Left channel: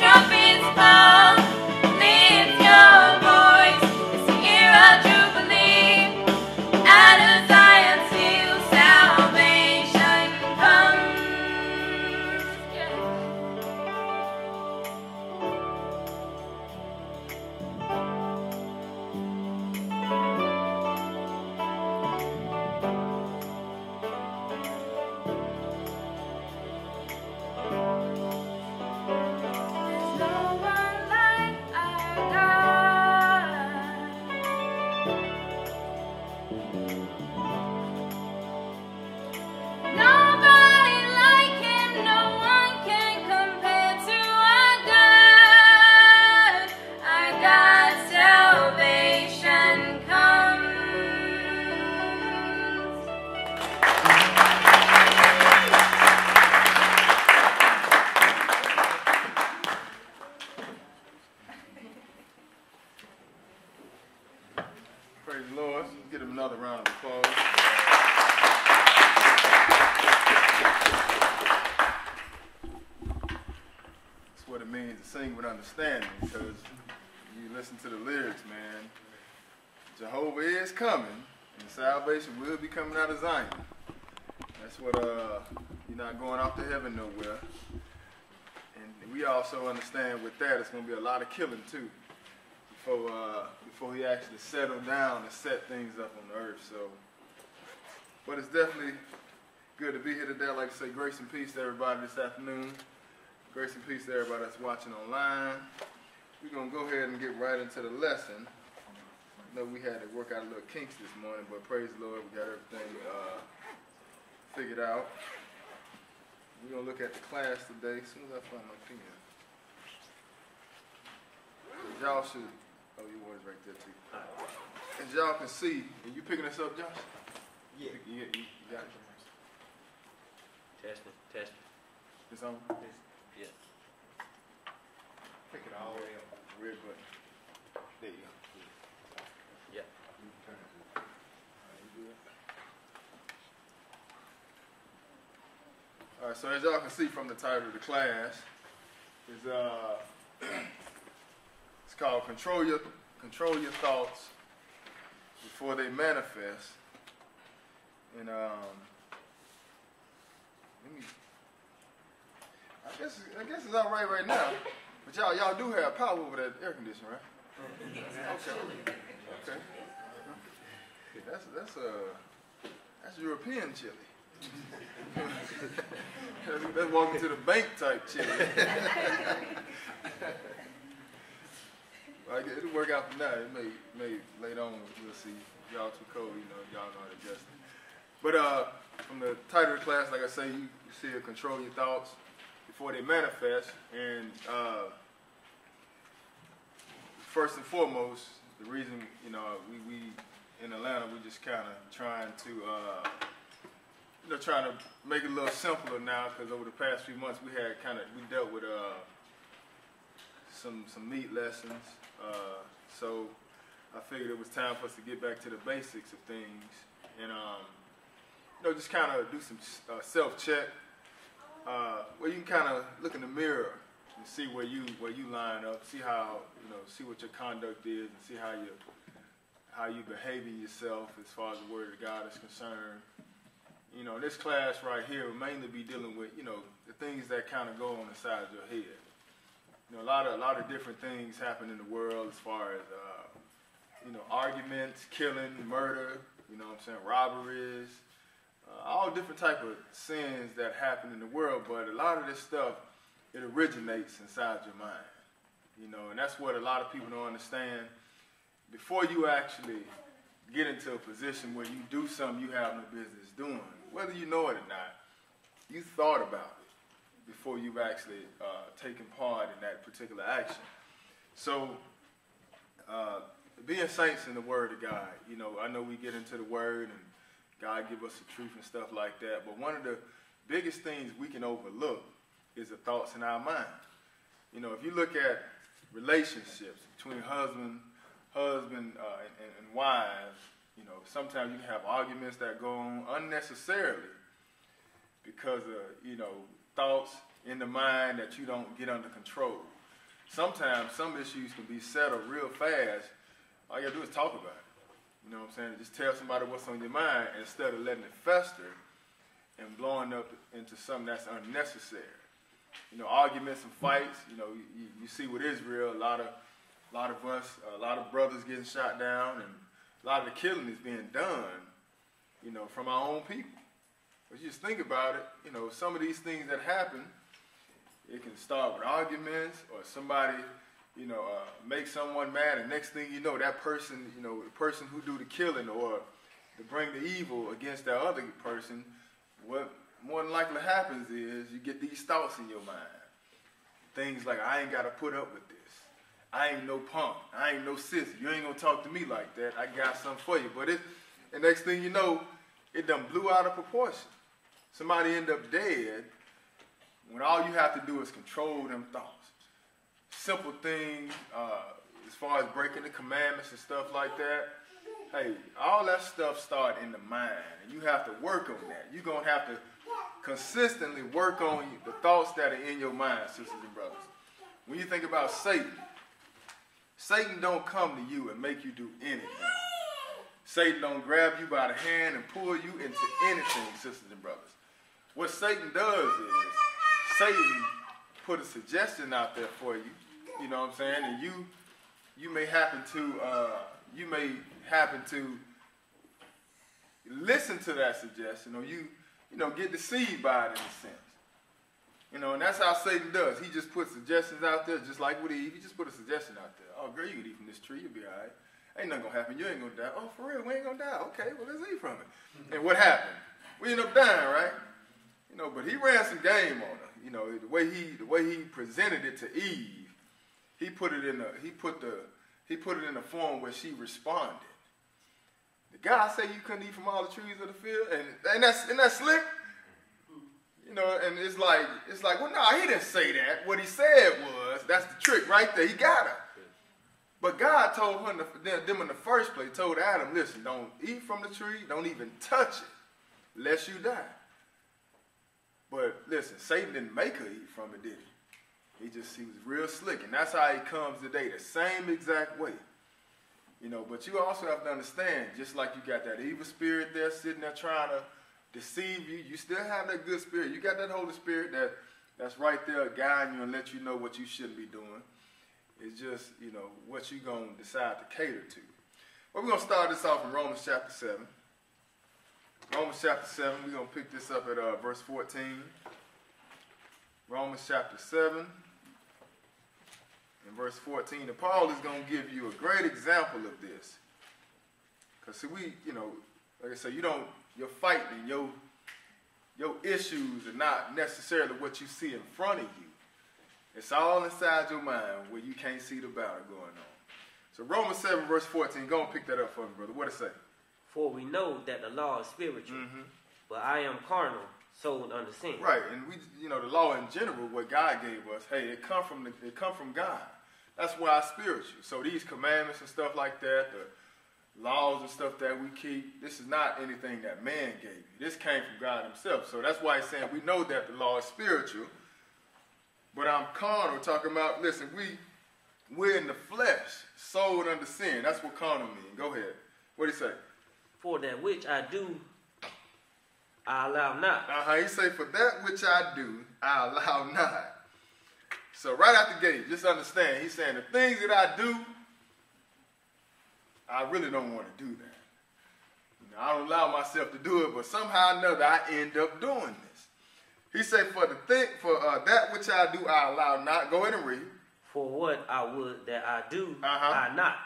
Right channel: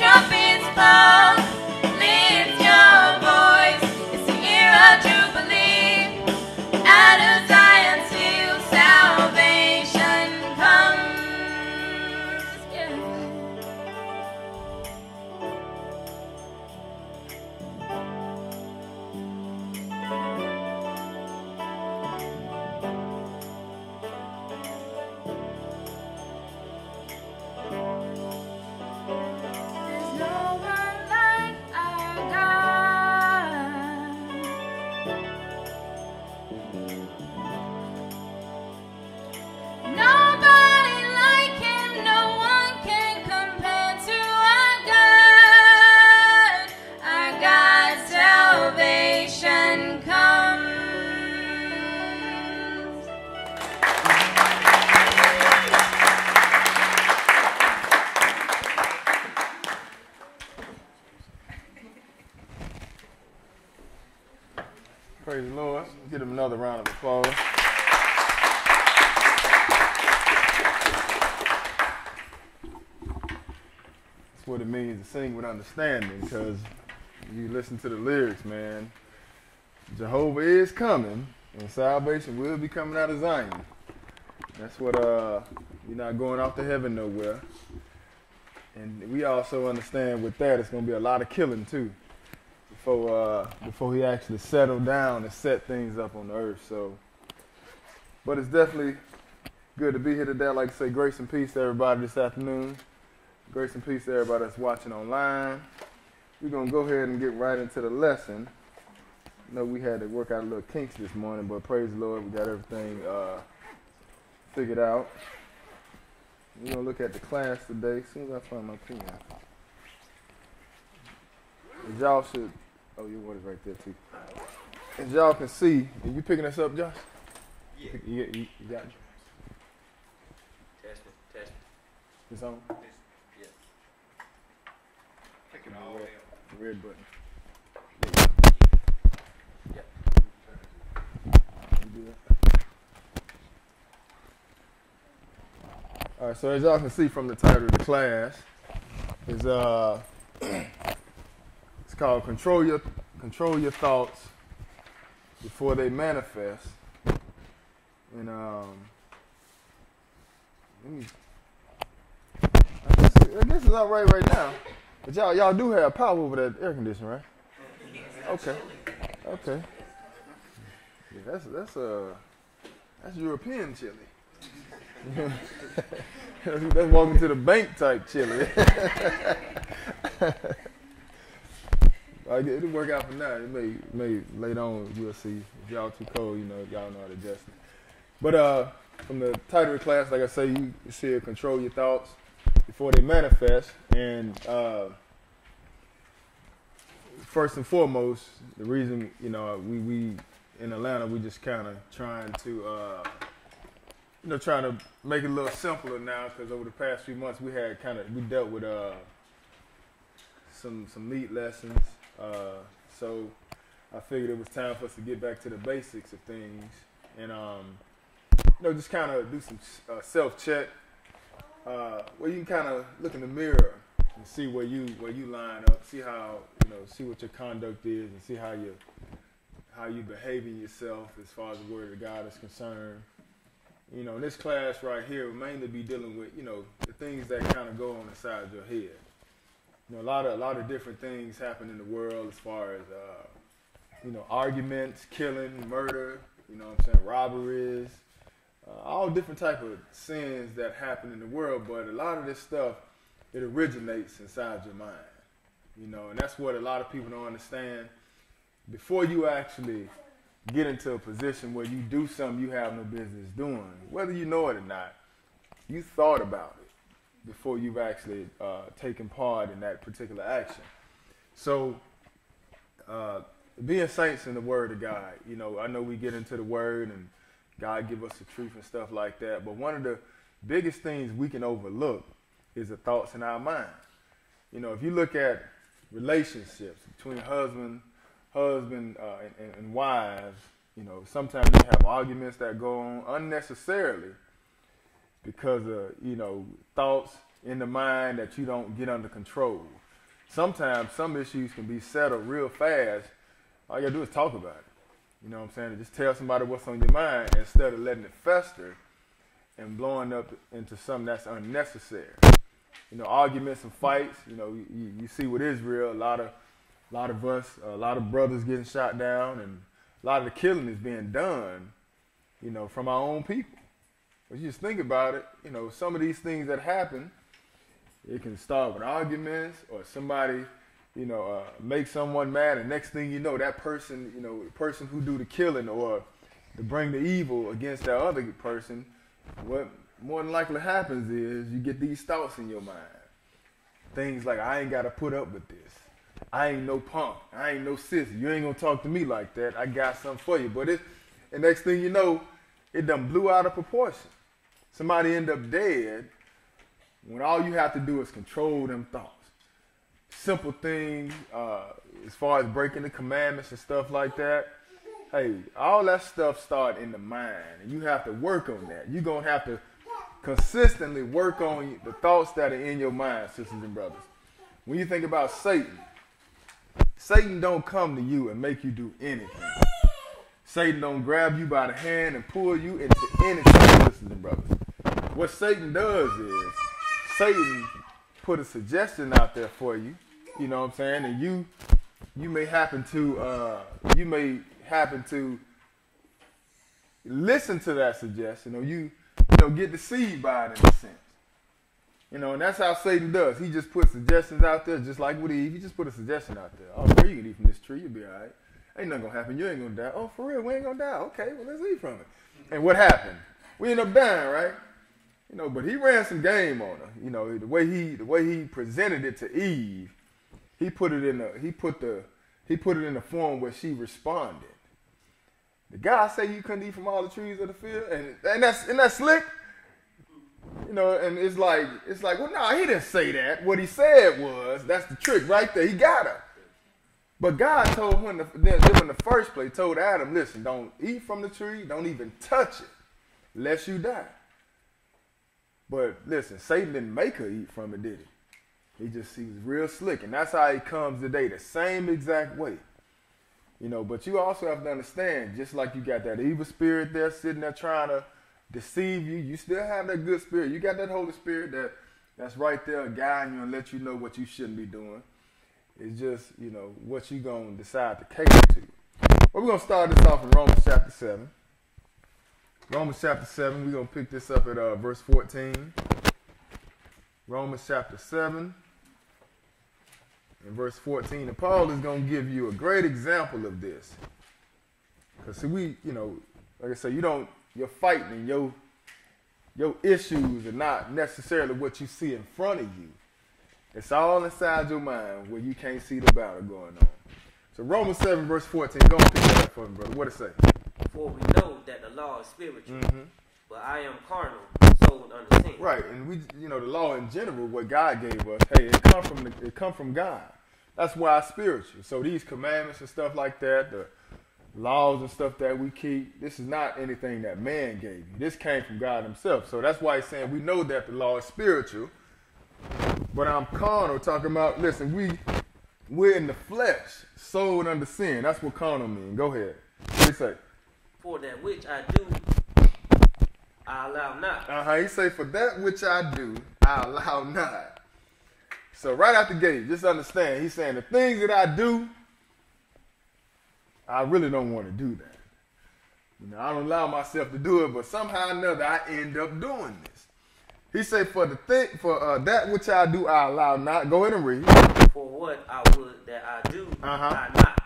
trumpets call, lift your voice. Praise the Lord. Let's give him another round of applause. That's what it means to sing with understanding, because you listen to the lyrics, man. Jehovah is coming, and salvation will be coming out of Zion. That's what, you're not going off to heaven nowhere. And we also understand with that, it's going to be a lot of killing, too, before he actually settled down and set things up on the earth. So, but it's definitely good to be here today. I'd like to say grace and peace to everybody this afternoon. Grace and peace to everybody that's watching online. We're going to go ahead and get right into the lesson. I know we had to work out a little kinks this morning, but praise the Lord, we got everything figured out. We're going to look at the class today as soon as I find my pen. As y'all should, oh, your one is right there too. As y'all can see, are you picking this up, Josh? Yeah. You got it? Test. It's on? Yeah. Pick it all the way up. Red button. Yeah. You do that. All right, so as y'all can see from the title of the class, is it's called Control Your Thoughts Before They Manifest. And I guess it's all right now. But y'all do have power over that air conditioner, right? Okay. Yeah, that's European chili. That's walking to the bank type chili. It'll work out for now. It may later on we'll see. If y'all too cold, y'all know how to adjust it. But from the title of the class, like I say, you see control your thoughts before they manifest. And first and foremost, the reason we in Atlanta, we just kind of trying to make it a little simpler now, because over the past few months we dealt with some meat lessons. So I figured it was time for us to get back to the basics of things, and just kind of do some self-check, where you can kind of look in the mirror and see where you line up, see how see what your conduct is, and see how you behaving yourself as far as the Word of God is concerned. In this class right here, we'll mainly be dealing with the things that kind of go on inside your head. A lot of different things happen in the world as far as arguments, killing, murder, robberies, all different type of sins that happen in the world. But a lot of this stuff, it originates inside your mind, and that's what a lot of people don't understand. Before you actually get into a position where you do something you have no business doing, whether you know it or not, you thought about it before you've actually taken part in that particular action. So, being saints in the Word of God, I know we get into the Word and God give us the truth and stuff like that, but one of the biggest things we can overlook is the thoughts in our mind. If you look at relationships between husband and wives, sometimes you have arguments that go on unnecessarily because of, thoughts in the mind that you don't get under control. Sometimes some issues can be settled real fast. All you gotta do is talk about it. You know what I'm saying? Just tell somebody what's on your mind instead of letting it fester and blowing up into something that's unnecessary. Arguments and fights, you see with Israel, a lot of brothers getting shot down, and a lot of the killing is being done, from our own people. But you just think about it, some of these things that happen, it can start with arguments, or somebody, make someone mad, and next thing you know, that person, the person who do the killing or to bring the evil against that other person, what more than likely happens is you get these thoughts in your mind. Things like, I ain't got to put up with this. I ain't no punk. I ain't no sissy. You ain't going to talk to me like that. I got something for you. But the next thing you know, it done blew out of proportion. Somebody end up dead when all you have to do is control them thoughts. Simple things, as far as breaking the commandments and stuff like that. hey, all that stuff start in the mind, and you have to work on that. You're going to have to consistently work on the thoughts that are in your mind, sisters and brothers. When you think about Satan, Satan don't come to you and make you do anything. Satan don't grab you by the hand and pull you into anything, sisters and brothers. What Satan does is, Satan put a suggestion out there for you, you know what I'm saying, and you may happen to listen to that suggestion, or you get deceived by it in a sense. You know, and that's how Satan does. He just puts suggestions out there, just like with Eve. He just put a suggestion out there. Oh, girl, you can eat from this tree, you'll be all right. Ain't nothing gonna happen. You ain't gonna die. Oh, for real, we ain't gonna die. Okay, well, let's eat from it. And what happened? We end up dying, right? You know, but he ran some game on her. You know, the way he presented it to Eve, he put it in the form where she responded. The guy say you couldn't eat from all the trees of the field, and that's slick. You know, and it's like, well, no, he didn't say that. What he said was, that's the trick right there. He got her. But God told him in the first place, told Adam, listen, don't eat from the tree, don't even touch it, lest you die. But listen, Satan didn't make her eat from it, did he? He was real slick, and that's how he comes today, the same exact way. You know, but you also have to understand, just like you got that evil spirit there sitting there trying to deceive you, you still have that good spirit. You got that Holy Spirit that's right there guiding you and let you know what you shouldn't be doing. It's just, you know, what you're going to decide to cater to. Well, we're going to start this off in Romans chapter 7. Romans chapter 7, we're going to pick this up at verse 14. Romans chapter 7 and verse 14. And Paul is going to give you a great example of this. Because, see, like I say, you're fighting and your issues are not necessarily what you see in front of you. It's all inside your mind where you can't see the battle going on. So Romans 7 verse 14, go and pick that up for me, brother. What it say? For we know that the law is spiritual, but I am carnal, sold under sin. Right, and the law in general, what God gave us, hey, it come from God. That's why it's spiritual. So these commandments and stuff like that, the laws and stuff that we keep, this is not anything that man gave you. This came from God himself. So that's why he's saying we know that the law is spiritual, but I'm carnal, talking about, listen, we're in the flesh, sold under sin. That's what carnal means. Go ahead. What do you say? For that which I do, I allow not. He say, for that which I do, I allow not. So right out the gate, just understand, he's saying the things that I do, I really don't want to do that. You know, I don't allow myself to do it, but somehow or another I end up doing this. He said, for that which I do, I allow not. Go ahead and read. For what I would that I do, I not.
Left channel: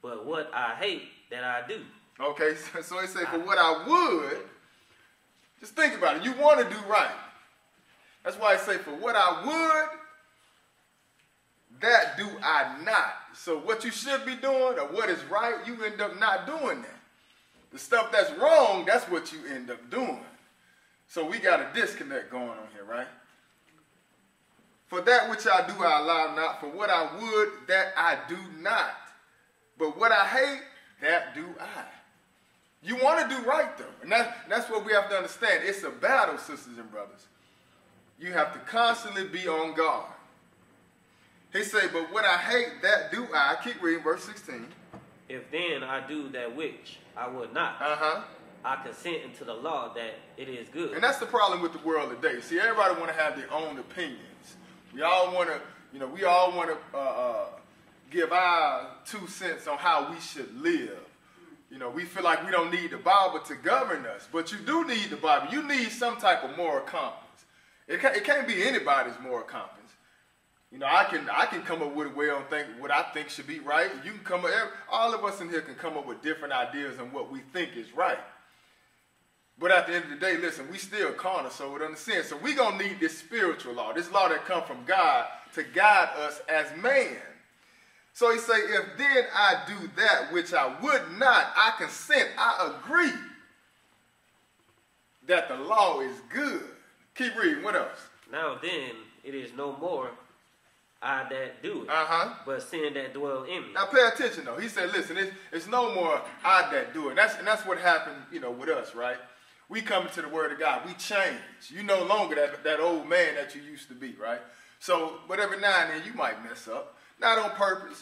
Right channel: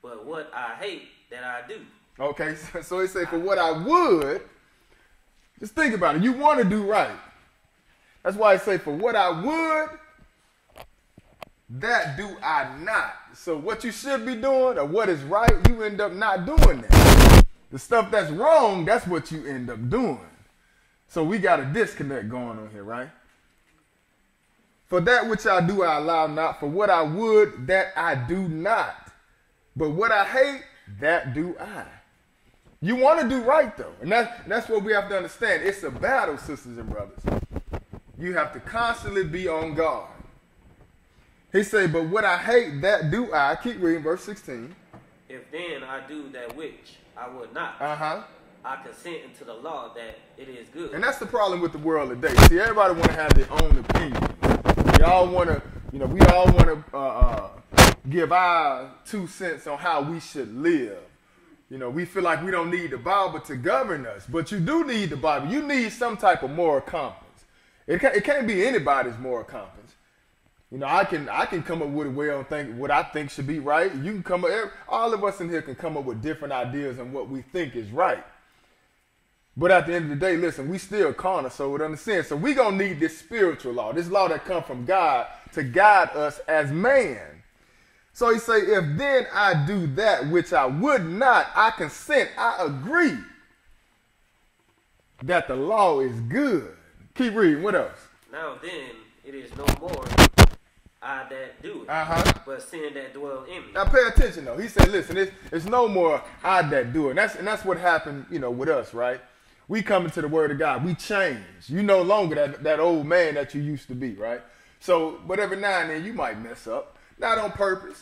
But what I hate that I do. Okay, so he said, for what I would, just think about it. You want to do right. That's why I say, for what I would, that do I not. So what you should be doing or what is right, you end up not doing that. The stuff that's wrong, that's what you end up doing. So we got a disconnect going on here, right? For that which I do, I allow not. For what I would, that I do not. But what I hate, that do I. You want to do right, though. And that's what we have to understand. It's a battle, sisters and brothers. You have to constantly be on guard. He said, but what I hate, that do I. Keep reading, verse 16. If then I do that which I would not, I consent into the law that it is good. And that's the problem with the world today. See, everybody want to have their own opinion. We all want to give our 2 cents on how we should live. You know, we feel like we don't need the Bible to govern us, but you do need the Bible. You need some type of moral compass. It can't be anybody's moral compass. You know, I can come up with a way on what I think should be right. You can come up, all of us in here can come up with different ideas on what we think is right. But at the end of the day, listen, we still carnal, so it understands. So we're going to need this spiritual law, this law that comes from God to guide us as man. So he say, if then I do that which I would not, I consent, I agree that the law is good. Keep reading, what else? Now then, it is no more I that do it, but sin that dwell in me. Now pay attention though. He said, listen, it's no more I that do it. And that's what happened, with us, right? We come into the Word of God. We change. You no longer that old man that you used to be, right? So, but every now and then you might mess up, not on purpose.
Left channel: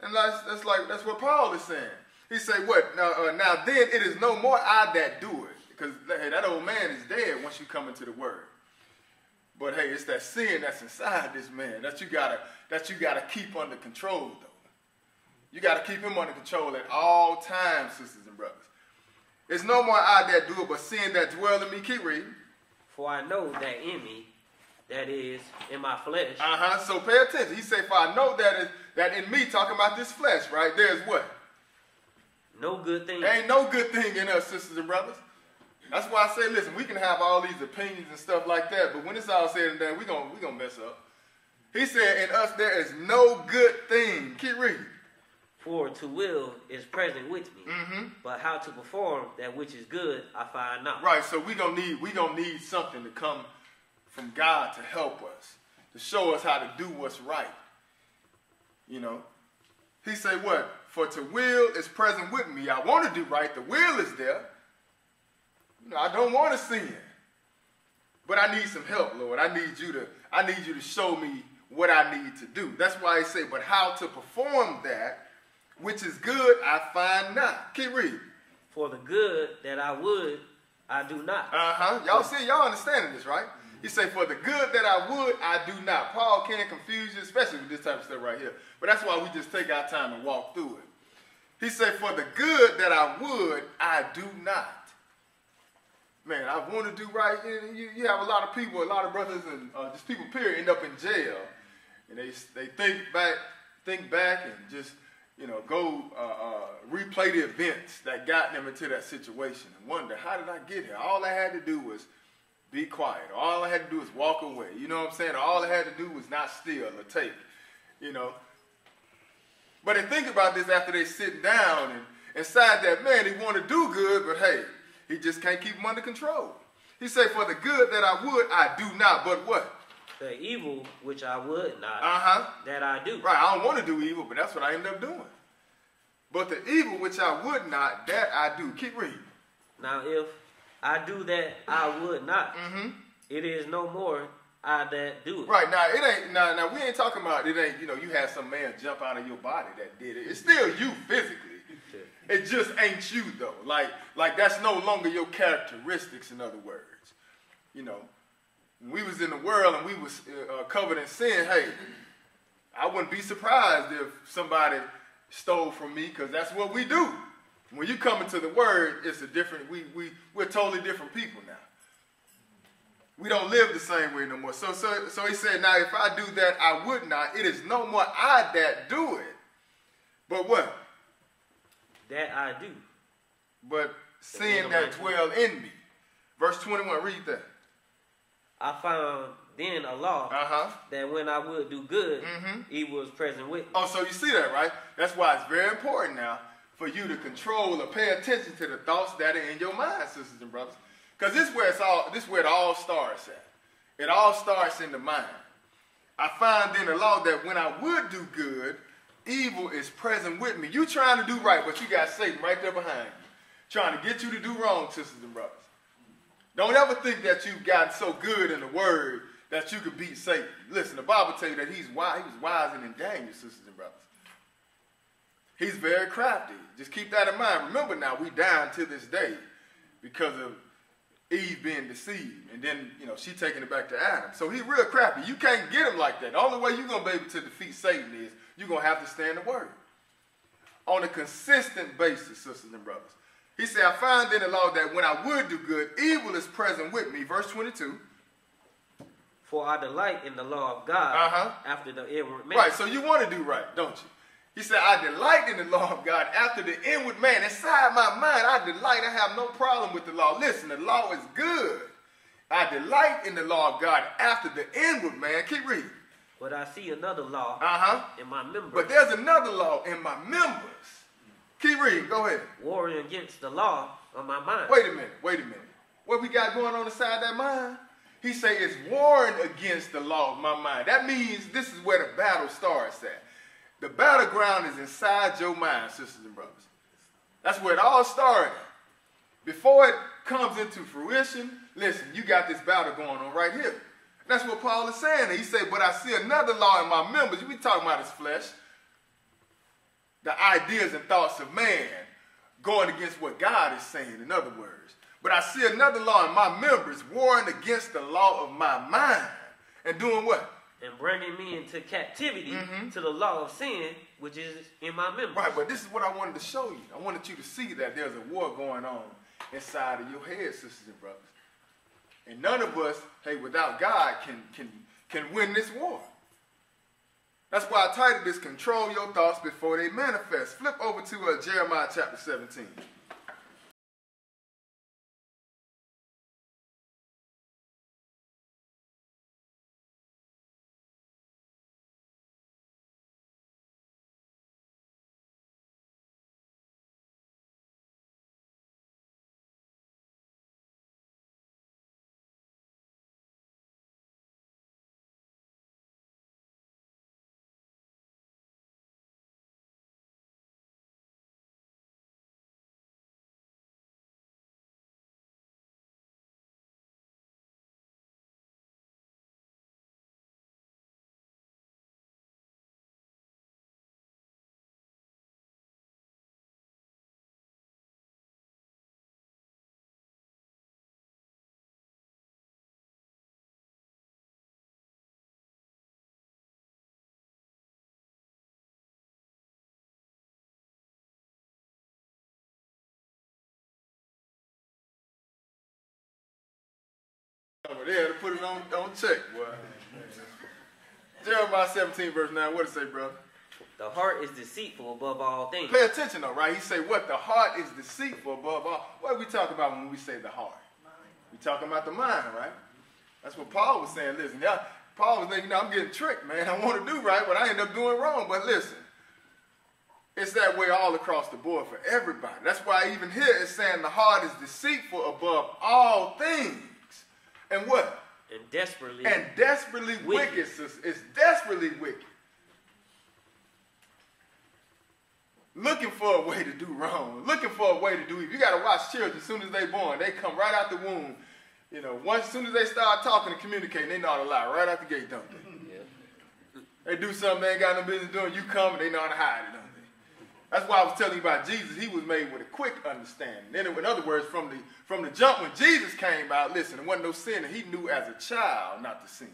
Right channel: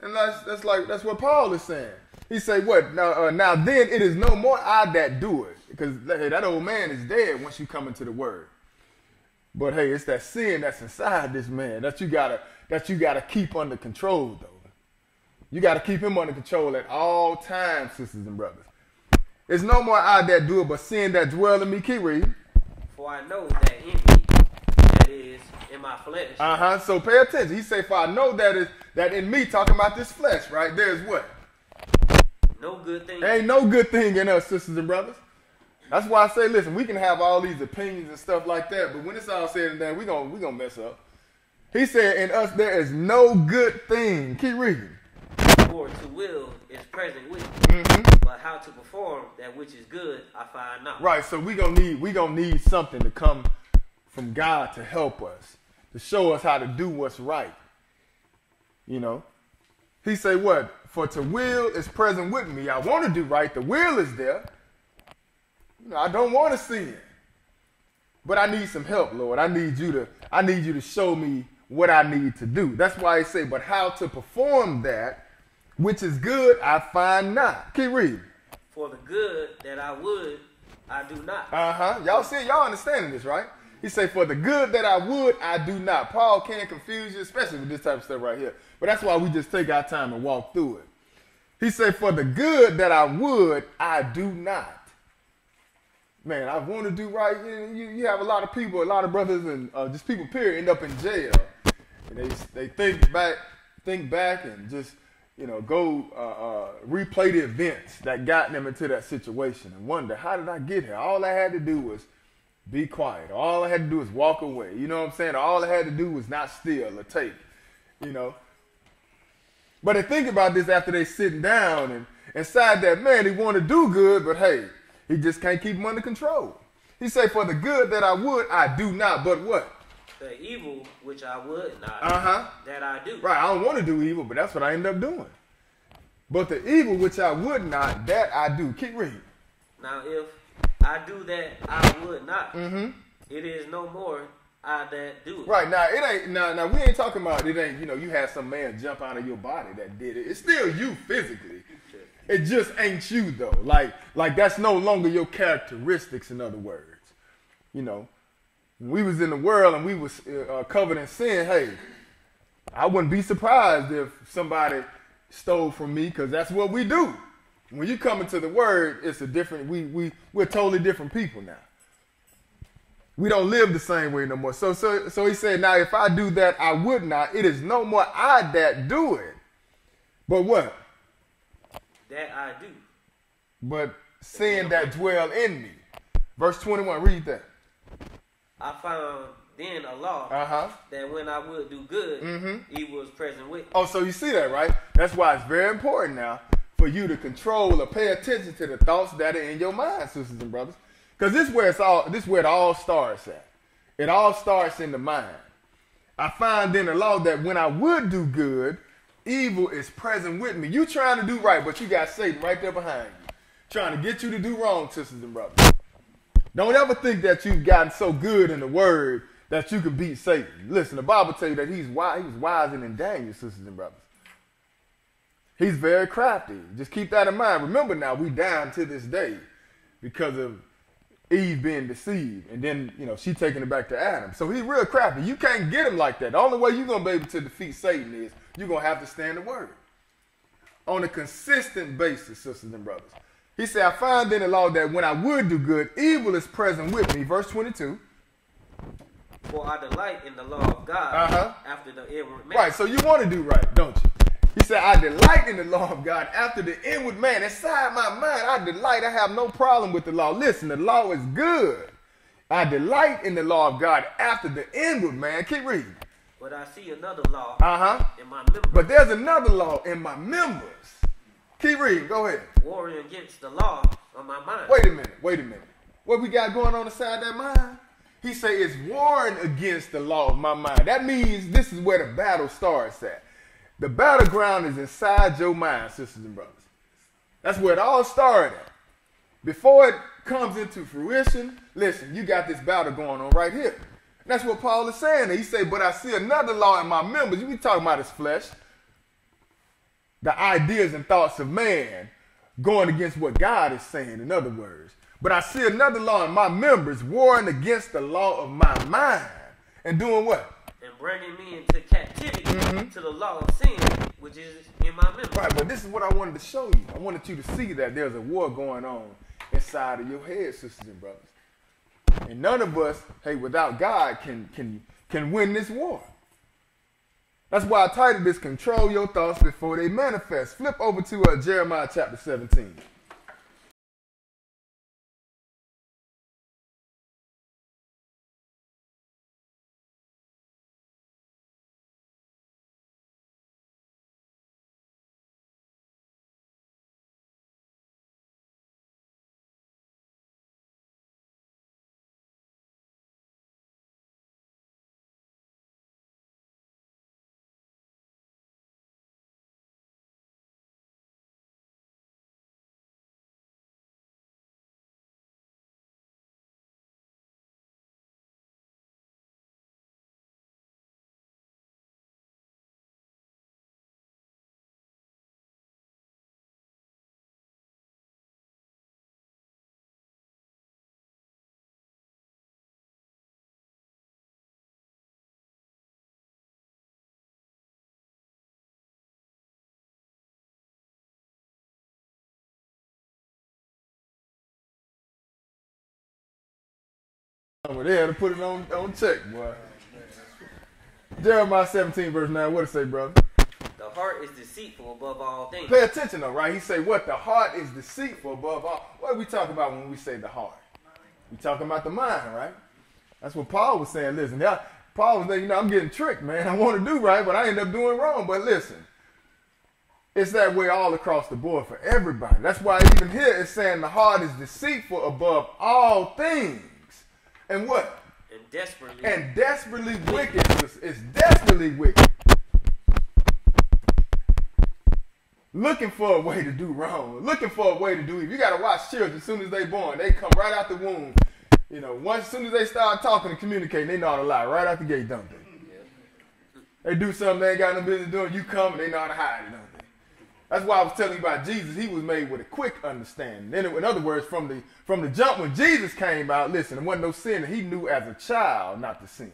And that's what Paul is saying. He say, what? Now then it is no more I that do it. Because that old man is dead once you come into the Word. But hey, it's that sin that's inside this man that you gotta keep under control, though. You gotta keep him under control at all times, sisters and brothers. It's no more I that do it, but sin that dwell in me. Keep reading. For I know that in me, that is in my flesh. So pay attention. He say, for I know that in me, talking about this flesh, right? There's what? No good thing. There ain't no good thing in us, sisters and brothers. That's why I say, listen, we can have all these opinions and stuff like that, but when it's all said and done, we gonna mess up. He said, in us there is no good thing. Keep reading. For to will is present with me, but how to perform that which is good, I find not. Right, so we gonna need something to come from God to help us, to show us how to do what's right. He say what? For to will is present with me. I want to do right. The will is there. I don't want to sin, but I need some help, Lord. I need you to show me what I need to do. That's why he say, but how to perform that which is good, I find not. Keep reading. For the good that I would, I do not. Y'all understanding this, right? He say, for the good that I would, I do not. Paul can't confuse you, especially with this type of stuff right here. But that's why we just take our time and walk through it. He say, for the good that I would, I do not. Man, I want to do right. You have a lot of people, a lot of brothers, and just people, period, end up in jail. And they think back and just, go replay the events that got them into that situation and wonder, how did I get here? All I had to do was be quiet. All I had to do was walk away. You know what I'm saying? All I had to do was not steal or take, But they think about this after they sitting down and inside that man, they want to do good, but hey, he just can't keep them under control. He say, for the good that I would, I do not. But what? The evil which I would not, that I do. Right, I don't want to do evil, but that's what I end up doing. But the evil which I would not, that I do. Keep reading. Now, if I do that I would not, it is no more I that do it. Right, now, it ain't, now we ain't talking about, it ain't, you had some man jump out of your body that did it. It's still you physically. It just ain't you, though. Like that's no longer your characteristics, in other words. When we was in the world and we was covered in sin, hey, I wouldn't be surprised if somebody stole from me, because that's what we do. When you come into the Word, it's a different, we're totally different people now. We don't live the same way no more. So he said, now if I do that, I would not. It is no more I that do it. But what? That I do. But sin that dwell in me. Verse 21, read that. I found then a law that when I would do good, evil was present with me. Oh, so you see that, right? That's why it's very important now for you to control or pay attention to the thoughts that are in your mind, sisters and brothers. Because this is where it all starts at. It all starts in the mind. I find then a law that when I would do good, evil is present with me. You trying to do right, but you got Satan right there behind you, trying to get you to do wrong, sisters and brothers. Don't ever think that you've gotten so good in the Word that you can beat Satan. Listen, the Bible tells you that he's wise. He was wiser than Daniel, sisters and brothers. He's very crafty. Just keep that in mind. Remember now, we down to this day because of Eve being deceived, and then she taking it back to Adam. So he's real crafty. You can't get him like that. The only way you're gonna be able to defeat Satan is you're gonna have to stay in the Word on a consistent basis, sisters and brothers. He said, I find in the law that when I would do good, evil is present with me. Verse 22. For I delight in the law of God after the inward man. Right, so you want to do right, don't you? He said, I delight in the law of God after the inward man. Inside my mind, I delight. I have no problem with the law. Listen, the law is good. I delight in the law of God after the inward man. Keep reading. But I see another law in my members. But there's another law in my members. Keep reading. Go ahead. Warring against the law on my mind. Wait a minute. What we got going on inside that mind? He say it's warring against the law of my mind. That means this is where the battle starts at. The battleground is inside your mind, sisters and brothers. That's where it all started at. Before it comes into fruition, listen, you got this battle going on right here. And that's what Paul is saying. He say, but I see another law in my members. You be talking about his flesh. The ideas and thoughts of man going against what God is saying, in other words. But I see another law in my members warring against the law of my mind. And doing what? And bringing me into captivity to the law of sin, which is in my members. Right, but this is what I wanted to show you. I wanted you to see that there's a war going on inside of your head, sisters and brothers. And none of us, hey, without God, can win this war. That's why I titled this, Control Your Thoughts Before They Manifest. Flip over to Jeremiah chapter 17. Over there to put it on check, boy. Jeremiah 17 verse 9, what does it say, brother? The heart is deceitful above all things. Pay attention though, right? He say what? The heart is deceitful above all. What are we talking about when we say the heart? We talking about the mind, right? That's what Paul was saying. Listen, Paul was saying, I'm getting tricked, man. I want to do right, but I end up doing wrong. But listen, it's that way all across the board for everybody. That's why even here it's saying the heart is deceitful above all things. And what? And desperately wicked. It's desperately wicked. Looking for a way to do wrong. Looking for a way to do evil. You got to watch children as soon as they born. They come right out the womb. You know, as soon as they start talking and communicating, they know how to lie right out the gate, don't they? Yeah. They do something they ain't got no business doing. You come and they know how to hide it, don't they? That's why I was telling you about Jesus. He was made with a quick understanding. Then, in other words, from the jump when Jesus came out, listen, there wasn't no sin. He knew as a child not to sin.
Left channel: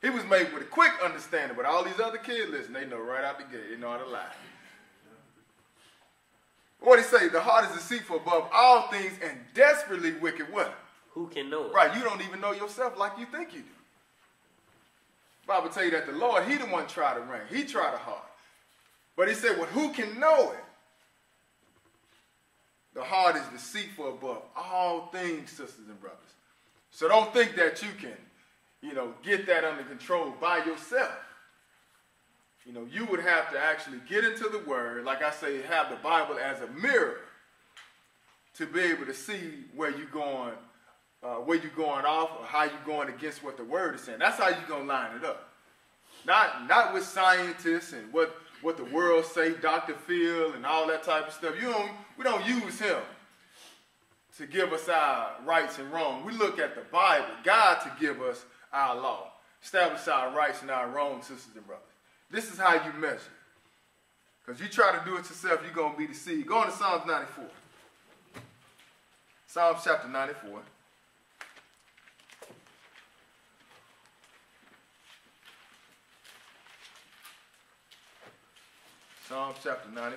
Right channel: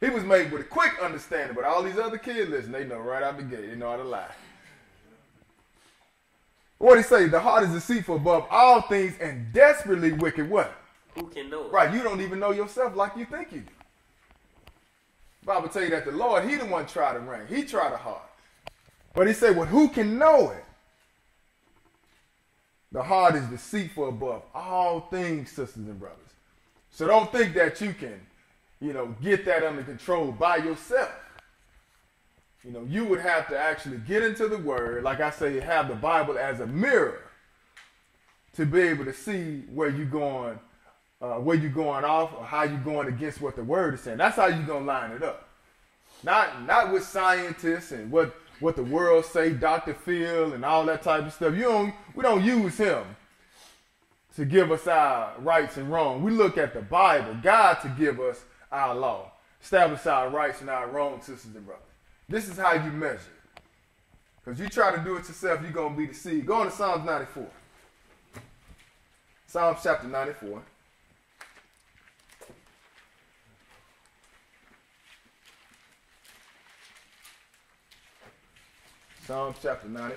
He was made with a quick understanding. But all these other kids, listen, they know right out the gate. They know how to lie. What did he say? The heart is deceitful above all things and desperately wicked. What? Who can know it? Right, you don't even know yourself like you think you do. The Bible tell you that the Lord, he the one try the ring. He try the heart. But he said, well, who can know it? The heart is deceitful above all things, sisters and brothers. So don't think that you can, get that under control by yourself. You would have to actually get into the Word, like I say, have the Bible as a mirror to be able to see where you're going off or how you're going against what the Word is saying. That's how you're going to line it up. Not with scientists and what the world say, Dr. Phil and all that type of stuff. We don't use him to give us our rights and wrongs. We look at the Bible, God to give us our law, establish our rights and our wrongs, sisters and brothers. This is how you measure. Because you try to do it yourself, you're going to be deceived. Go on to Psalms 94. Psalms chapter 94. Psalms chapter 94.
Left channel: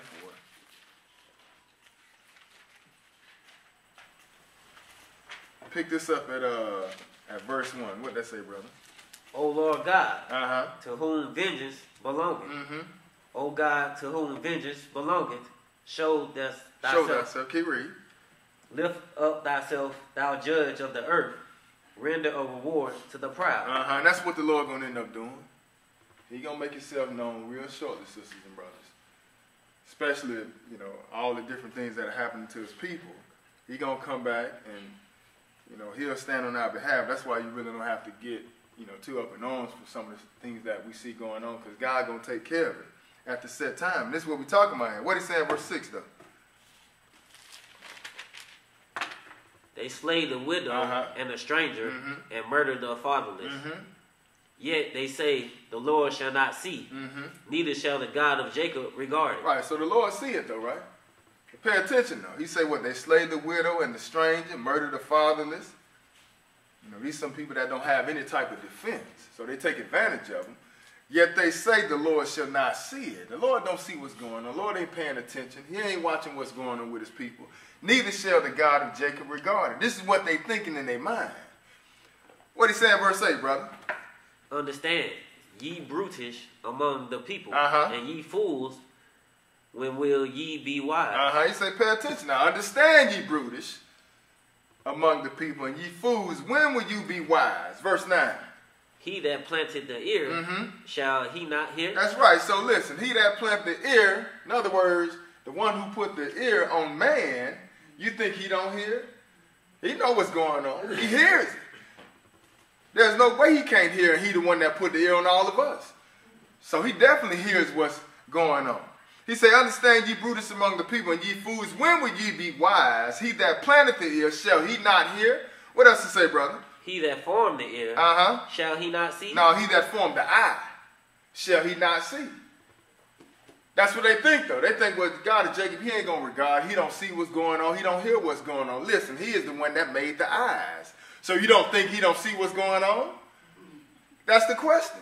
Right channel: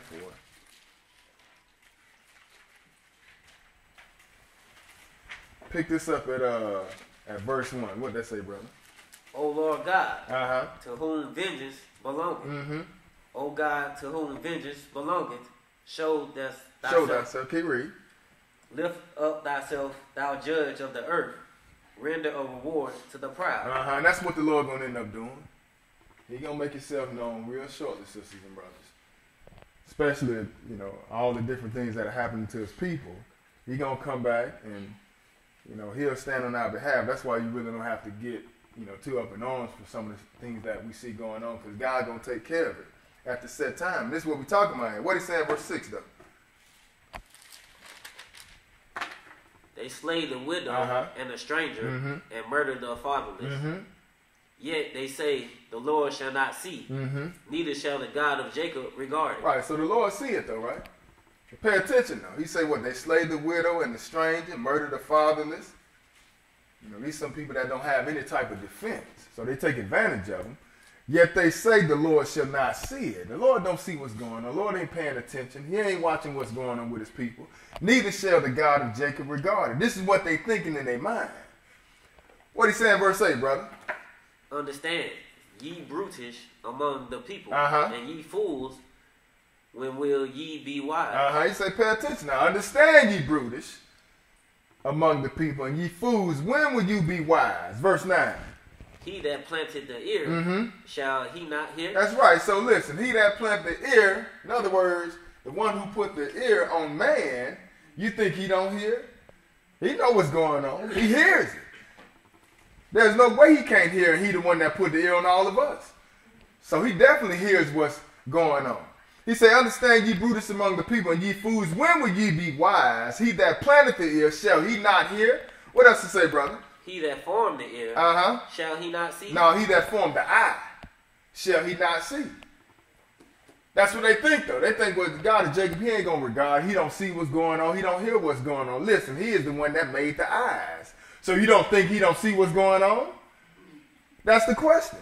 Pick this up at verse 1. What does that say, brother? O Lord God, to whom vengeance belongeth. Mm-hmm. O God, to whom vengeance belongeth, show thyself. Keep reading. Lift up thyself, thou judge of the earth. Render a reward to the proud. And that's what the Lord going to end up doing. He's going to make himself known real shortly, sisters and brothers. Especially, all the different things that are happening to his people. He's going to come back and, you know, he'll stand on our behalf. That's why you really don't have to get, you know, too up in arms for some of the things that we see going on, because God's going to take care of it at the set time. This is what we're talking about here. What he said in verse 6, though? They slayed the widow and the stranger and murdered the fatherless. Yet they say, the Lord shall not see, neither shall the God of Jacob regard it. Right, so the Lord see it, though, right? Pay attention, though. He said what? They slayed the widow and the stranger, murdered the fatherless. You know, these are some people that don't have any type of defense, so they take advantage of them. Yet they say the Lord shall not see it. The Lord don't see what's going on. The Lord ain't paying attention. He ain't watching what's going on with his people. Neither shall the God of Jacob regard it. This is what they thinking in their mind. What he say in verse 8, brother? Understand, ye brutish among the people, and ye fools, when will ye be wise? He say, pay attention now. Understand, ye brutish among the people, and ye fools, when will you be wise? Verse 9. He that planted the ear, shall he not hear? That's right. So listen, he that planted the ear, in other words, the one who put the ear on man, you think he don't hear? He know what's going on. He hears it. There's no way he can't hear, and he the one that put the ear on all of us. So he definitely hears what's going on. He say, understand, ye brutish among the people, and ye fools, when will ye be wise? He that planted the ear, shall he not hear? What else to say, brother? He that formed the ear, shall he not see? No, he that formed the eye, shall he not see? That's what they think, though. They think, well, the God of Jacob, he ain't going to regard. He don't see what's going on. He don't hear what's going on. Listen, he is the one that made the eyes. So you don't think he don't see what's going on? That's the question.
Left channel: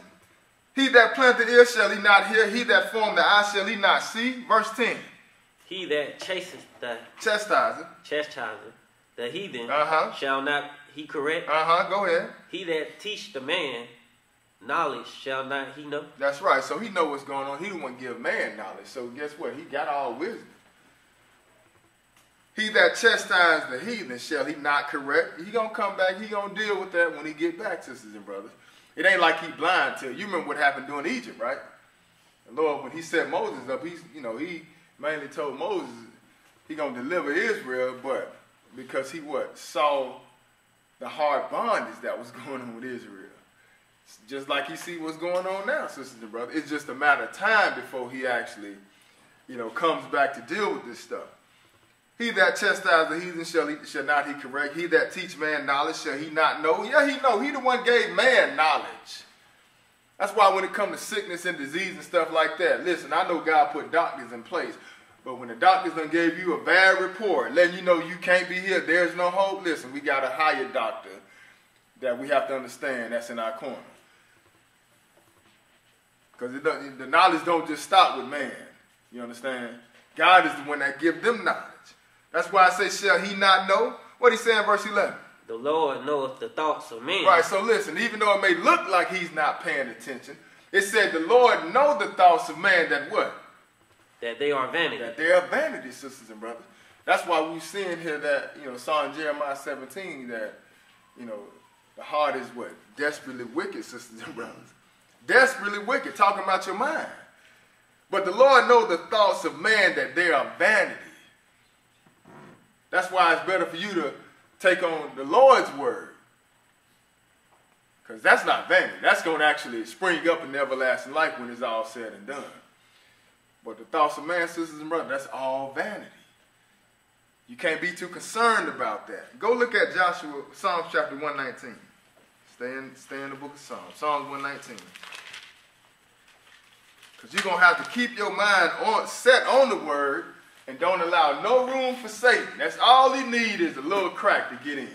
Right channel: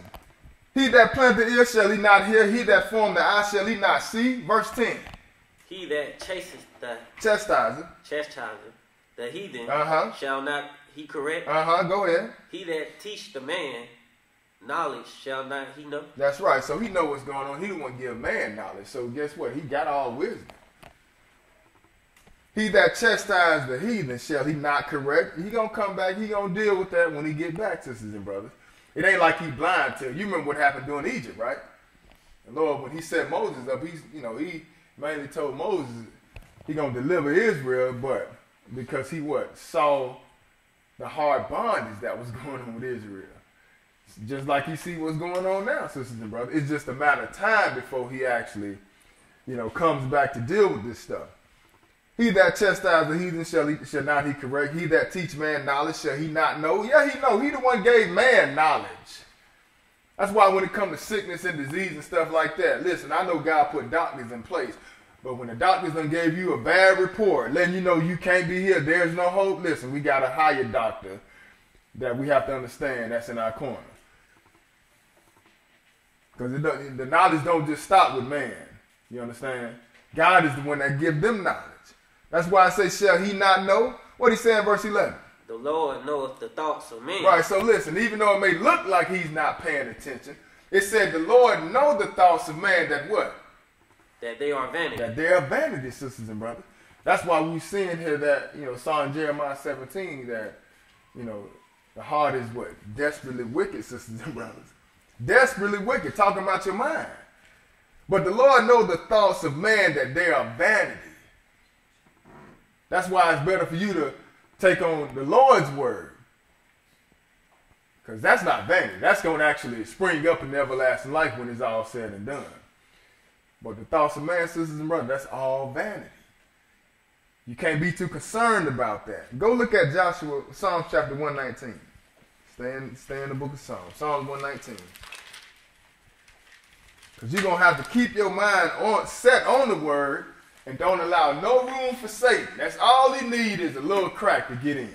He that planted the ear, shall he not hear? He that formed the eye, shall he not see? Verse 10. He that chastises the heathen, shall not he correct? Go ahead. He that teach the man knowledge, shall not he know? That's right. So he know what's going on. He don't want to give man knowledge. So guess what? He got all wisdom. He that chastises the heathen, shall he not correct? He going to come back. He going to deal with that when he get back, sisters and brothers. It ain't like he blind to it. You remember what happened during Egypt, right? The Lord, when he set Moses up, he mainly told Moses he going to deliver Israel, but because he saw the hard bondage that was going on with Israel. Just like he see what's going on now, sisters and brothers. It's just a matter of time before he actually, comes back to deal with this stuff. He that chastises the heathen shall not he correct. He that teach man knowledge, shall he not know? Yeah, he know. He the one gave man knowledge. That's why when it comes to sickness and disease and stuff like that, listen, I know God put doctors in place. But when the doctors done gave you a bad report, letting you know you can't be here, there's no hope, listen, we got a higher doctor that we have to understand that's in our corner. Because the knowledge don't just stop with man. You understand? God is the one that gives them knowledge. That's why I say, shall he not know? What he say in verse 11? The Lord knoweth the thoughts of men. Right, so listen, even though it may look like he's not paying attention, it said the Lord know the thoughts of man that what? That they are vanity. That they are vanity, sisters and brothers. That's why we're seeing here that, saw in Jeremiah 17 that, the heart is what? Desperately wicked, sisters and brothers. Desperately wicked, talking about your mind. But the Lord knows the thoughts of man that they are vanity. That's why it's better for you to take on the Lord's word. Because that's not vanity. That's going to actually spring up in everlasting life when it's all said and done. But the thoughts of man, sisters and brothers, that's all vanity. You can't be too concerned about that. Go look at Psalms chapter 119. Stay in the book of Psalms. Psalms 119. Because you're going to have to keep your mind set on the word and don't allow no room for Satan. That's all he needs is a little crack to get in.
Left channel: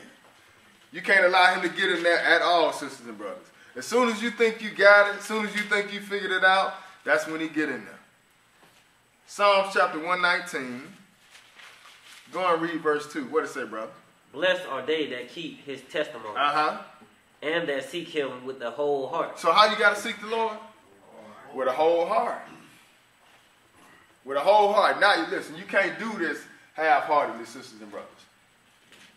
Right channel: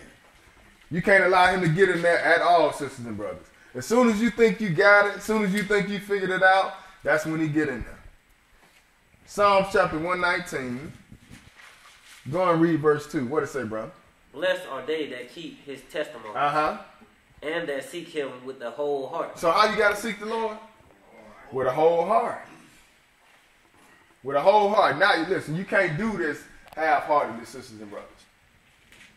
You can't allow him to get in there at all, sisters and brothers. As soon as you think you got it, as soon as you think you figured it out, that's when he get in there. Psalms chapter 119. Go and read verse 2. What does it say, brother? Blessed are they that keep his testimony. And that seek him with the whole heart. So how you got to seek the Lord? With a whole heart. With a whole heart. Now, listen, you can't do this half-heartedly, sisters and brothers.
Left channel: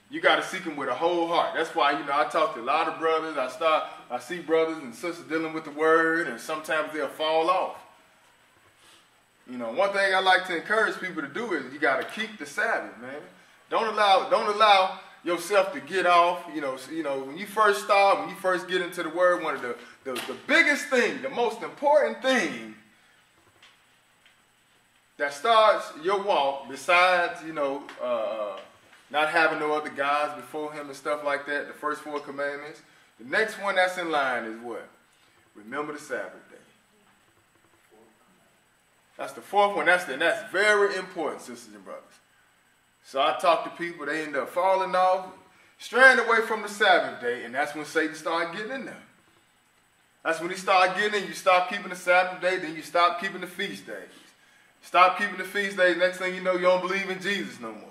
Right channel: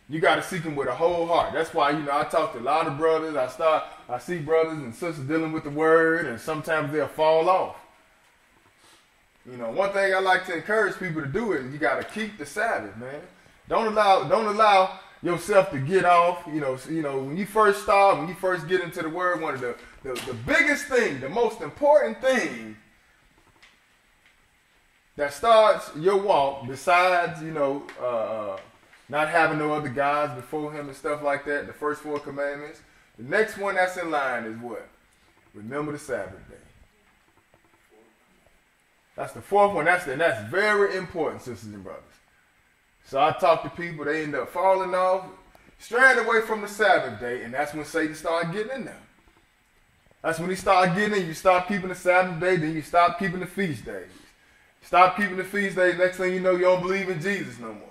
You got to seek him with a whole heart. That's why, I talk to a lot of brothers. I see brothers and sisters dealing with the word, and sometimes they'll fall off. One thing I like to encourage people to do is you got to keep the Sabbath, man. Don't allow yourself to get off. You know, when you first start, when you first get into the word, one of the biggest thing, the most important thing that starts your walk, besides, not having no other gods before him and stuff like that, the first 4 commandments, the next one that's in line is what? Remember the Sabbath day. That's the 4th one. That's very important, sisters and brothers. So I talk to people, they end up falling off, straying away from the Sabbath day, and that's when Satan started getting in there. That's when he started getting in. You stop keeping the Sabbath day, then you stop keeping the feast days. Stop keeping the feast days, next thing you know, you don't believe in Jesus no more.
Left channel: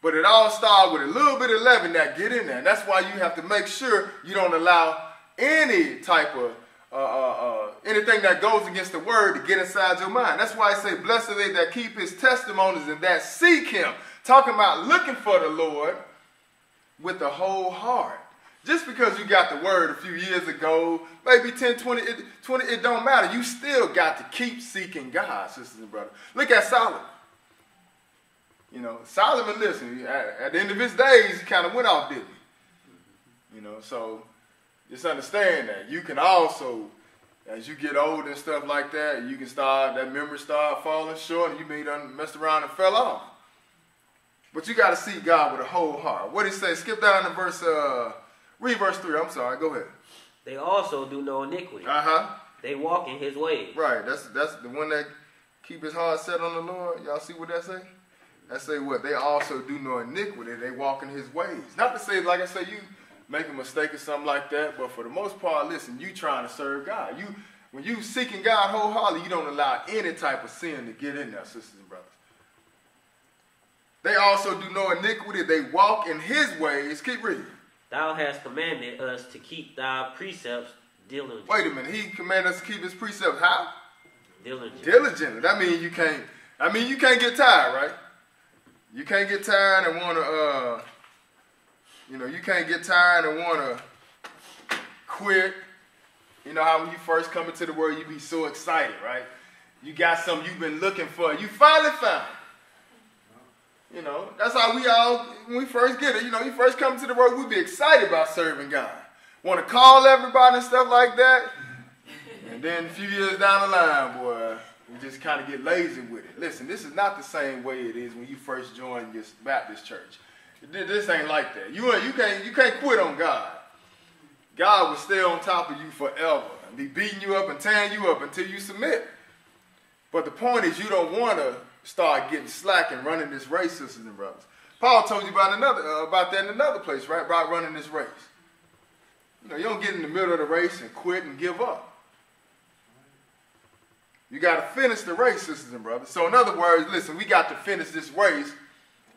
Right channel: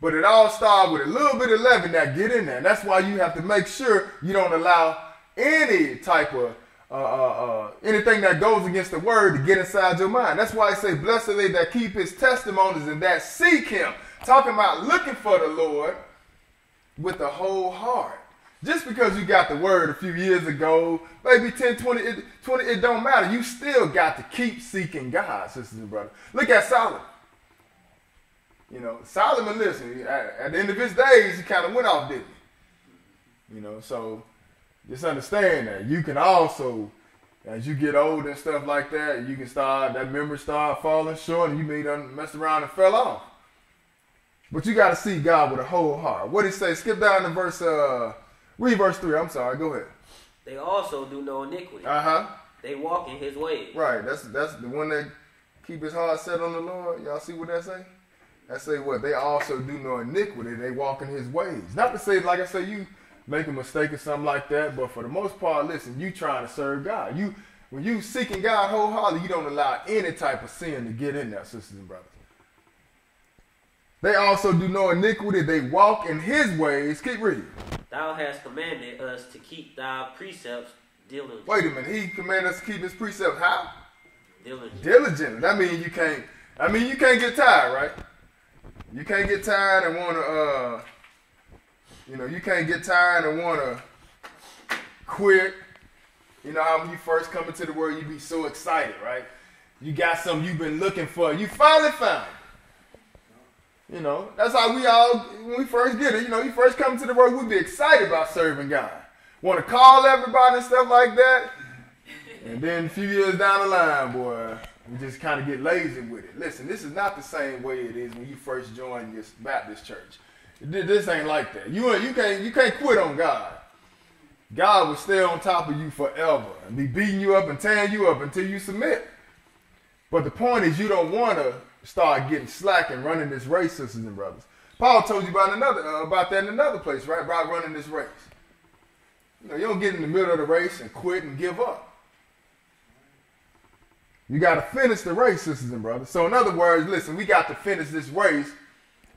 But it all started with a little bit of leaven that get in there. And that's why you have to make sure you don't allow any type of anything that goes against the word to get inside your mind. That's why I say, blessed are they that keep his testimonies and that seek him. Talking about looking for the Lord with the whole heart. Just because you got the word a few years ago, maybe 10, 20, it don't matter. You still got to keep seeking God, sisters and brothers. Look at Solomon. Solomon, listen, at the end of his days, he kind of went off, didn't he? So just understand that you can also, as you get older and stuff like that, you can that memory start falling short, and you may done messed around and fell off. But you got to see God with a whole heart. What did he say? Skip down to read verse 3. I'm sorry. Go ahead. They also do no iniquity. They walk in his ways. Right. That's the one that keep his heart set on the Lord. Y'all see what that say? That say what? They also do no iniquity. They walk in his ways. Not to say, like I say, you make a mistake or something like that, but for the most part, listen, you trying to serve God. When you seeking God wholeheartedly, you don't allow any type of sin to get in there, sisters and brothers. They also do no iniquity. They walk in his ways. Keep reading. Thou hast commanded us to keep thy precepts diligently. Wait a minute. He commanded us to keep his precepts how? Diligently. That means you can't get tired, right? You can't get tired and want to, you can't get tired and want to quit. You know how when you first come into the word, you be so excited, right? You got something you've been looking for. You finally found it. That's how we all, when we first get it, you first come to the word, we be excited about serving God. Want to call everybody and stuff like that. And then a few years down the line, boy, we just kind of get lazy with it. Listen, this is not the same way it is when you first join your Baptist church. This ain't like that. You can't quit on God. God will stay on top of you forever and be beating you up and tearing you up until you submit. But the point is, you don't want to start getting slack and running this race, sisters and brothers. Paul told you about that in another place, right? About running this race. You don't get in the middle of the race and quit and give up. You got to finish the race, sisters and brothers. So in other words, listen, we got to finish this race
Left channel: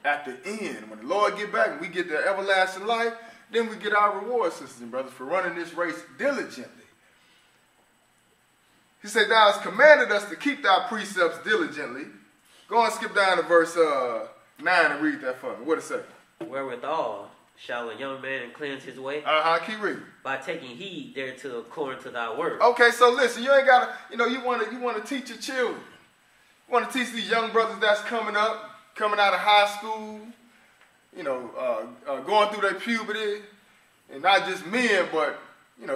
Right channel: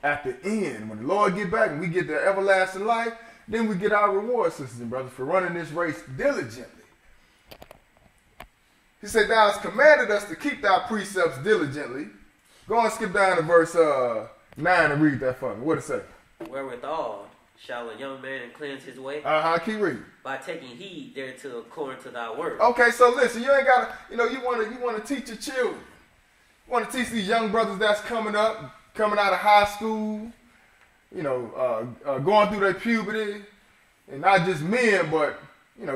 at the end. When the Lord get back and we get the everlasting life, then we get our reward, sisters and brothers, for running this race diligently. He said, thou hast commanded us to keep thy precepts diligently. Go and skip down to verse 9 and read that for me. What it say? Wherewithal shall a young man cleanse his way? Keep reading. By taking heed thereto according to thy word. Okay, so listen, you ain't gotta, you want to teach your children. You want to teach these young brothers that's coming out of high school, going through their puberty, and not just men, but,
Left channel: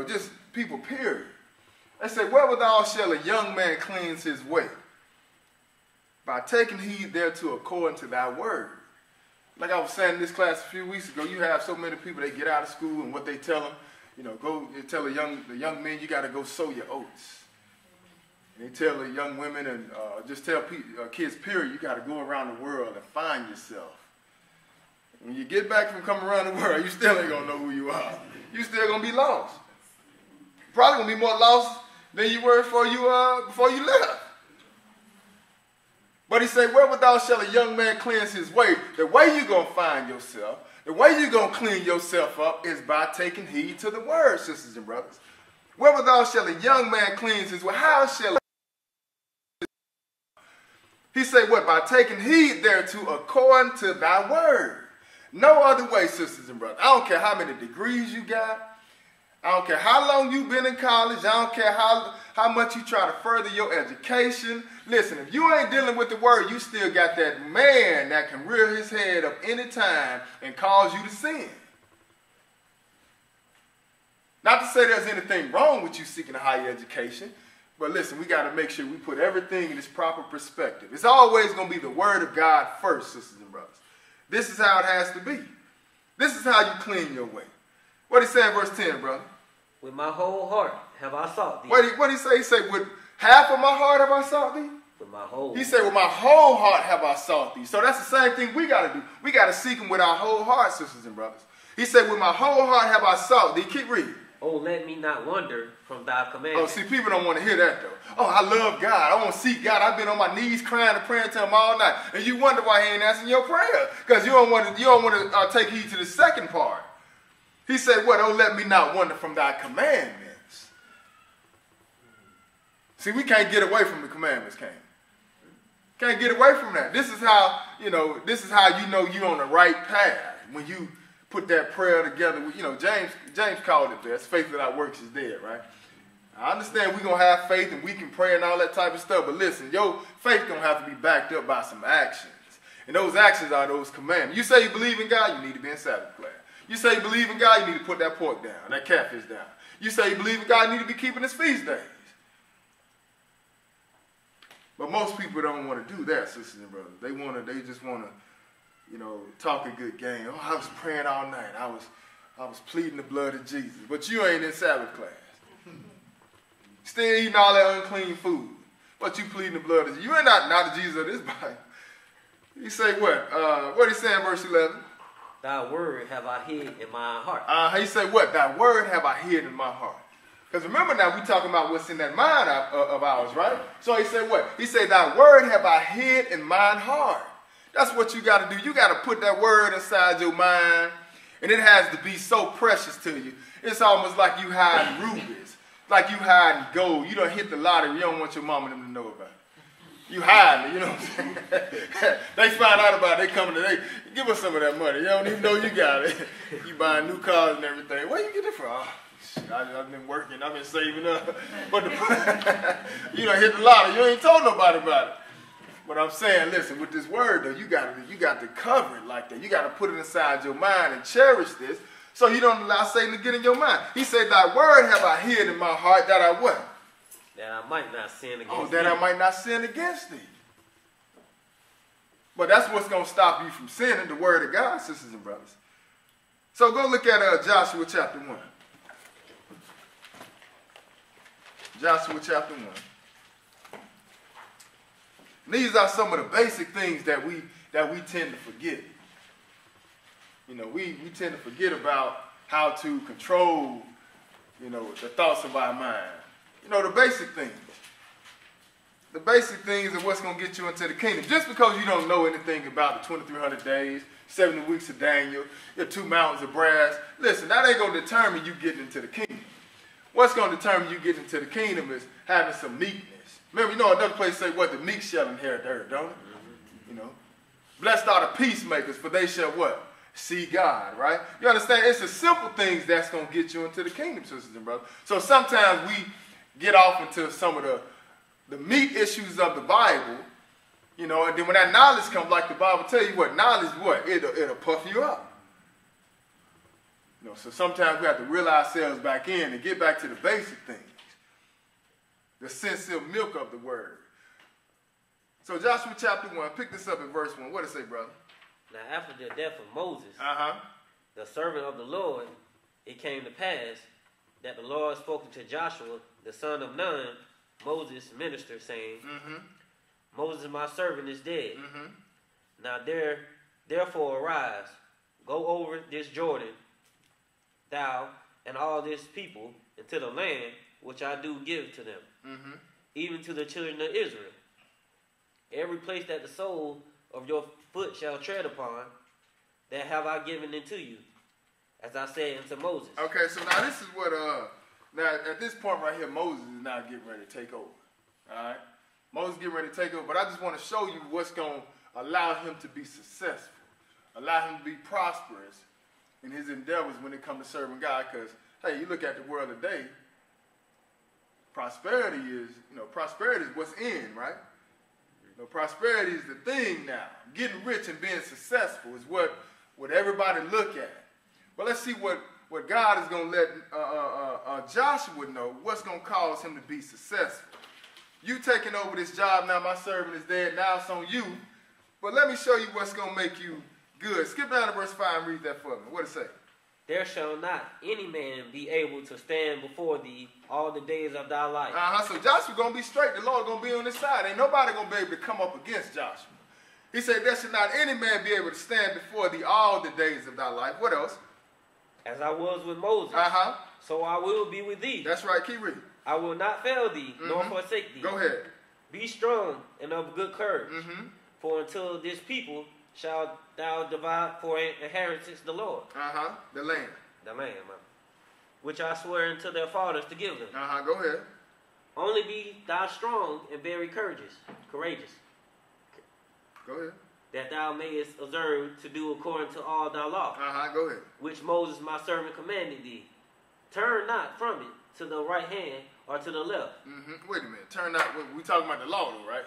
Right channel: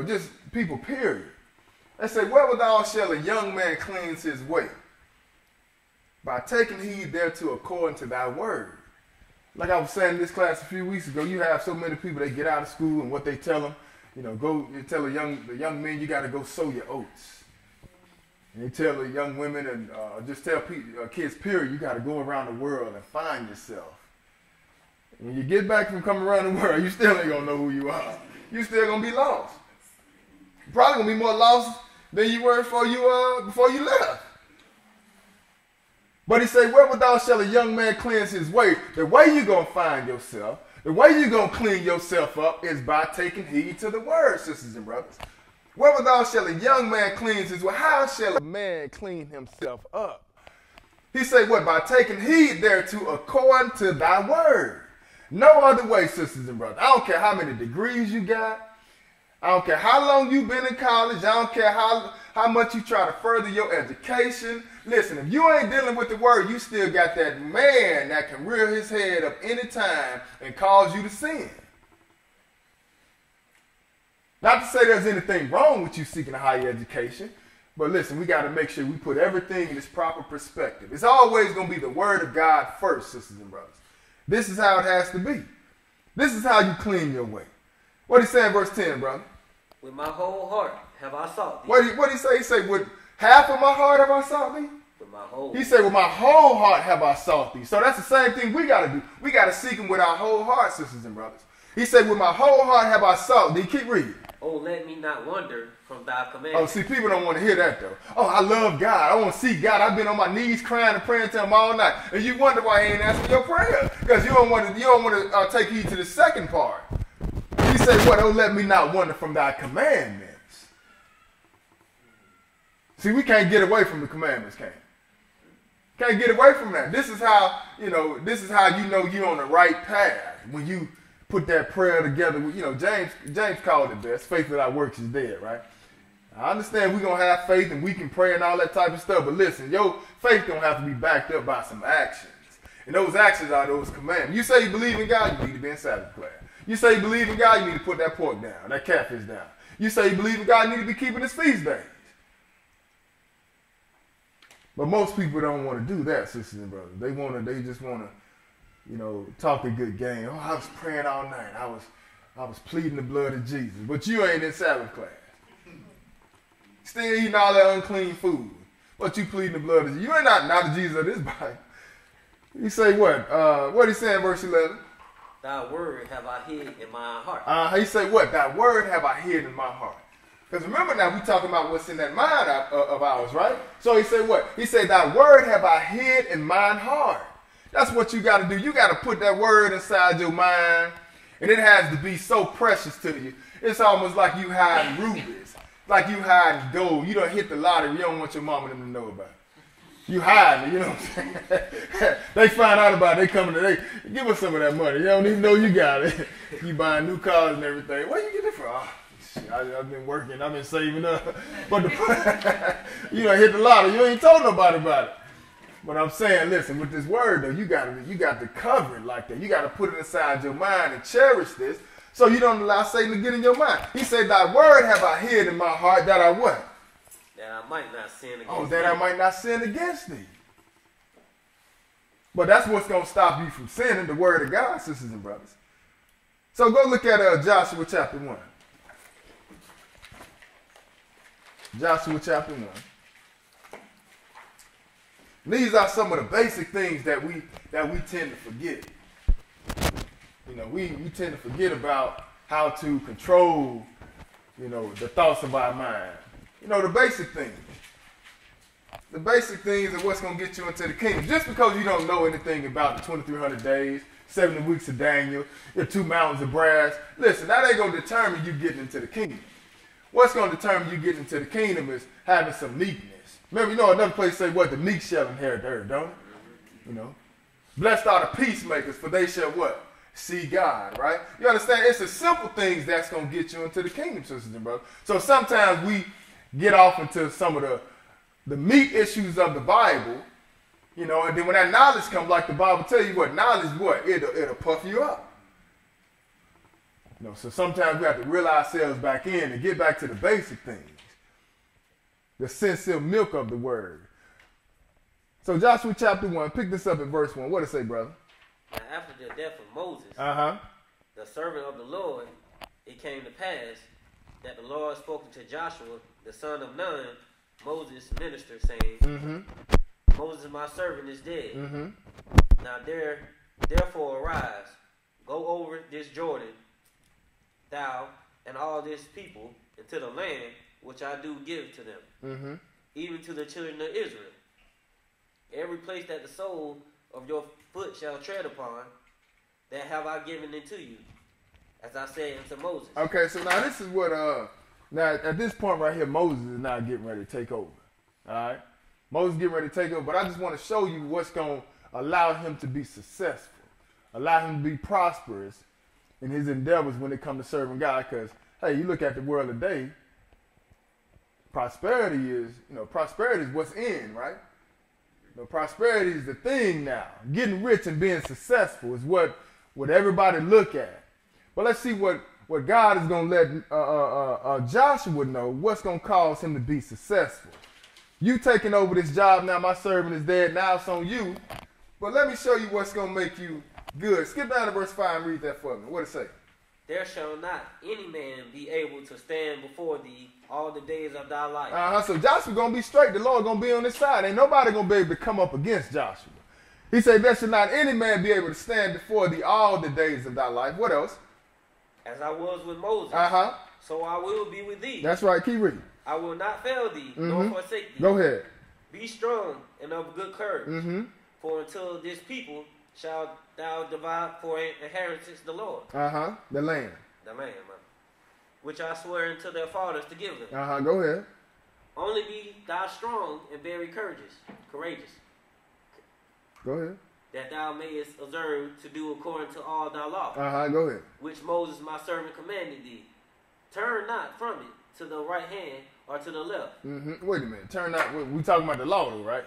just people, period. They say, wherewithal shall a young man cleanse his way? By taking heed thereto according to thy word. Like I was saying in this class a few weeks ago, you have so many people, they get out of school and what they tell them, you tell the young men, you got to go sow your oats. And they tell the young women and just tell kids, period, you got to go around the world and find yourself. When you get back from coming around the world, you still ain't going to know who you are. You still going to be lost. You're probably going to be more lost than you were before you left. But he said, wherewithal shall a young man cleanse his way? The way you're going to find yourself, the way you're going to clean yourself up is by taking heed to the word, sisters and brothers. Wherewithal shall a young man cleanse his way? How shall a man clean himself up? He said, what? By taking heed thereto according to thy word. No other way, sisters and brothers. I don't care how many degrees you got. I don't care how long you've been in college. I don't care how much you try to further your education. Listen, if you ain't dealing with the word, you still got that man that can rear his head up any time and cause you to sin. Not to say there's anything wrong with you seeking a higher education, but listen, we got to make sure we put everything in its proper perspective. It's always going to be the word of God first, sisters and brothers. This is how it has to be. This is how you clean your way. What he say in verse 10, brother? With my whole heart have I sought thee. What did he say? He said, with half of my heart have I sought thee? With my whole. He said, with my whole heart have I sought thee. So that's the same thing we got to do. We got to seek him with our whole heart, sisters and brothers. He said, with my whole heart have I sought thee. Keep reading. Oh, let me not wander from thy commandments. Oh, see, people don't want to hear that, though. Oh, I love God. I want to see God. I've been on my knees crying and praying to him all night. And you wonder why he ain't answering your prayers. Because you don't want to take heed to the second part. He said, what? Oh, let me not wander from thy commandments. See, we can't get away from the commandments, can we? Can't get away from that. This is how you know you're on the right path. When you put that prayer together, James called it best. Faith without works is dead, right? I understand we're going to have faith and we can pray and all that type of stuff, but listen, your faith don't have to be backed up by some actions. And those actions are those commandments. You say you believe in God, you need to be in Sabbath class. You say you believe in God, you need to put that pork down, that catfish down. You say you believe in God, you need to be keeping his feast days. But most people don't want to do that, sisters and brothers. They just want to, talk a good game. Oh, I was praying all night. I was pleading the blood of Jesus. But you ain't in Sabbath class. Still eating all that unclean food. But you pleading the blood of Jesus. You ain't not the Jesus of this body. He say what? What he say in verse 11? Thy word have I hid in my heart. He say what? Thy word have I hid in my heart. Because remember now, we talking about what's in that mind of ours, right? So he said what? He said, thy word have I hid in mine heart. That's what you got to do. You got to put that word inside your mind, and it has to be so precious to you. It's almost like you hiding rubies, like you hiding gold. You don't hit the lottery. You don't want your mama and them to know about it. You hiding it, you know what I'm saying? They find out about it. They come to, give us some of that money. You don't even know you got it. You buying new cars and everything. Where you get it from? Oh, shit, I've been working. I've been saving up. But you don't hit the lottery. You ain't told nobody about it. But I'm saying, listen, with this word, though, you got to cover it like that. You got to put it inside your mind and cherish this so you don't allow Satan to get in your mind. He said, thy word have I hid in my heart that I what? That I might not sin against thee. Oh, that I might not sin against thee. But that's what's going to stop you from sinning, the word of God, sisters and brothers. So go look at Joshua chapter 1. Joshua chapter 1. These are some of the basic things that we tend to forget. We tend to forget about how to control, the thoughts of our mind. The basic things. The basic things are what's going to get you into the kingdom. Just because you don't know anything about the 2,300 days, 70 weeks of Daniel, your 2 mountains of brass, listen, that ain't going to determine you getting into the kingdom. What's going to determine you getting into the kingdom is having some meekness. Remember, another place say what? The meek shall inherit the earth, don't it? Blessed are the peacemakers, for they shall what? See God, right? You understand? It's the simple things that's going to get you into the kingdom, sisters and brothers. So sometimes we get off into some of the meat issues of the Bible, and then when that knowledge comes, like the Bible tell you what, knowledge what? It'll puff you up. So sometimes we have to reel ourselves back in and get back to the basic things. The sincere milk of the word. So Joshua chapter 1, pick this up at verse 1. What does it say, brother? Now after the death of Moses, the servant of the Lord, it came to pass that the Lord spoke to Joshua, the son of Nun, Moses' minister, saying, Moses, my servant, is dead. Now therefore arise, go over this Jordan, thou and all this people, into the land which I do give to them, even to the children of Israel. Every place that the sole of your foot shall tread upon, that have I given unto you, as I said unto Moses. Okay, so now this is what, now at this point right here, Moses is now getting ready to take over. All right? Moses getting ready to take over, but I just want to show you what's going to allow him to be successful, allow him to be prosperous in his endeavors when it comes to serving God, because hey, you look at the world today, prosperity is what's in, right? Prosperity is the thing now. Getting rich and being successful is what everybody look at. But let's see what God is going to let Joshua know, what's going to cause him to be successful. You taking over this job now, my servant is dead, now it's on you. But let me show you what's going to make you good. Skip down to verse 5 and read that for me. What it say? There shall not any man be able to stand before thee all the days of thy life. So Joshua going to be straight. The Lord going to be on his side. Ain't nobody going to be able to come up against Joshua. He said, there shall not any man be able to stand before thee all the days of thy life. What else? As I was with Moses, so I will be with thee. That's right. Keep reading. I will not fail thee, nor forsake thee. Go ahead. Be strong and of good courage. For until this people shalt thou divide for an inheritance the Lord. The land. The land, which I swear unto their fathers to give them. Go ahead. Only be thou strong and very courageous. Go ahead. That thou mayest observe to do according to all thy law. Go ahead. Which Moses my servant commanded thee. Turn not from it to the right hand or to the left. Wait a minute. Turn not. We talking about the law, right?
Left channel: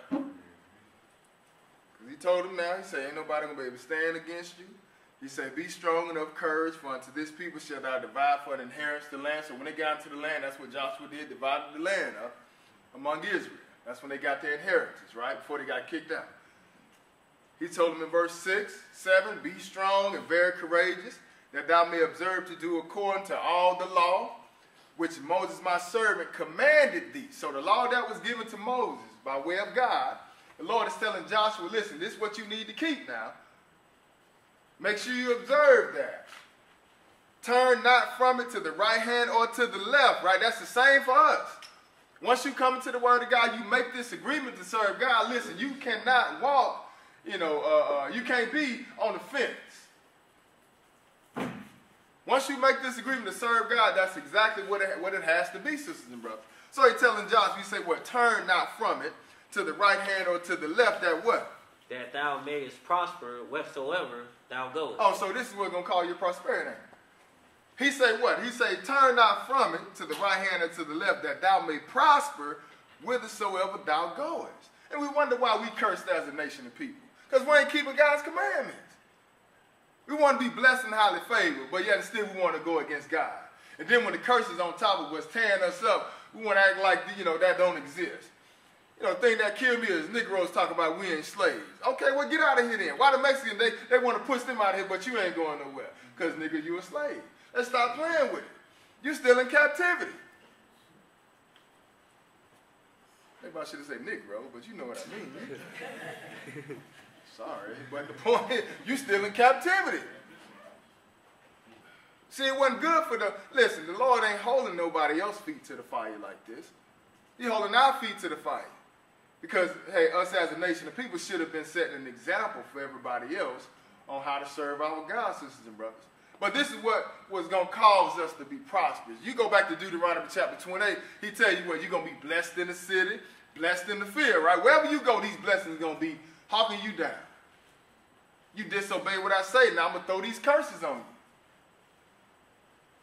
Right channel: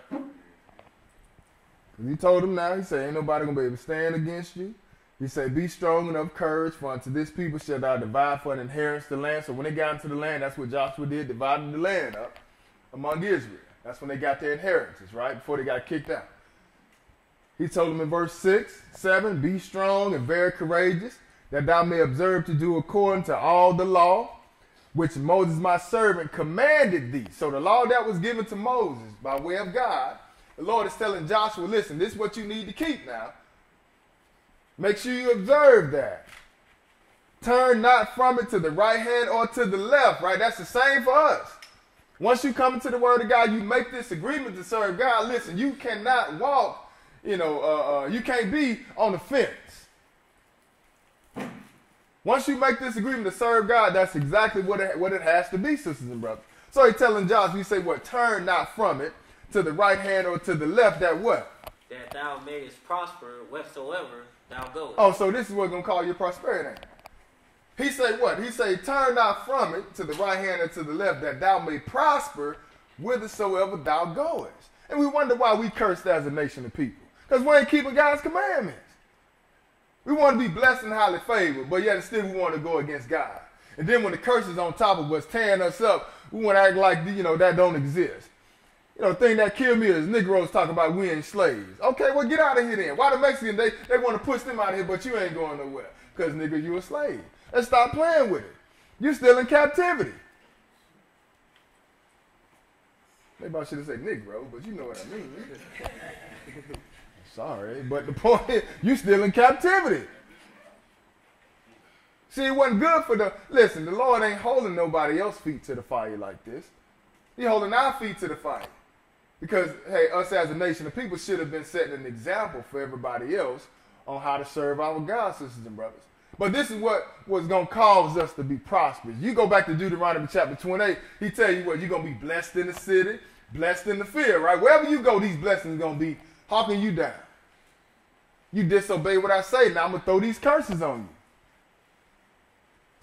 He told him now. He said, ain't nobody gonna be able to stand against you. He said, be strong and of courage, for unto this people shall thou divide for an inheritance the land. So when they got into the land, that's what Joshua did, divided the land up among Israel. That's when they got their inheritance, right? Before they got kicked out. He told them in verse 6, 7, be strong and very courageous, that thou may observe to do according to all the law, which Moses my servant commanded thee. So the law that was given to Moses by way of God, the Lord is telling Joshua, listen, this is what you need to keep now. Make sure you observe that. Turn not from it to the right hand or to the left, right? That's the same for us. Once you come into the word of God, you make this agreement to serve God. Listen, you cannot walk, you can't be on the fence. Once you make this agreement to serve God, that's exactly what it has to be, sisters and brothers. So he's telling Joshua, he said, what? Turn not from it to the right hand or to the left, that what? That thou mayest prosper whatsoever thou goest. Oh, so this is what's going to call your prosperity. He said what? He said, turn not from it to the right hand or to the left, that thou may prosper whithersoever thou goest. And we wonder why we cursed as a nation of people. Because we ain't keeping God's commandments. We want to be blessed and highly favored, but yet still we want to go against God. And then when the curse is on top of us, tearing us up, we want to act like, that don't exist. The thing that killed me is Negroes talk about we ain't slaves. Okay, well, get out of here then. Why the Mexicans, they want to push them out of here, but you ain't going nowhere? Because, nigga, you a slave. Let's stop playing with it. You're still in captivity. Maybe I should have said Negro, but you know what I mean. Sorry, but the point is, you're still in captivity. See, it wasn't good for listen, the Lord ain't holding nobody else's feet to the fire like this. He's holding our feet to the fire. Because, hey, us as a nation of people should have been setting an example for everybody else on how to serve our God, sisters and brothers. But this is what was going to cause us to be prosperous. You go back to Deuteronomy chapter 28, he tell you what, you're going to be blessed in the city, blessed in the field, right? Wherever you go, these blessings are going to be hawking you down. You disobey what I say, now I'm going to throw these curses on you.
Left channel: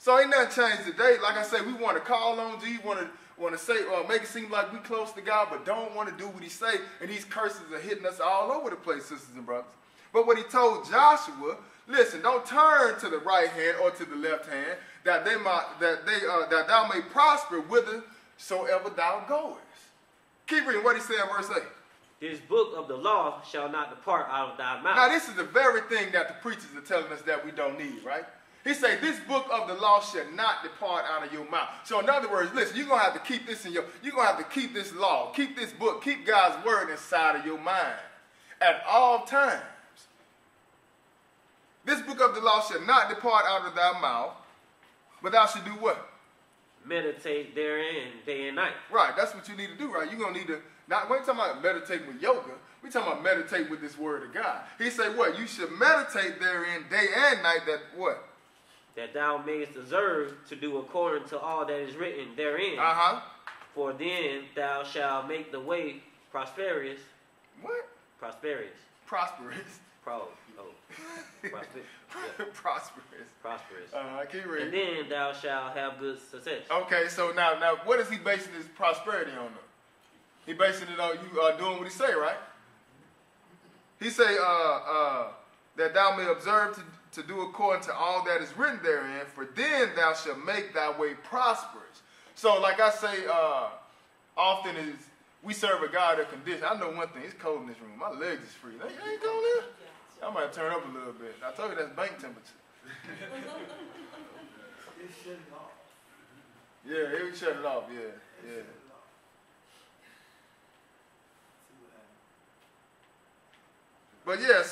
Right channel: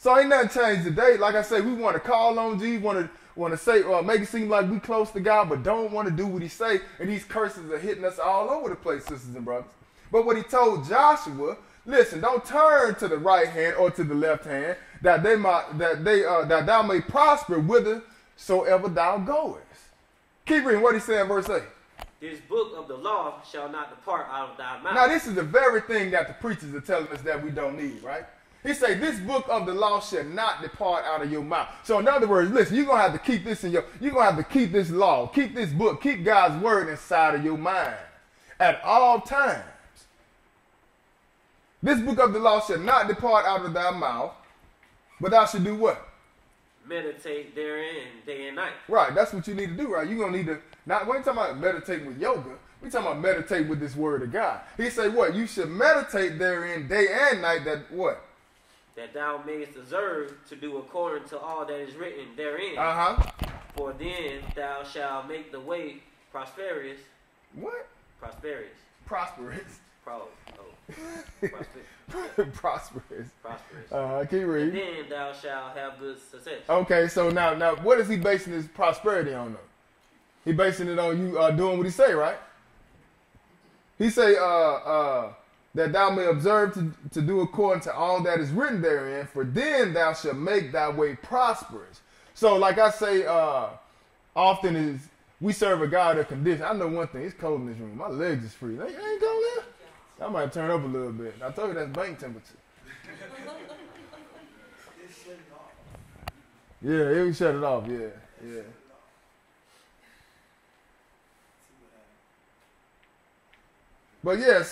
So ain't nothing changed today. Like I say, we want to call on Jesus, want to say, make it seem like we close to God, but don't want to do what he say. And these curses are hitting us all over the place, sisters and brothers. But what he told Joshua, listen, don't turn to the right hand or to the left hand, that thou may prosper whithersoever thou goest. Keep reading what he said in verse 8. This book of the law shall not depart out of thy mouth. Now this is the very thing that the preachers are telling us that we don't need, right? He said, this book of the law shall not depart out of your mouth. So in other words, listen, you're going to have to keep this you're going to have to keep this law, keep this book, keep God's word inside of your mind at all times. This book of the law shall not depart out of thy mouth, but thou should do what? Meditate therein day and night. Right, that's what you need to do, right? You're going to need to, we ain't talking about meditating with yoga. We're talking about meditate with this word of God. He said what? You should meditate therein day and night, that what? That thou mayest observe to do according to all that is written therein. For then thou shalt make the way prosperous. What? Prosperous. Prosperous. Prosperous. Prosperous. Keep reading. And then thou shalt have good success. Okay, so now what is he basing his prosperity on, though? He basing it on you doing what he say, right? He say, that thou may observe to do according to all that is written therein, for then thou shalt make thy way prosperous. So, like I say, often is we serve a God of condition. I know one thing, it's cold in this room. My legs is free. Ain't cold there? I might turn up a little bit. I told you that's bank temperature. Yeah, we shut it off, yeah. But yeah,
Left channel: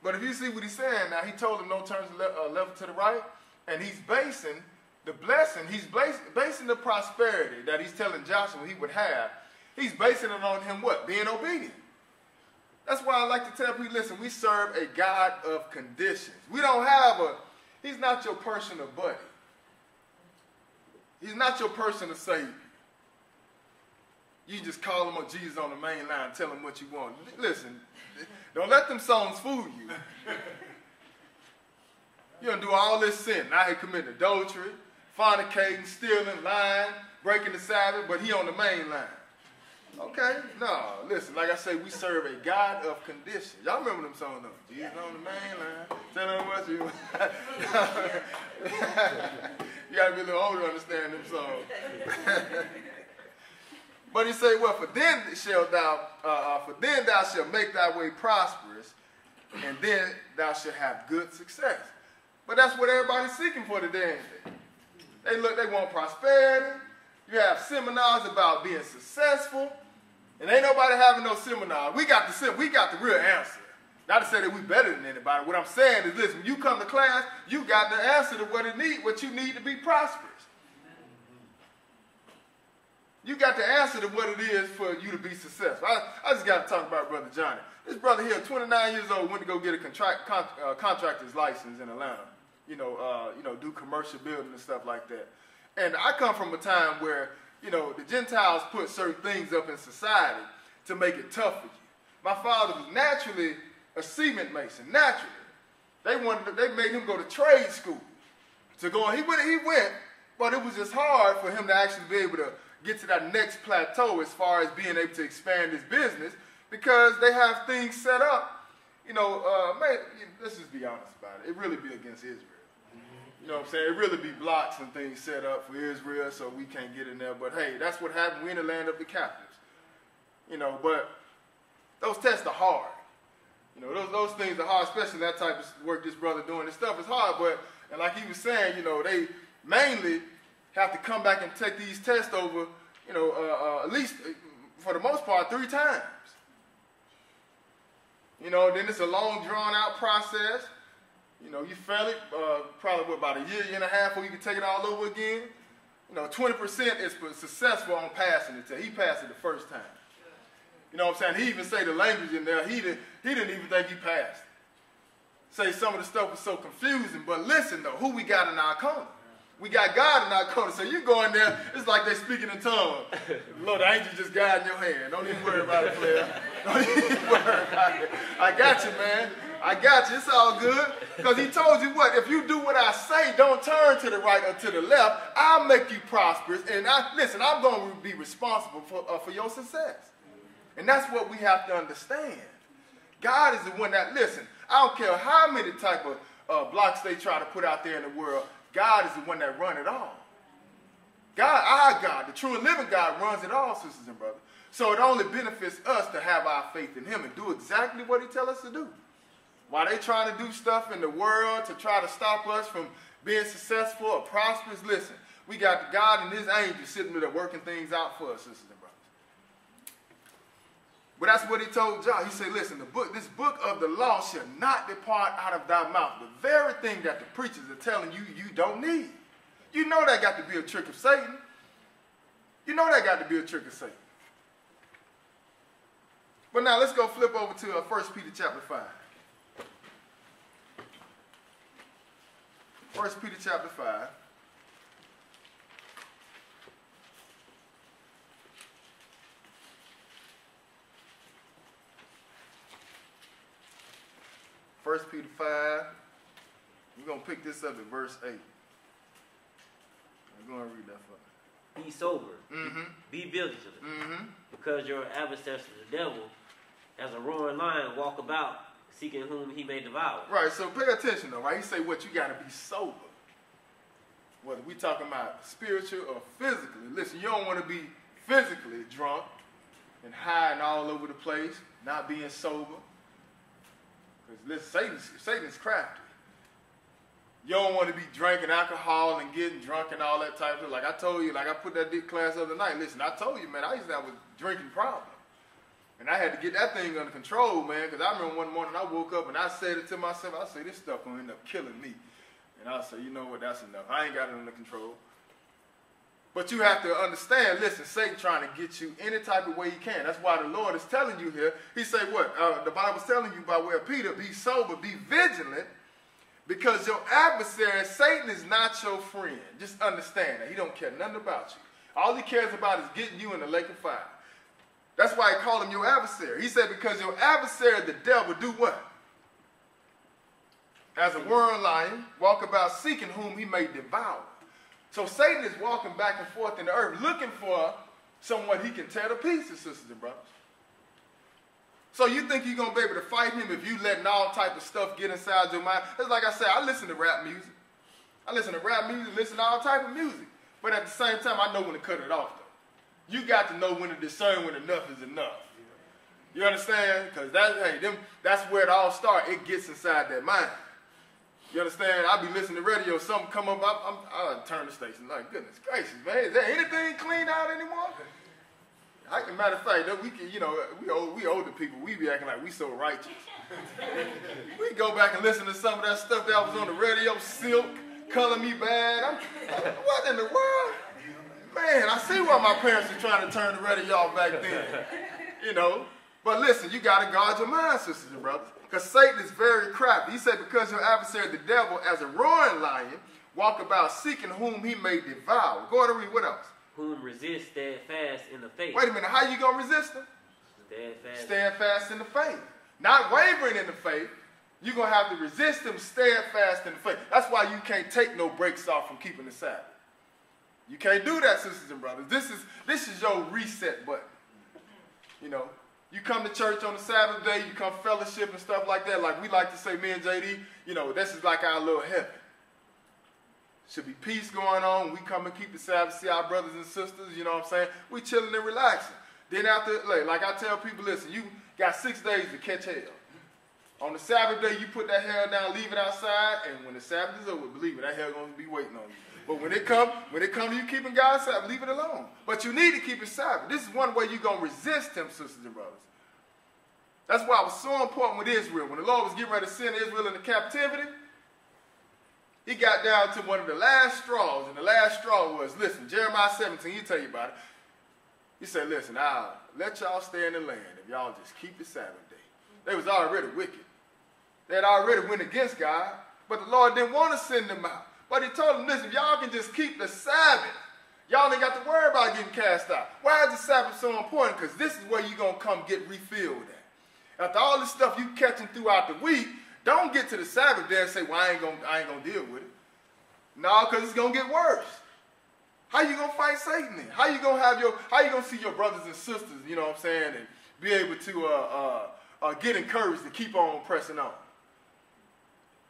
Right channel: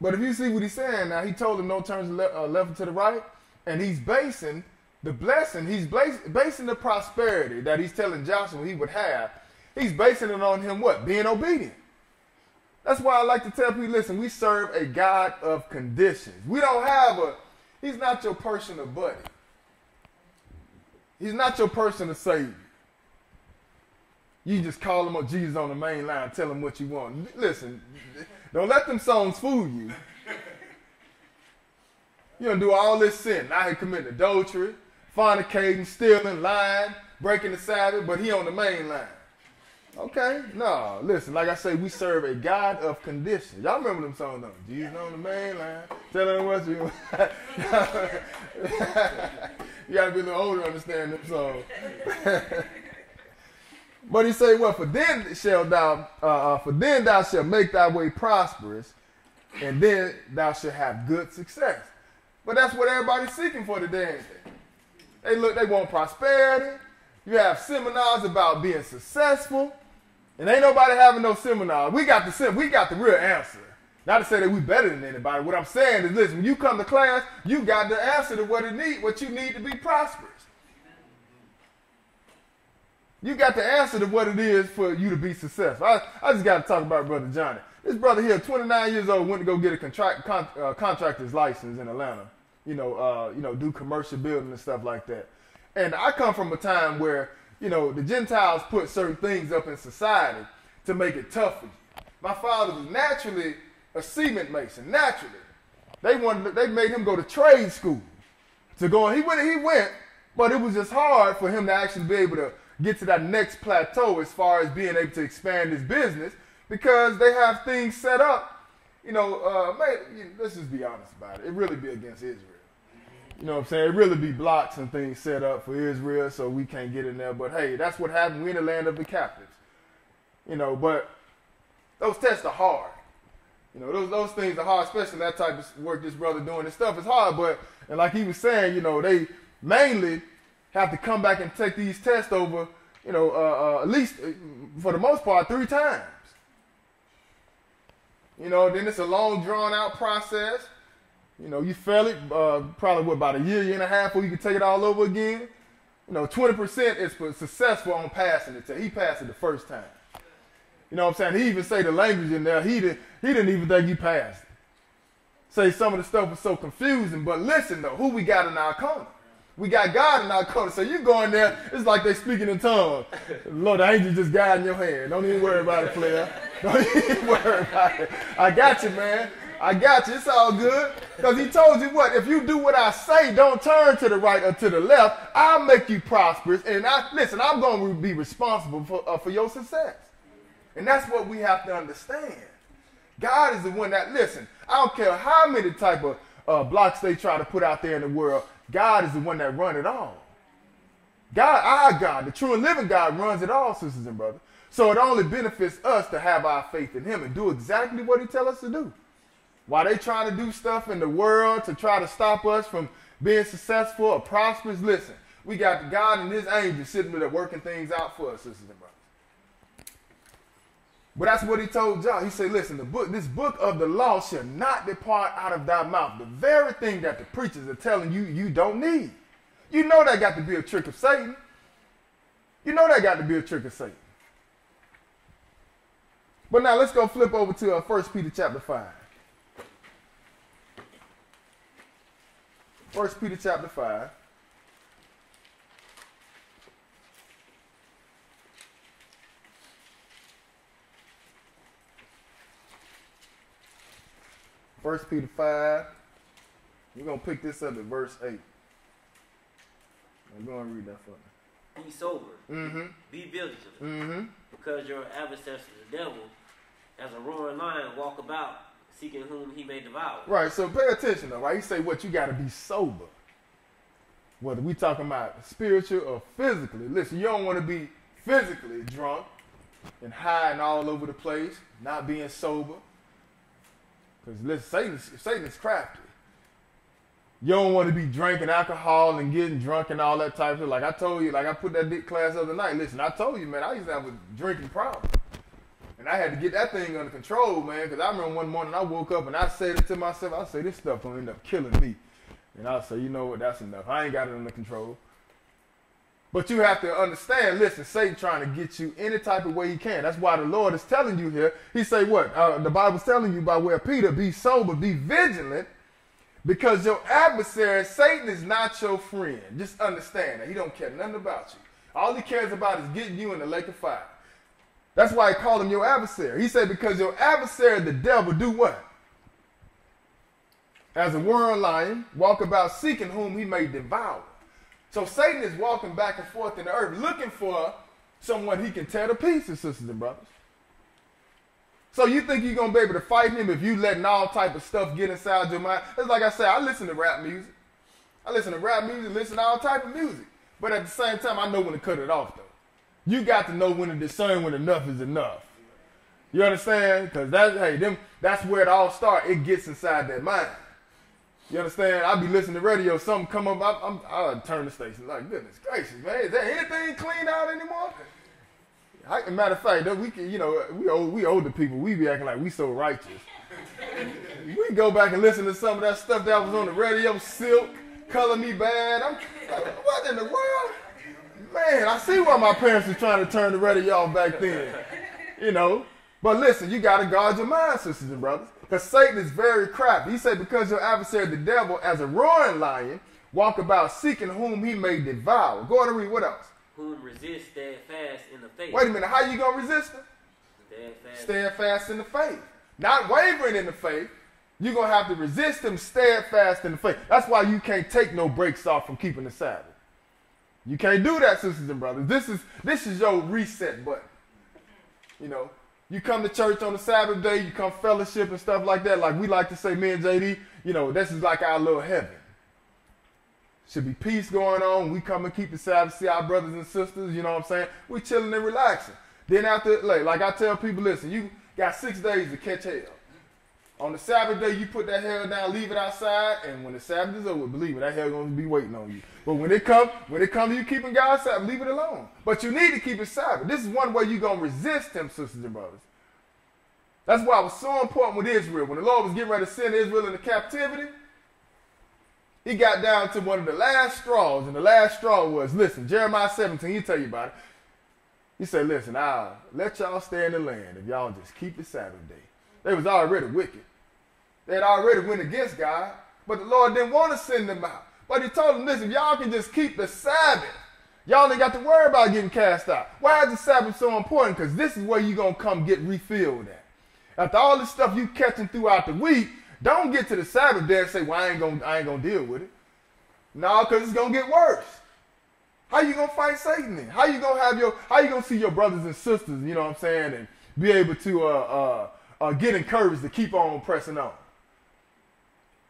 but if you see what he's saying now, he told him don't turn left to the right, and he's basing the blessing, he's basing the prosperity that he's telling Joshua he would have, he's basing it on him what? Being obedient. That's why I like to tell people, listen, we serve a God of conditions. We don't have he's not your personal buddy. He's not your personal savior. You just call him Jesus on the main line, tell him what you want. Listen, don't let them songs fool you. You're going to do all this sin. Now he committing adultery, fornicating, stealing, lying, breaking the Sabbath, but he on the main line. Okay? No, listen, like I say, we serve a God of condition. Y'all remember them songs, don't you? Jesus on the main line, tell him what you want. You got to be a little older to understand them songs. But he say, well, for then thou shalt make thy way prosperous, and then thou shalt have good success. But that's what everybody's seeking for today. They want prosperity. You have seminars about being successful, and ain't nobody having no seminars. We got the real answer. Not to say that we better than anybody. What I'm saying is, listen, when you come to class, you got the answer to what you need to be prosperous. You got the answer to what it is for you to be successful. I just got to talk about Brother Johnny. This brother here, 29 years old, went to go get a contractor's license in Atlanta. Do commercial building and stuff like that. And I come from a time where, the Gentiles put certain things up in society to make it tough for you. My father was naturally a cement mason, naturally. They made him go to trade school. He went, but it was just hard for him to actually be able to get to that next plateau as far as being able to expand his business, because they have things set up, let's just be honest about it. It really be against Israel. You know what I'm saying? It really be blocks and things set up for Israel, so we can't get in there. But hey, that's what happened. We in the land of the captives. But those tests are hard. Those things are hard, especially that type of work this brother doing. This stuff is hard, and like he was saying, they mainly have to come back and take these tests over, at least for the most part 3 times. Then it's a long drawn out process. You fail it probably about a year and a half before you can take it all over again. 20% is for successful on passing it. He passed it the first time. You know what I'm saying? He even say the language in there. He didn't even think he passed. Say some of the stuff was so confusing. But listen though, who we got in our corner? We got God in our corner. So you go in there, it's like they speaking in tongues. Lord, the angel just guiding your hand. Don't even worry about it, player. Don't even worry about it. I got you, man. I got you. It's all good. Because he told you what? If you do what I say, don't turn to the right or to the left, I'll make you prosperous. And I'm going to be responsible for your success. And that's what we have to understand. God is the one that, listen, I don't care how many type of blocks they try to put out there in the world, God is the one that runs it all. Our God, the true and living God, runs it all, sisters and brothers. So it only benefits us to have our faith in him and do exactly what he tells us to do. While they trying to do stuff in the world to try to stop us from being successful or prosperous, listen, we got God and his angels sitting there working things out for us, sisters and brothers. But that's what he told John. He said, listen, this book of the law shall not depart out of thy mouth. The very thing that the preachers are telling you, you don't need. You know that got to be a trick of Satan. You know that got to be a trick of Satan. But now let's go flip over to 1 Peter chapter 5. 1 Peter chapter 5. First Peter 5, We're going to pick this up at verse 8. I'm going to read that for me. Be sober. Mm-hmm. Be vigilant. Mm-hmm. Because your adversary, the devil, as a roaring lion, walk about, seeking whom he may devour. Right, so pay attention though, right? You say what? You got to be sober. Whether we talking about spiritual or physically. Listen, you don't want to be physically drunk and high and all over the place, not being sober. Because listen, Satan's crafty. You don't want to be drinking alcohol and getting drunk and all that type of stuff. Like I told you, like I put that big class the other night. Listen, I told you, man, I used to have a drinking problem. And I had to get that thing under control, man, because I remember one morning I woke up and I said it to myself, I said, this stuff gonna end up killing me. And I said, you know what, that's enough. I ain't got it under control. But you have to understand, listen, Satan trying to get you any type of way he can. That's why the Lord is telling you here. He say what? The Bible's telling you by way of Peter, be sober, be vigilant, because your adversary, Satan, is not your friend. Just understand that. He don't care nothing about you. All he cares about is getting you in the lake of fire. That's why he called him your adversary. He said, because your adversary, the devil, do what? As a roaring lion, walk about seeking whom he may devour. So Satan is walking back and forth in the earth looking for someone he can tear to pieces, sisters and brothers. So you think you're going to be able to fight him if you letting all type of stuff get inside your mind? It's like I said, I listen to rap music. listen to all type of music. But at the same time, I know when to cut it off, though. You got to know when to discern when enough is enough. You understand? Because that's where it all starts. It gets inside that mind. You understand? I be listening to radio, something come up, I'll turn the station. Like, goodness gracious, man, is there anything cleaned out anymore? Matter of fact, we can, we older people, we be acting like we so righteous. We go back and listen to some of that stuff that was on the radio, Silk, Color Me Bad. What in the world? Man, I see why my parents were trying to turn the radio off back then. But listen, you got to guard your mind, sisters and brothers. Because Satan is very crafty. He said, because your adversary, the devil, as a roaring lion, walk about seeking whom he may devour. Go on and read. What else? Whom resist steadfast in the faith. Wait a minute. How you going to resist him? Steadfast in the faith. Not wavering in the faith. You're going to have to resist him steadfast in the faith. That's why you can't take no breaks off from keeping the Sabbath. You can't do that, sisters and brothers. This is your reset button. You come to church on the Sabbath day, you come fellowship and stuff like that. Like we like to say, me and JD, this is like our little heaven. Should be peace going on. We come and keep the Sabbath, see our brothers and sisters, you know what I'm saying? We chilling and relaxing. Then after, like I tell people, listen, you got 6 days to catch hell. On the Sabbath day, you put that hell down, leave it outside, and when the Sabbath is over, believe me, that hell going to be waiting on you. But when it comes to you keeping God's Sabbath, leave it alone. But you need to keep it Sabbath. This is one way you're going to resist him, sisters and brothers. That's why it was so important with Israel. When the Lord was getting ready to send Israel into captivity, he got down to one of the last straws, and the last straw was, listen, Jeremiah 17, he'll tell you about it. He said, listen, I'll let y'all stay in the land if y'all just keep the Sabbath day. They was already wicked. They had already went against God, but the Lord didn't want to send them out. But he told them, listen, y'all can just keep the Sabbath. Y'all ain't got to worry about getting cast out. Why is the Sabbath so important? Because this is where you're going to come get refilled at. After all this stuff you catching throughout the week, don't get to the Sabbath day and say, well, I ain't gonna deal with it. No, because it's gonna get worse. How you gonna fight Satan then? How you gonna see your brothers and sisters, you know what I'm saying, and be able to get encouraged to keep on pressing on?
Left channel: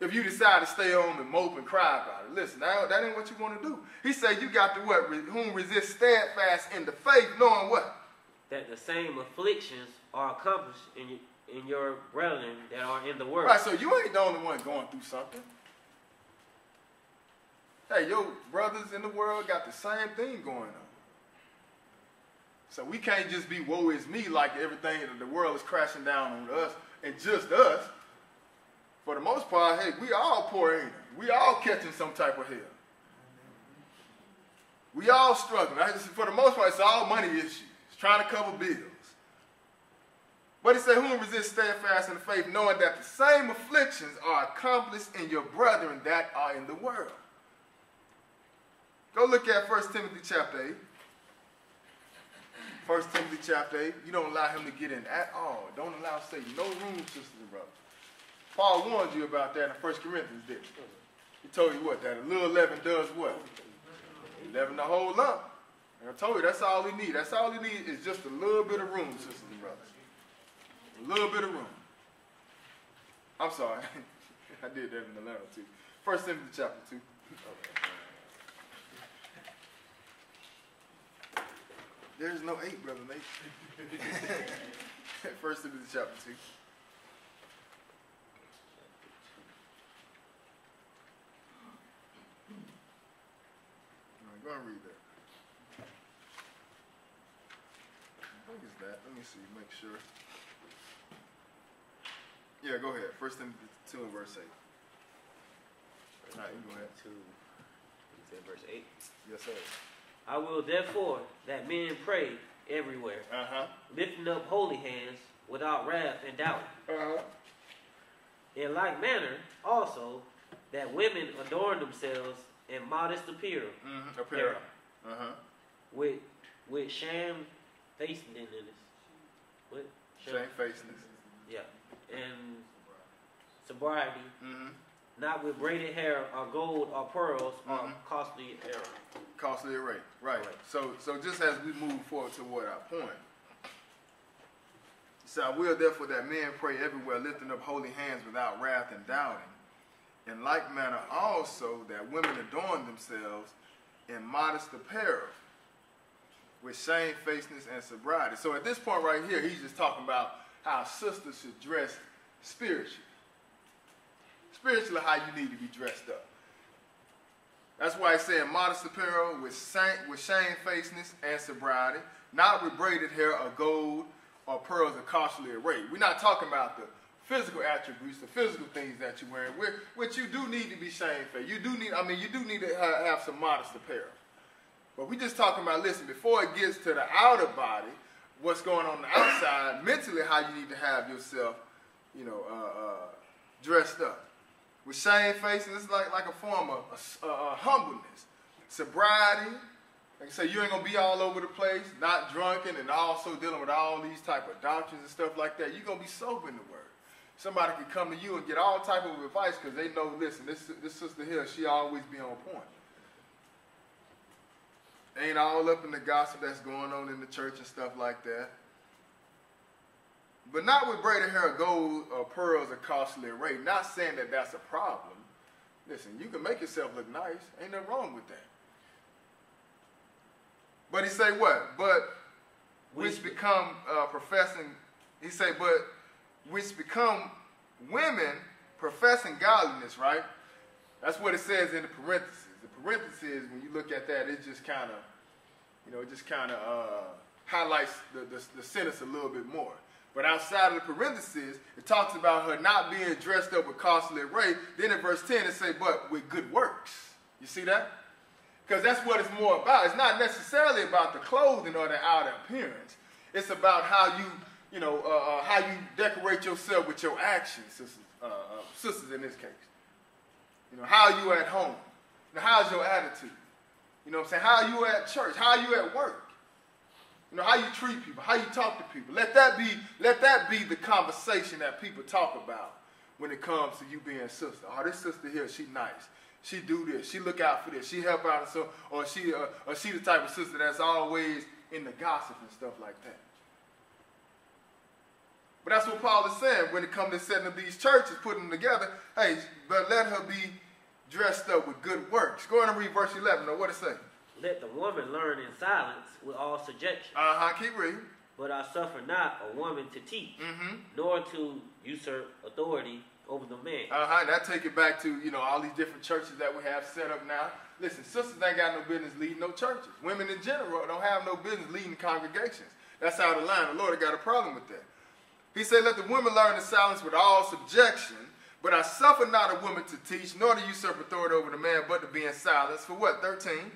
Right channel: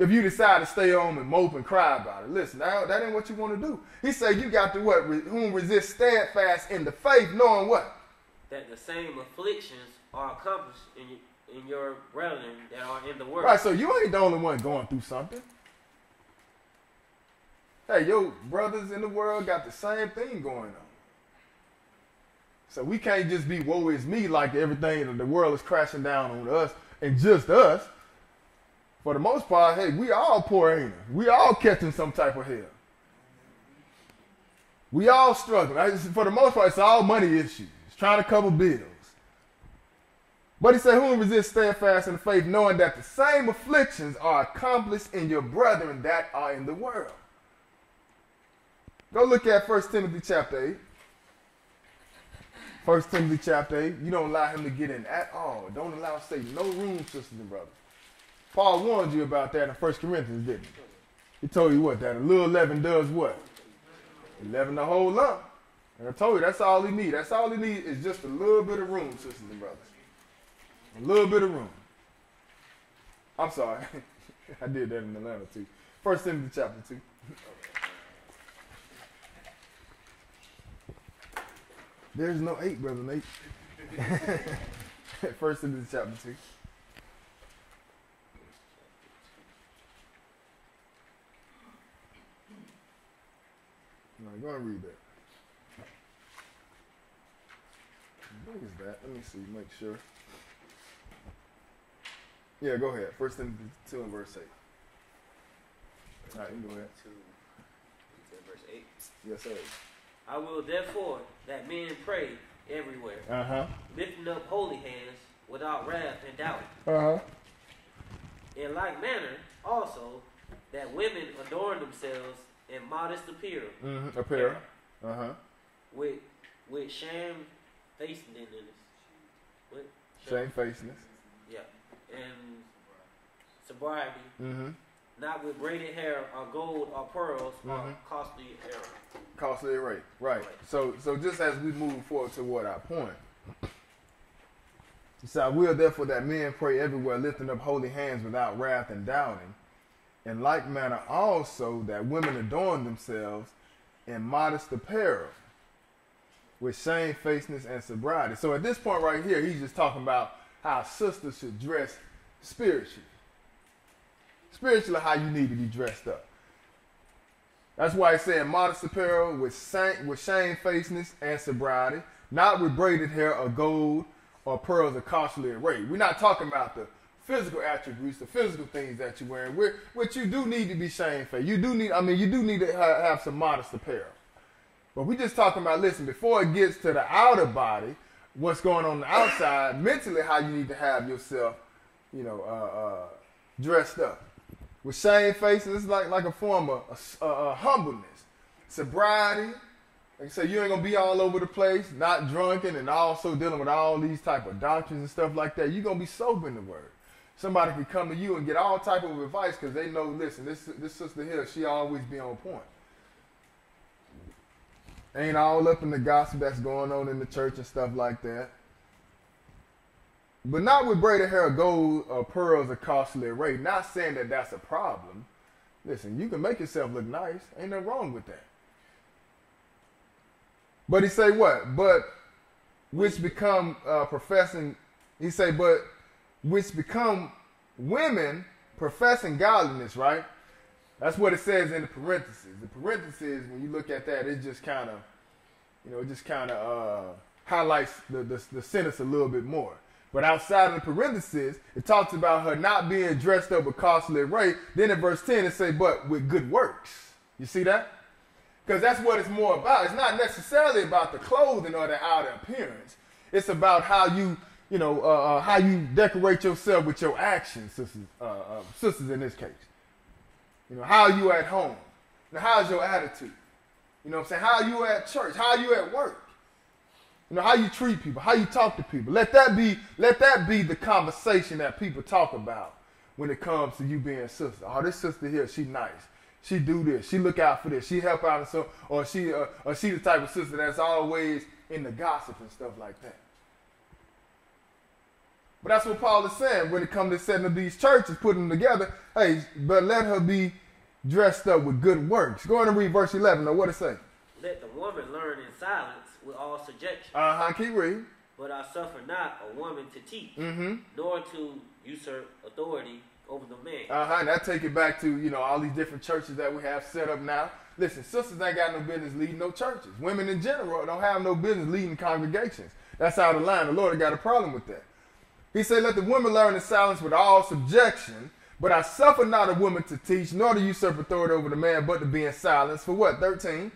If you decide to stay home and mope and cry about it, listen, that ain't what you want to do. He said you got to what? Whom resist steadfast in the faith, knowing what? That the same afflictions are accomplished in your brethren that are in the world. Right, so you ain't the only one going through something. Hey, your brothers in the world got the same thing going on. So we can't just be woe is me like everything that the world is crashing down on us and just us. For the most part, hey, we all poor ain't we? We all catching some type of hell. We all struggling. For the most part, it's all money issues. It's trying to cover bills. But he said, whom resist steadfast in faith, knowing that the same afflictions are accomplished in your brethren that are in the world. Go look at 1 Timothy chapter 8. 1 Timothy chapter 8. You don't allow him to get in at all. Don't allow Satan no room, sisters and brothers. Paul warned you about that in 1 Corinthians, didn't he? He told you what? That a little leaven does what? Leaven the whole lump. And I told you that's all he needs. That's all he needs is just a little bit of room, sisters and brothers. A little bit of room. I'm sorry. I did that in Atlanta too. 1 Timothy chapter 2. There's no 8, Brother Nate. 1 Timothy chapter 2. All right, go ahead and read that. What is that? Let me see, make sure. Yeah, go ahead. 1 Timothy 2 and verse 8. All right, you go ahead. 2, verse 8. Yes, sir. I will therefore that men pray everywhere, lifting up holy hands without wrath and doubt. In like manner, also, that women adorn themselves in modest appearance, with shamefacedness. Shamefacedness. Yeah, and sobriety. Not with braided hair or gold or pearls or costly array. Costly array, right. So just as we move forward toward our point, so I will therefore that men pray everywhere, lifting up holy hands without wrath and doubting. In like manner also that women adorn themselves in modest apparel, with shamefacedness and sobriety. So at this point right here, he's just talking about how sisters should dress spiritually. Spiritually, how you need to be dressed up. That's why it said modest apparel with shamefacedness and sobriety, not with braided hair or gold or pearls of costly array. We're not talking about the physical attributes, the physical things that you're wearing, which you do need to be shamefaced. You do need to have some modest apparel. But we're just talking about, listen, before it gets to the outer body, what's going on the outside, mentally, how you need to have yourself, dressed up. With shamefacedness, it's like a form of humbleness. Sobriety, like I say, you ain't going to be all over the place, not drunken, and also dealing with all these type of doctrines and stuff like that. You're going to be sober in the word. Somebody can come to you and get all type of advice because they know, listen, this sister here, she always be on point. Ain't all up in the gossip that's going on in the church and stuff like that. But not with braided hair, gold, or pearls of costly array. Not saying that that's a problem. Listen, you can make yourself look nice. Ain't nothing wrong with that. But he say what? But which become professing, he say, but which become women professing godliness, right? That's what it says in the parentheses. The parentheses, when you look at that, it just kind of, highlights the sentence a little bit more. But outside of the parentheses, it talks about her not being dressed up with costly array. Then in verse 10, it says, but with good works. You see that? Because that's what it's more about. It's not necessarily about the clothing or the outer appearance. It's about how you decorate yourself with your actions, sisters in this case. How you at home. How's your attitude? You know what I'm saying? How you at church? How you at work? How you treat people, how you talk to people. Let that be the conversation that people talk about when it comes to you being a sister. Oh, this sister here, she nice. She do this. She look out for this. She help out and so, or she the type of sister that's always in the gossip and stuff like that. But that's what Paul is saying when it comes to setting up these churches, putting them together. Hey, but let her be dressed up with good works. Go on and read verse 11. Now, what it say? Let the woman learn in silence with all subjection. Keep reading. But I suffer not a woman to teach, nor to usurp authority over the man. And that take it back to, all these different churches that we have set up now. Listen, sisters ain't got no business leading no churches. Women in general don't have no business leading congregations. That's out of line. The Lord got a problem with that. He said, let the woman learn in silence with all subjection, but I suffer not a woman to teach, nor to usurp authority over the man, but to be in silence. For what? 13.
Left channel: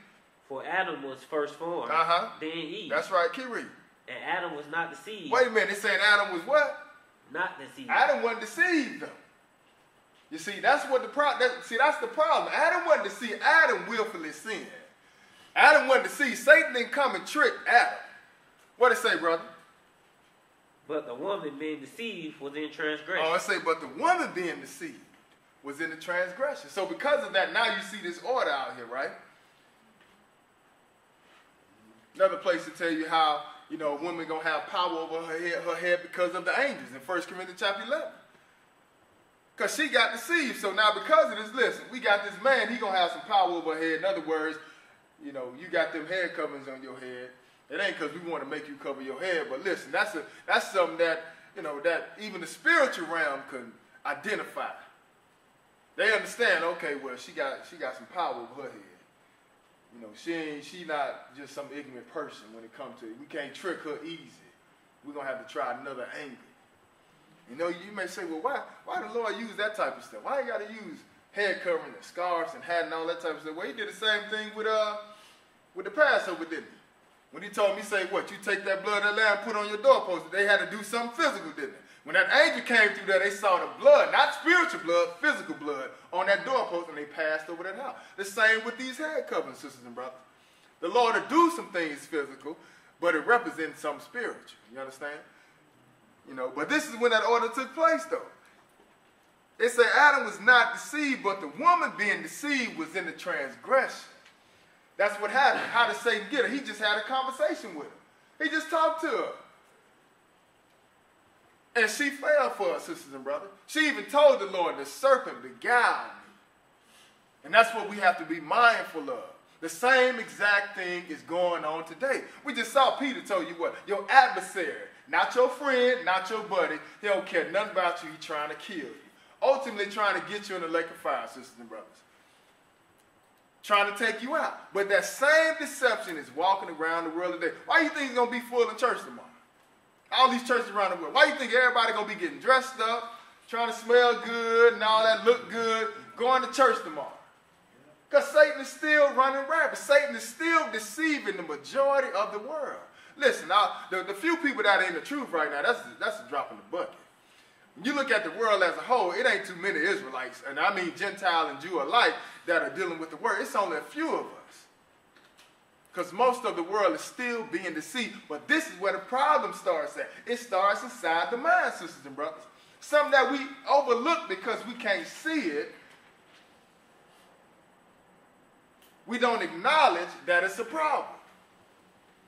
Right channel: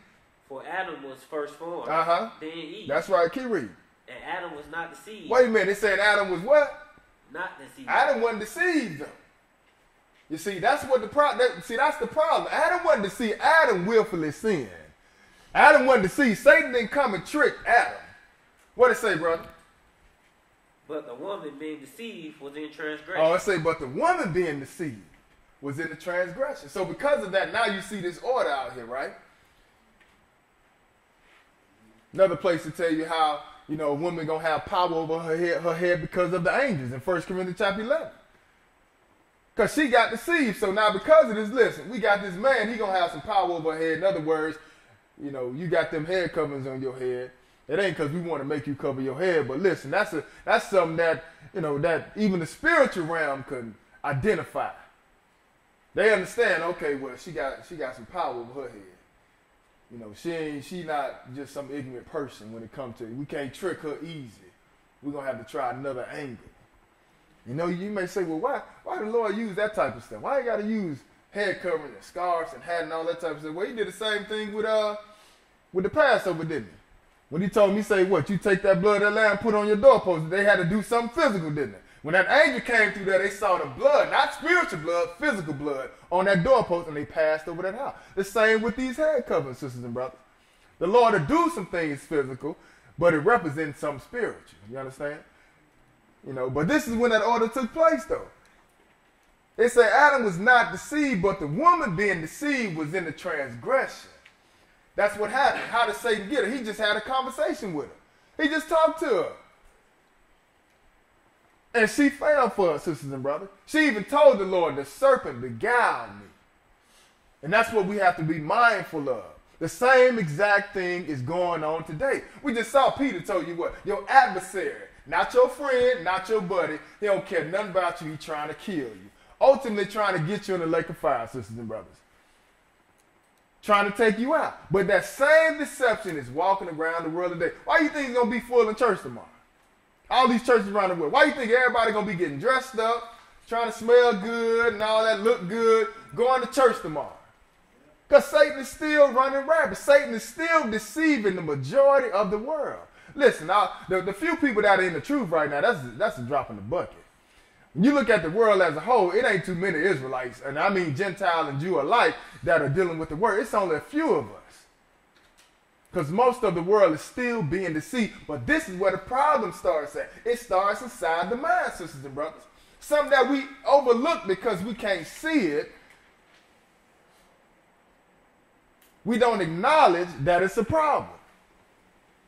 For Adam was first formed, then Eve. That's right. Keep reading. And Adam was not deceived. Wait a minute. It said Adam was what? Not deceived. Adam wasn't deceived. You see, that's what the problem. That's the problem. Adam wasn't deceived. Adam willfully sinned. Adam wasn't deceived. Satan didn't come and trick Adam. What did it say, brother? But the woman being deceived was in transgression. Oh, it say, but the woman being deceived was in the transgression. So because of that, now you see this order out here, right? Another place to tell you how, a woman going to have power over her head because of the angels in 1 Corinthians chapter 11. Because she got deceived. So now because of this, listen, we got this man, he going to have some power over her head. In other words, you got them head coverings on your head. It ain't because we want to make you cover your head, but listen, that's something that, that even the spiritual realm can identify. They understand, okay, well, she got some power over her head. She not just some ignorant person when it comes to it. We can't trick her easy. We're going to have to try another angle. You may say, well, why the Lord use that type of stuff? Why you got to use head covering and scarves and hat and all that type of stuff? Well, he did the same thing with the Passover, didn't he? When he told me, say, what, you take that blood of that lamb, put on your doorpost. They had to do something physical, didn't they? When that angel came through there, they saw the blood, not spiritual blood, physical blood, on that doorpost, and they passed over that house. The same with these head coverings, sisters and brothers. The Lord will do some things physical, but it represents something spiritual. You understand? But this is when that order took place, though. They say Adam was not deceived, but the woman being deceived was in the transgression. That's what happened. How did Satan get her? He just had a conversation with her. He just talked to her. And she fell for her, sisters and brothers. She even told the Lord, the serpent beguiled me. And that's what we have to be mindful of. The same exact thing is going on today. We just saw Peter tell you what? Your adversary, not your friend, not your buddy. He don't care nothing about you. He's trying to kill you. Ultimately trying to get you in the lake of fire, sisters and brothers. Trying to take you out. But that same deception is walking around the world today. Why do you think it's going to be full in church tomorrow? All these churches around the world. Why do you think everybody going to be getting dressed up, trying to smell good and all that, look good, going to church tomorrow? Because Satan is still running rampant. Satan is still deceiving the majority of the world. Listen, the few people that are in the truth right now, that's a drop in the bucket. When you look at the world as a whole, it ain't too many Israelites, and I mean Gentile and Jew alike, that are dealing with the word. It's only a few of us. Because most of the world is still being deceived. But this is where the problem starts at. It starts inside the mind, sisters and brothers. Something that we overlook because we can't see it. We don't acknowledge that it's a problem.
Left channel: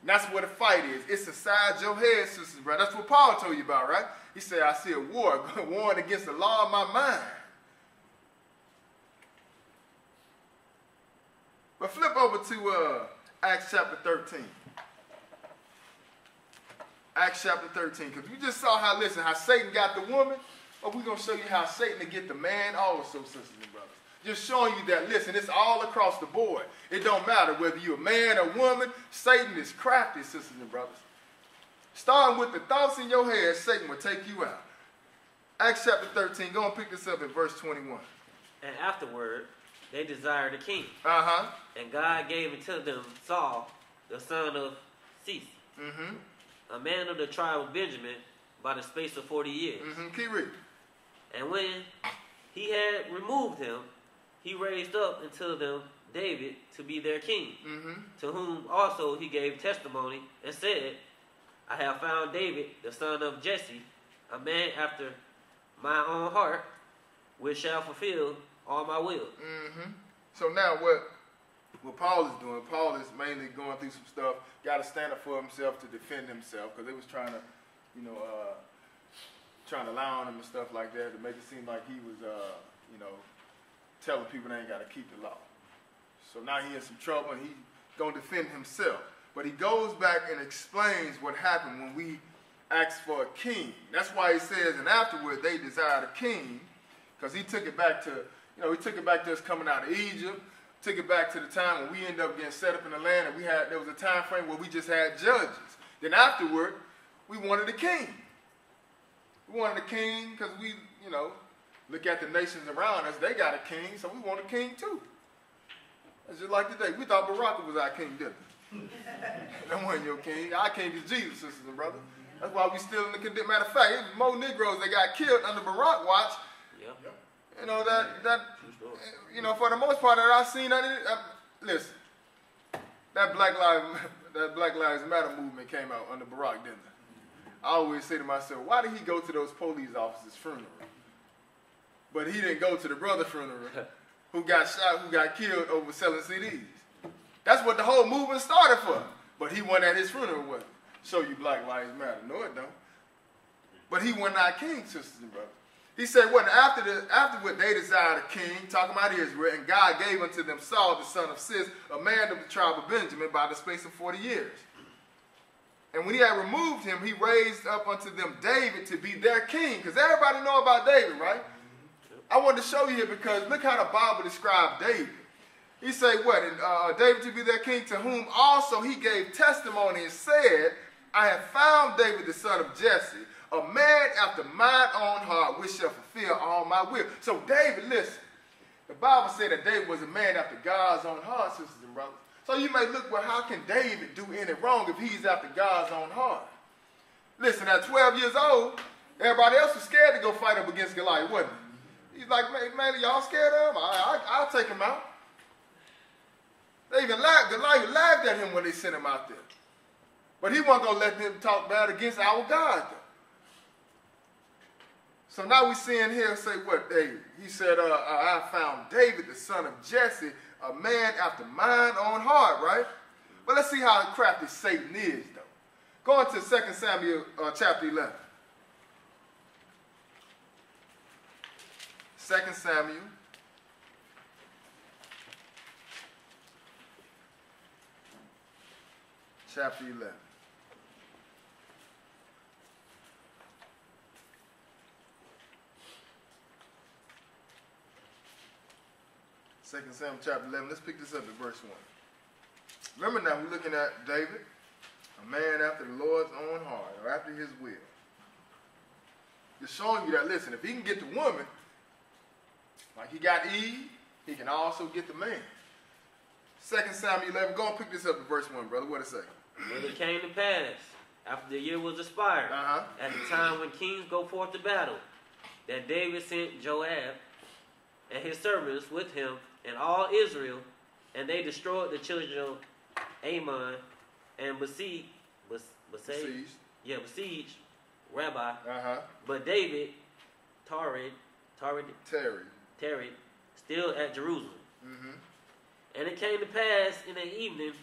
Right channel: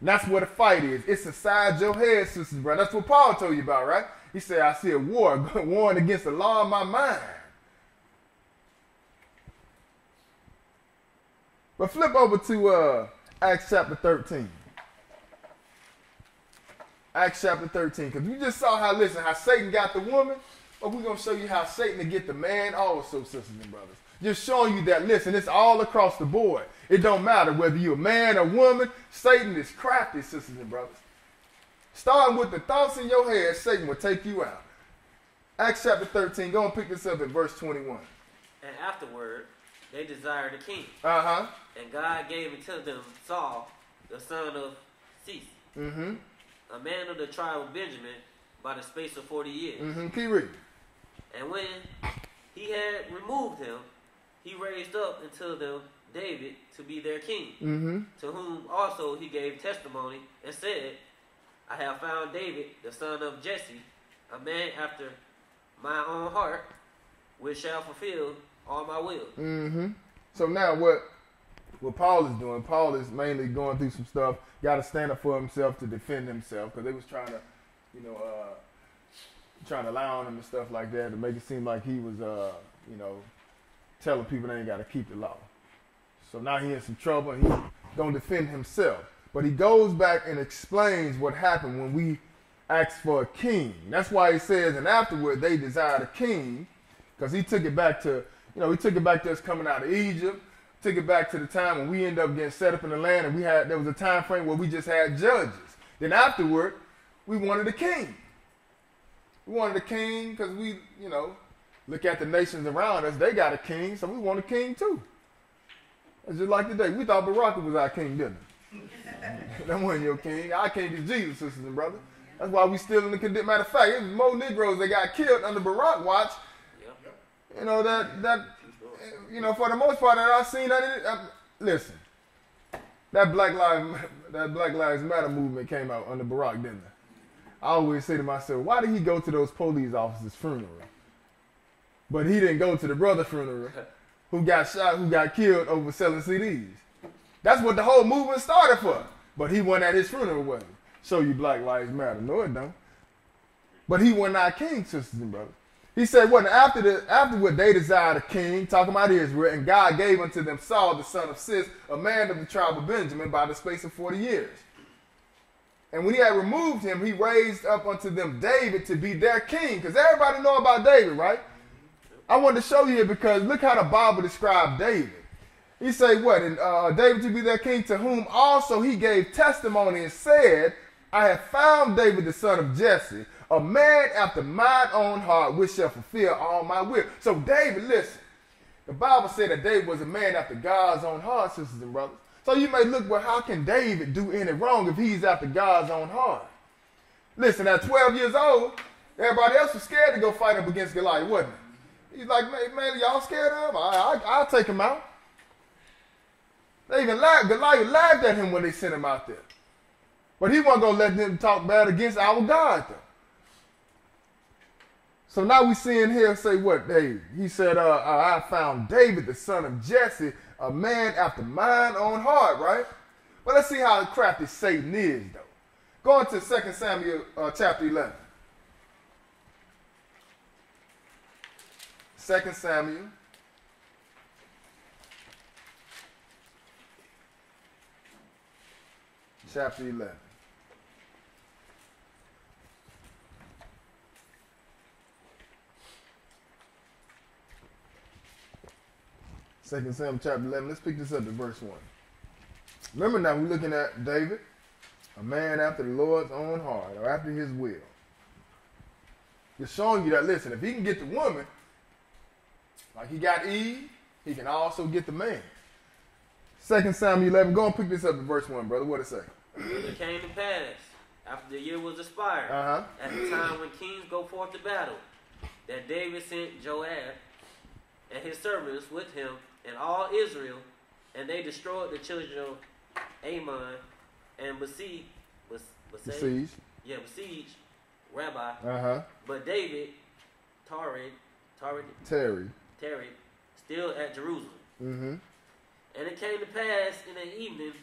And that's where the fight is. It's inside your head, sisters and brothers. That's what Paul told you about, right? He said, I see a war warring against the law of my mind. But flip over to Acts chapter 13. Acts chapter 13. Because we just saw how Satan got the woman. But we're going to show you how Satan will get the man also, sisters and brothers. Just showing you that, listen, it's all across the board. It don't matter whether you're a man or woman. Satan is crafty, sisters and brothers. Starting with the thoughts in your head, Satan will take you out. Acts chapter 13. Go and pick this up at verse 21. And afterward, they desired a king. Uh-huh. And God gave unto them Saul, the son of Cis, a man of the tribe of Benjamin, by the space of 40 years. Keep reading. And when he had removed him, he raised up unto them David to be their king, to whom also he gave testimony and said, I have found David, the son of Jesse, a man after my own heart, which shall fulfill all my will. So now what Paul is doing, Paul is mainly going through some stuff, got to stand up for himself to defend himself, because they was trying to, trying to lie on him and stuff like that to make it seem like he was, telling people they ain't got to keep the law. So now he in some trouble and he's going to defend himself. But he goes back and explains what happened when we asked for a king. That's why he says, and afterward they desired a king, because he took it back to, he took it back to us coming out of Egypt, took it back to the time when we ended up getting set up in the land, and there was a time frame where we just had judges. Then afterward, we wanted a king. We wanted a king because we, look at the nations around us, they got a king, so we want a king too. It's just like today. We thought Barack was our king, didn't we? That wasn't your king. Our king is Jesus, sisters and brothers. That's why we still in the condition. Matter of fact, it was more Negroes that got killed under Barack watch. For the most part that I've seen, listen, that Black Lives Matter movement came out under Barack, didn't it? I always say to myself, why did he go to those police officers' funeral? But he didn't go to the brother's funeral who got shot, who got killed over selling CDs. That's what the whole movement started for. But he wasn't at his funeral, was he? Show you Black Lives Matter. No, it don't. But he wasn't our king, sisters and brothers. He said, what, after what they desired a king, talking about Israel, and God gave unto them Saul, the son of Cis, a man of the tribe of Benjamin, by the space of 40 years. And when he had removed him, he raised up unto them David to be their king. Because everybody know about David, right? I wanted to show you because look how the Bible described David. He said what? David to be their king, to whom also he gave testimony and said, I have found David the son of Jesse, a man after mine own heart, which shall fulfill all my will. So David, listen, the Bible said that David was a man after God's own heart, sisters and brothers. So you may look, well, how can David do any wrong if he's after God's own heart? Listen, at 12 years old, everybody else was scared to go fight up against Goliath, wasn't he? He's like, man, y'all scared of him? I'll take him out. They even Goliath laughed at him when they sent him out there. But he wasn't going to let them talk bad against our God, though. So now we see in here say what, David? He said, I found David, the son of Jesse, a man after mine own heart, right? But let's see how crafty Satan is, though. Go on to 2 Samuel chapter 11. 2 Samuel chapter 11. Second Samuel chapter 11. Let's pick this up at verse 1. Remember now, we're looking at David, a man after the Lord's own heart, or after his will. It's showing you that, listen, if he can get the woman, like he got Eve, he can also get the man. 2 Samuel 11. Go and pick this up at verse 1, brother. What it say? And it came to pass, after the year was expired, at the time when kings go forth to battle, that David sent Joab and his servants with him and all Israel, and they destroyed the children of Ammon and besieged Rabbi. But David tarried still at Jerusalem. And it came to pass in the evening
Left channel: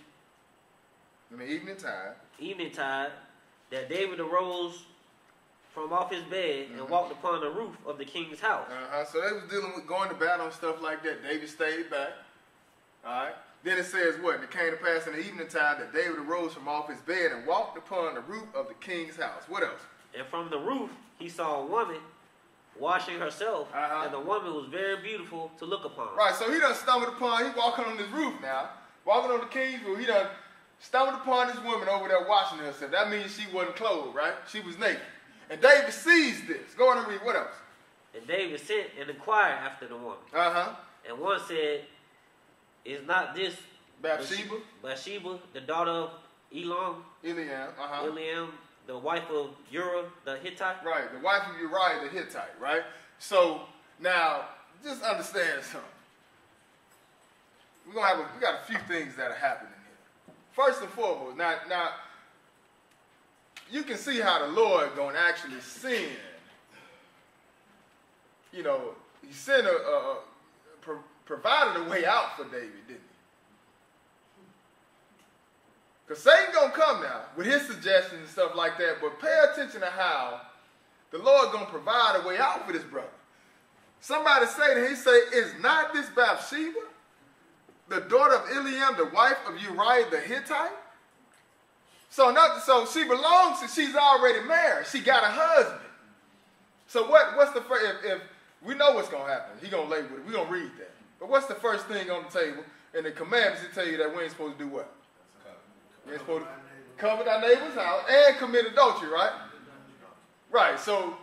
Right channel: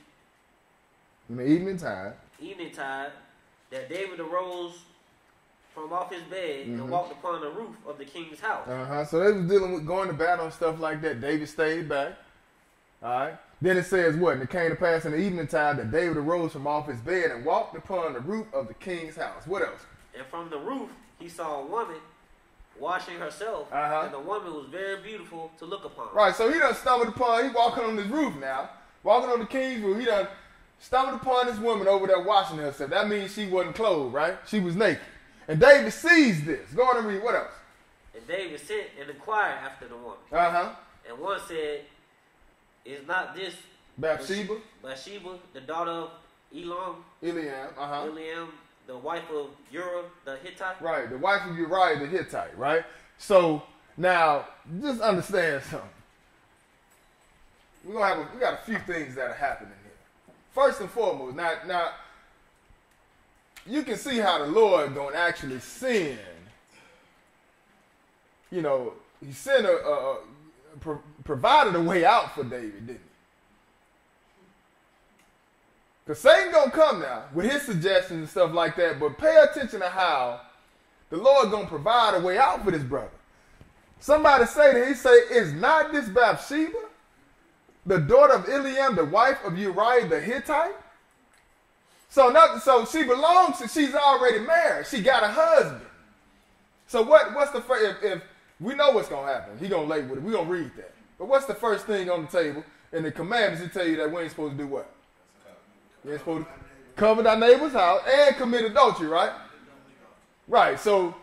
tide, that David arose from off his bed and walked upon the roof of the king's house. So they was dealing with going to battle and stuff like that. David stayed back. All right. Then it says what? And it came to pass in the evening time that David arose from off his bed and walked upon the roof of the king's house. What else? And from the roof he saw a woman washing herself, and the woman was very beautiful to look upon. Right, so he done stumbled upon, he walking on this roof now, walking on the king's roof, he done stumbled upon this woman over there washing herself. That means she wasn't clothed, right? She was naked. And David sees this. Go on and read. What else? And David sent and inquired after the woman. And one said, is not this Bathsheba, the daughter of Eliam, the wife of Uriah the Hittite? Right, the wife of Uriah the Hittite, right? So, now, just understand something. We got a few things that are happening here. First and foremost, now you can see how the Lord gonna actually send. You know, he sent provided a way out for David, didn't he? Because Satan gonna come now with his suggestions and stuff like that, but pay attention to how the Lord gonna provide a way out for this brother. Somebody say that, he say, is not this Bathsheba the daughter of Eliam, the wife of Uriah the Hittite? So she belongs to, she's already married. She got a husband. So what's the first, if we know what's going to happen, he going to label it, we're going to read that. But what's the first thing on the table? In the commandments, he tell you that we ain't supposed to do what? We ain't supposed to cover thy neighbor's house and commit adultery, right? Right, so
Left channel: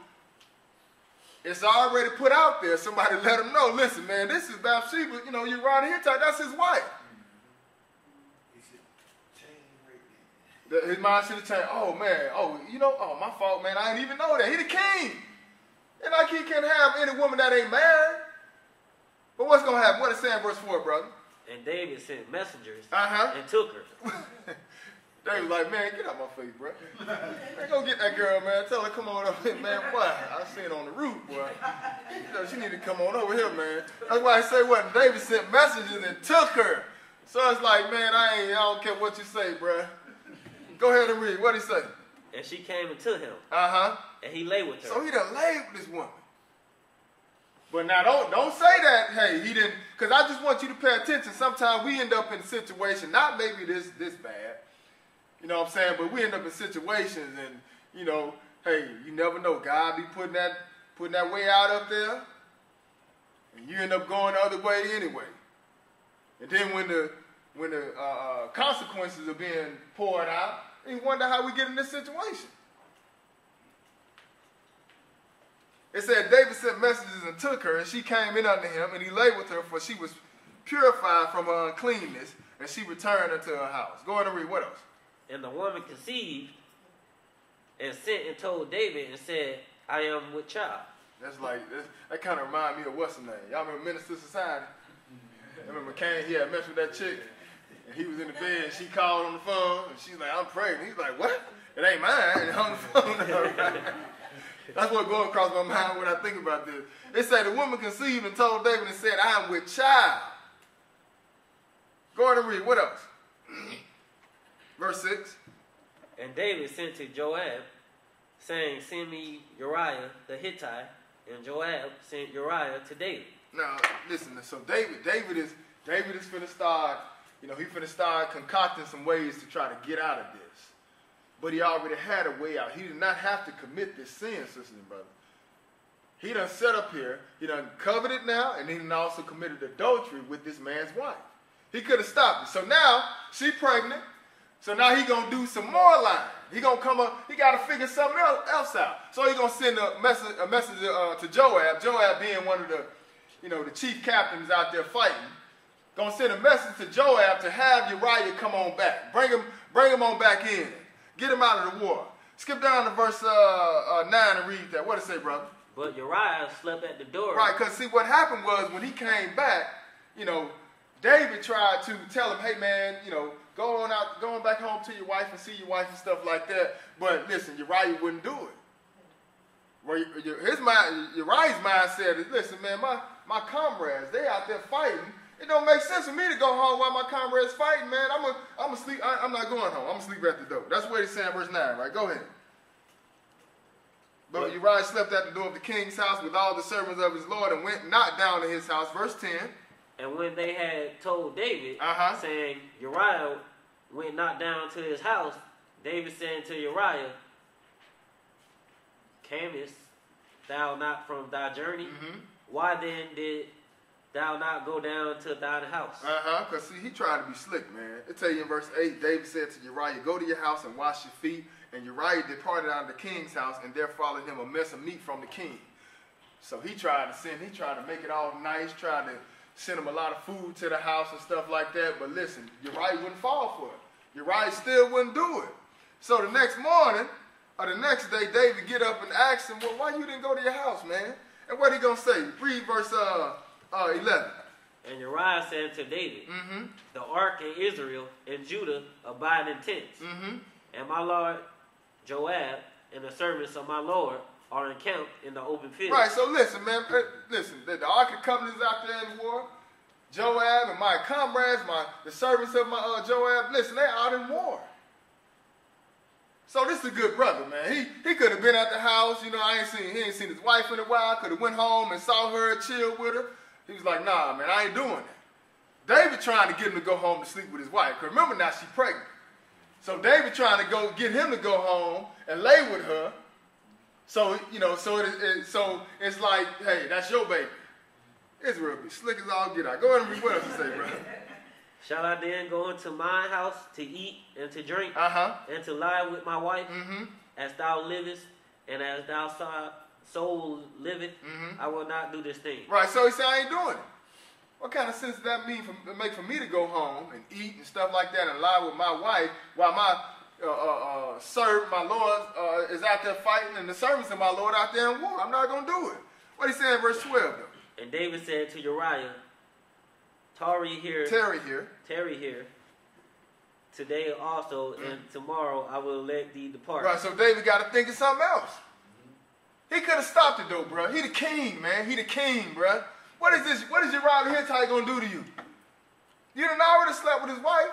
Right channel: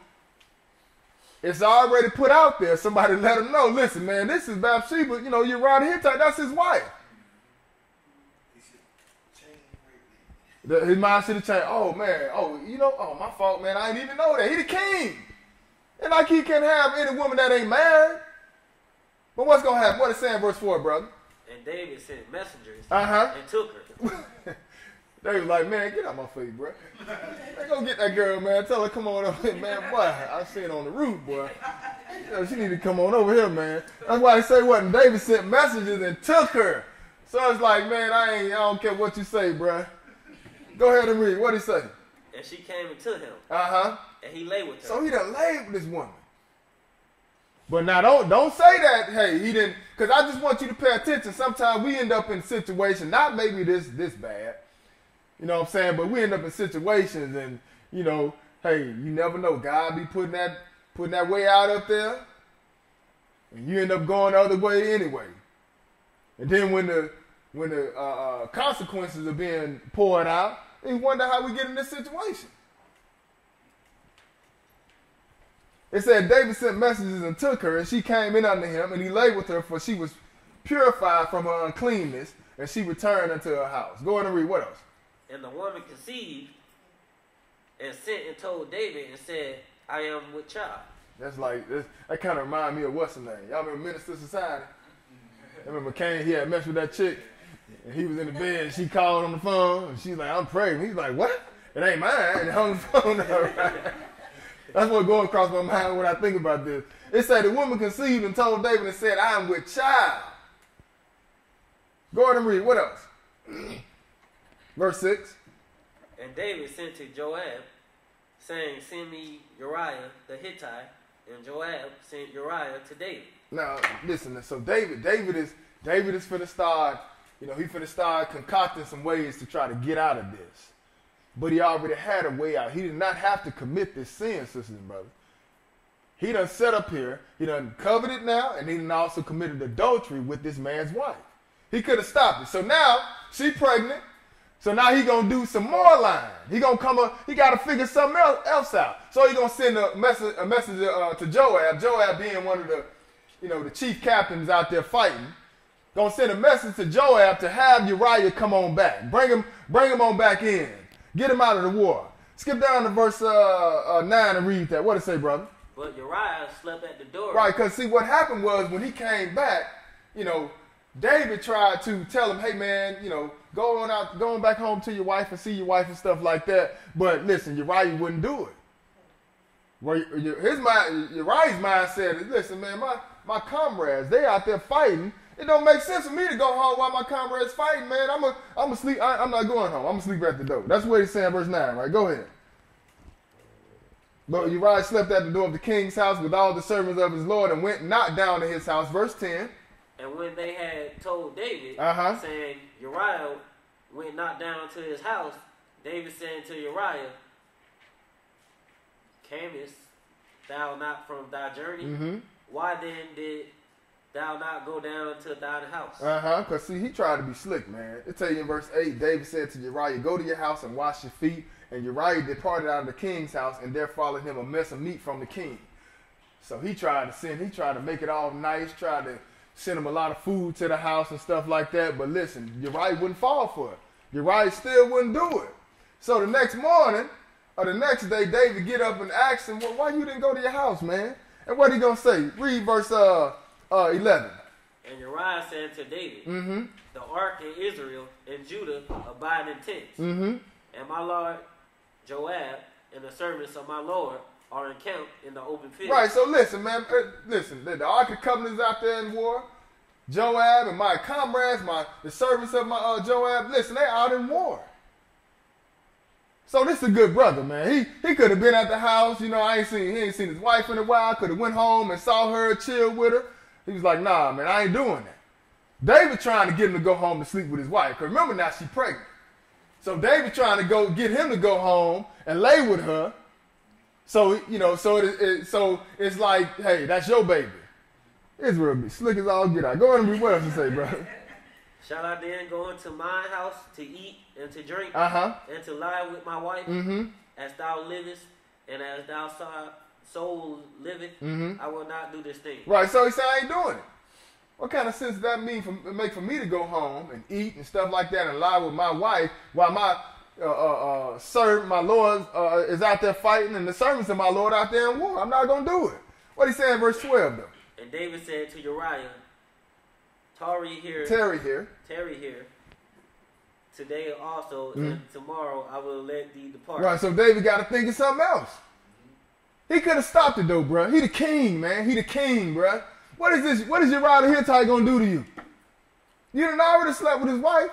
it's already put out there. Somebody let him know, listen, man, this is Bathsheba, you know, Uriah the Hittite, that's his wife. His mind should have changed. Oh, man. Oh, you know, oh, my fault, man. I didn't even know that. He the king. And like he can't have any woman that ain't married. But what's going to happen? What is saying verse 4, brother? And David sent messengers and took her. They was like, man, get out my face, bro. Man, go get that girl, man. Tell her come on over here, man. Boy, I see it on the roof, boy. You know, she need to come on over here, man. That's why I say what David sent messages and took her. So it's like, man, I don't care what you say, bro. Go ahead and read. What'd he say? And she came and took him. Uh-huh. And he lay with her. So he done laid with this woman. But now don't say that, hey, he didn't, because I just want you to pay attention. Sometimes we end up in situations, not maybe this bad, you know what I'm saying, but we end up in situations and, you know, hey, you never know. God be putting that way out up there, and you end up going the other way anyway. And then when the consequences are being poured out, you wonder how we get in this situation. It said David sent messages and took her, and she came in unto him, and he lay with her, for she was purified from her uncleanness, and she returned unto her house. Go on and read. What else? And the woman conceived and sent and told David and said, I am with child. That's like, that kind of remind me of what's his name. Y'all remember Minister Society? I remember Cain, he had messed with that chick, and he was in the bed, and she called on the phone, and she's like, I'm pregnant. He's like, what? It ain't mine. And hung the phone up. That's what goes across my mind when I think about this. It said the woman conceived and told David and said, I am with child. Go ahead and read. What else? Verse 6. And David sent to Joab, saying, send me Uriah the Hittite. And Joab sent Uriah to David. Now, listen. So David is for the start, you know, he for the start concocting some ways to try to get out of this. But he already had a way out. He did not have to commit this sin, sisters and brothers. He done set up here. He done coveted now, and he done also committed adultery with this man's wife. He could have stopped it. So now, she's pregnant. So now he going to do some more lying. He going to come up. He got to figure something else out. So he going to send a message to Joab. Joab being one of the, you know, the chief captains out there fighting. Going to send a message to Joab to have Uriah come on back. Bring him on back in. Get him out of the war. Skip down to verse 9 and read that. What did it say, brother? But Uriah slept at the door. Right, because see, what happened was when he came back, you know, David tried to tell him, hey, man, you know, go on back home to your wife and see your wife and stuff like that. But listen, Uriah wouldn't do it. Well, Uriah's mind said, listen, man, my comrades, they out there fighting. It don't make sense for me to go home while my comrades fight, man. I'm gonna sleep. I'm not going home. I'm gonna sleep at the door. That's what he's saying, verse 9, right? Go ahead. But Uriah slept at the door of the king's house with all the servants of his lord and went not down to his house. Verse 10. And when they had told David, saying, Uriah went not down to his house, David said to Uriah, camest thou not from thy journey? Mm-hmm. Why then did thou not go down to thine house? Because see, he tried to be slick, man. It tell you in verse 8, David said to Uriah, go to your house and wash your feet. And Uriah departed out of the king's house, and there followed him a mess of meat from the king. So he tried to make it all nice, tried to send him a lot of food to the house and stuff like that. But listen, Uriah wouldn't fall for it. Uriah still wouldn't do it. So the next morning, or the next day, David get up and ask him, well, why you didn't go to your house, man? And what he going to say? Read verse 11. And Uriah said to David, the ark in Israel and Judah abide in tents, and my lord Joab and the servants of my lord are encamped in the open field. Right, so listen, man. Listen, the Ark of Covenant is out there in war. Joab and my comrades, the servants of my Joab, listen, they out in war. So this is a good brother, man. He could have been at the house, you know, he ain't seen his wife in a while, could have went home and saw her, chilled with her. He was like, nah, man, I ain't doing that. David trying to get him to go home and sleep with his wife. Because remember now, she's pregnant. So David trying to get him to go home and lay with her. So, you know, so it's like, hey, that's your baby. Israel be slick as all get out. Go ahead and read what else you say, bro. Shall I then go into my house to eat and to drink and to lie with my wife as thou livest and as thou soul liveth? I will not do this thing. Right, so he said, I ain't doing it. What kind of sense does that make for me to go home and eat and stuff like that and lie with my wife while my my Lord is out there fighting and the servants of my Lord out there in war? I'm not going to do it. What he saying in verse 12 though? And David said to Uriah, tarry here today also, and tomorrow I will let thee depart. Right, so David got to think of something else. He could have stopped it though, bro. He the king, man. He the king, bro. What is this? What is Uriah the Hittite gonna do to you? You done already slept with his wife.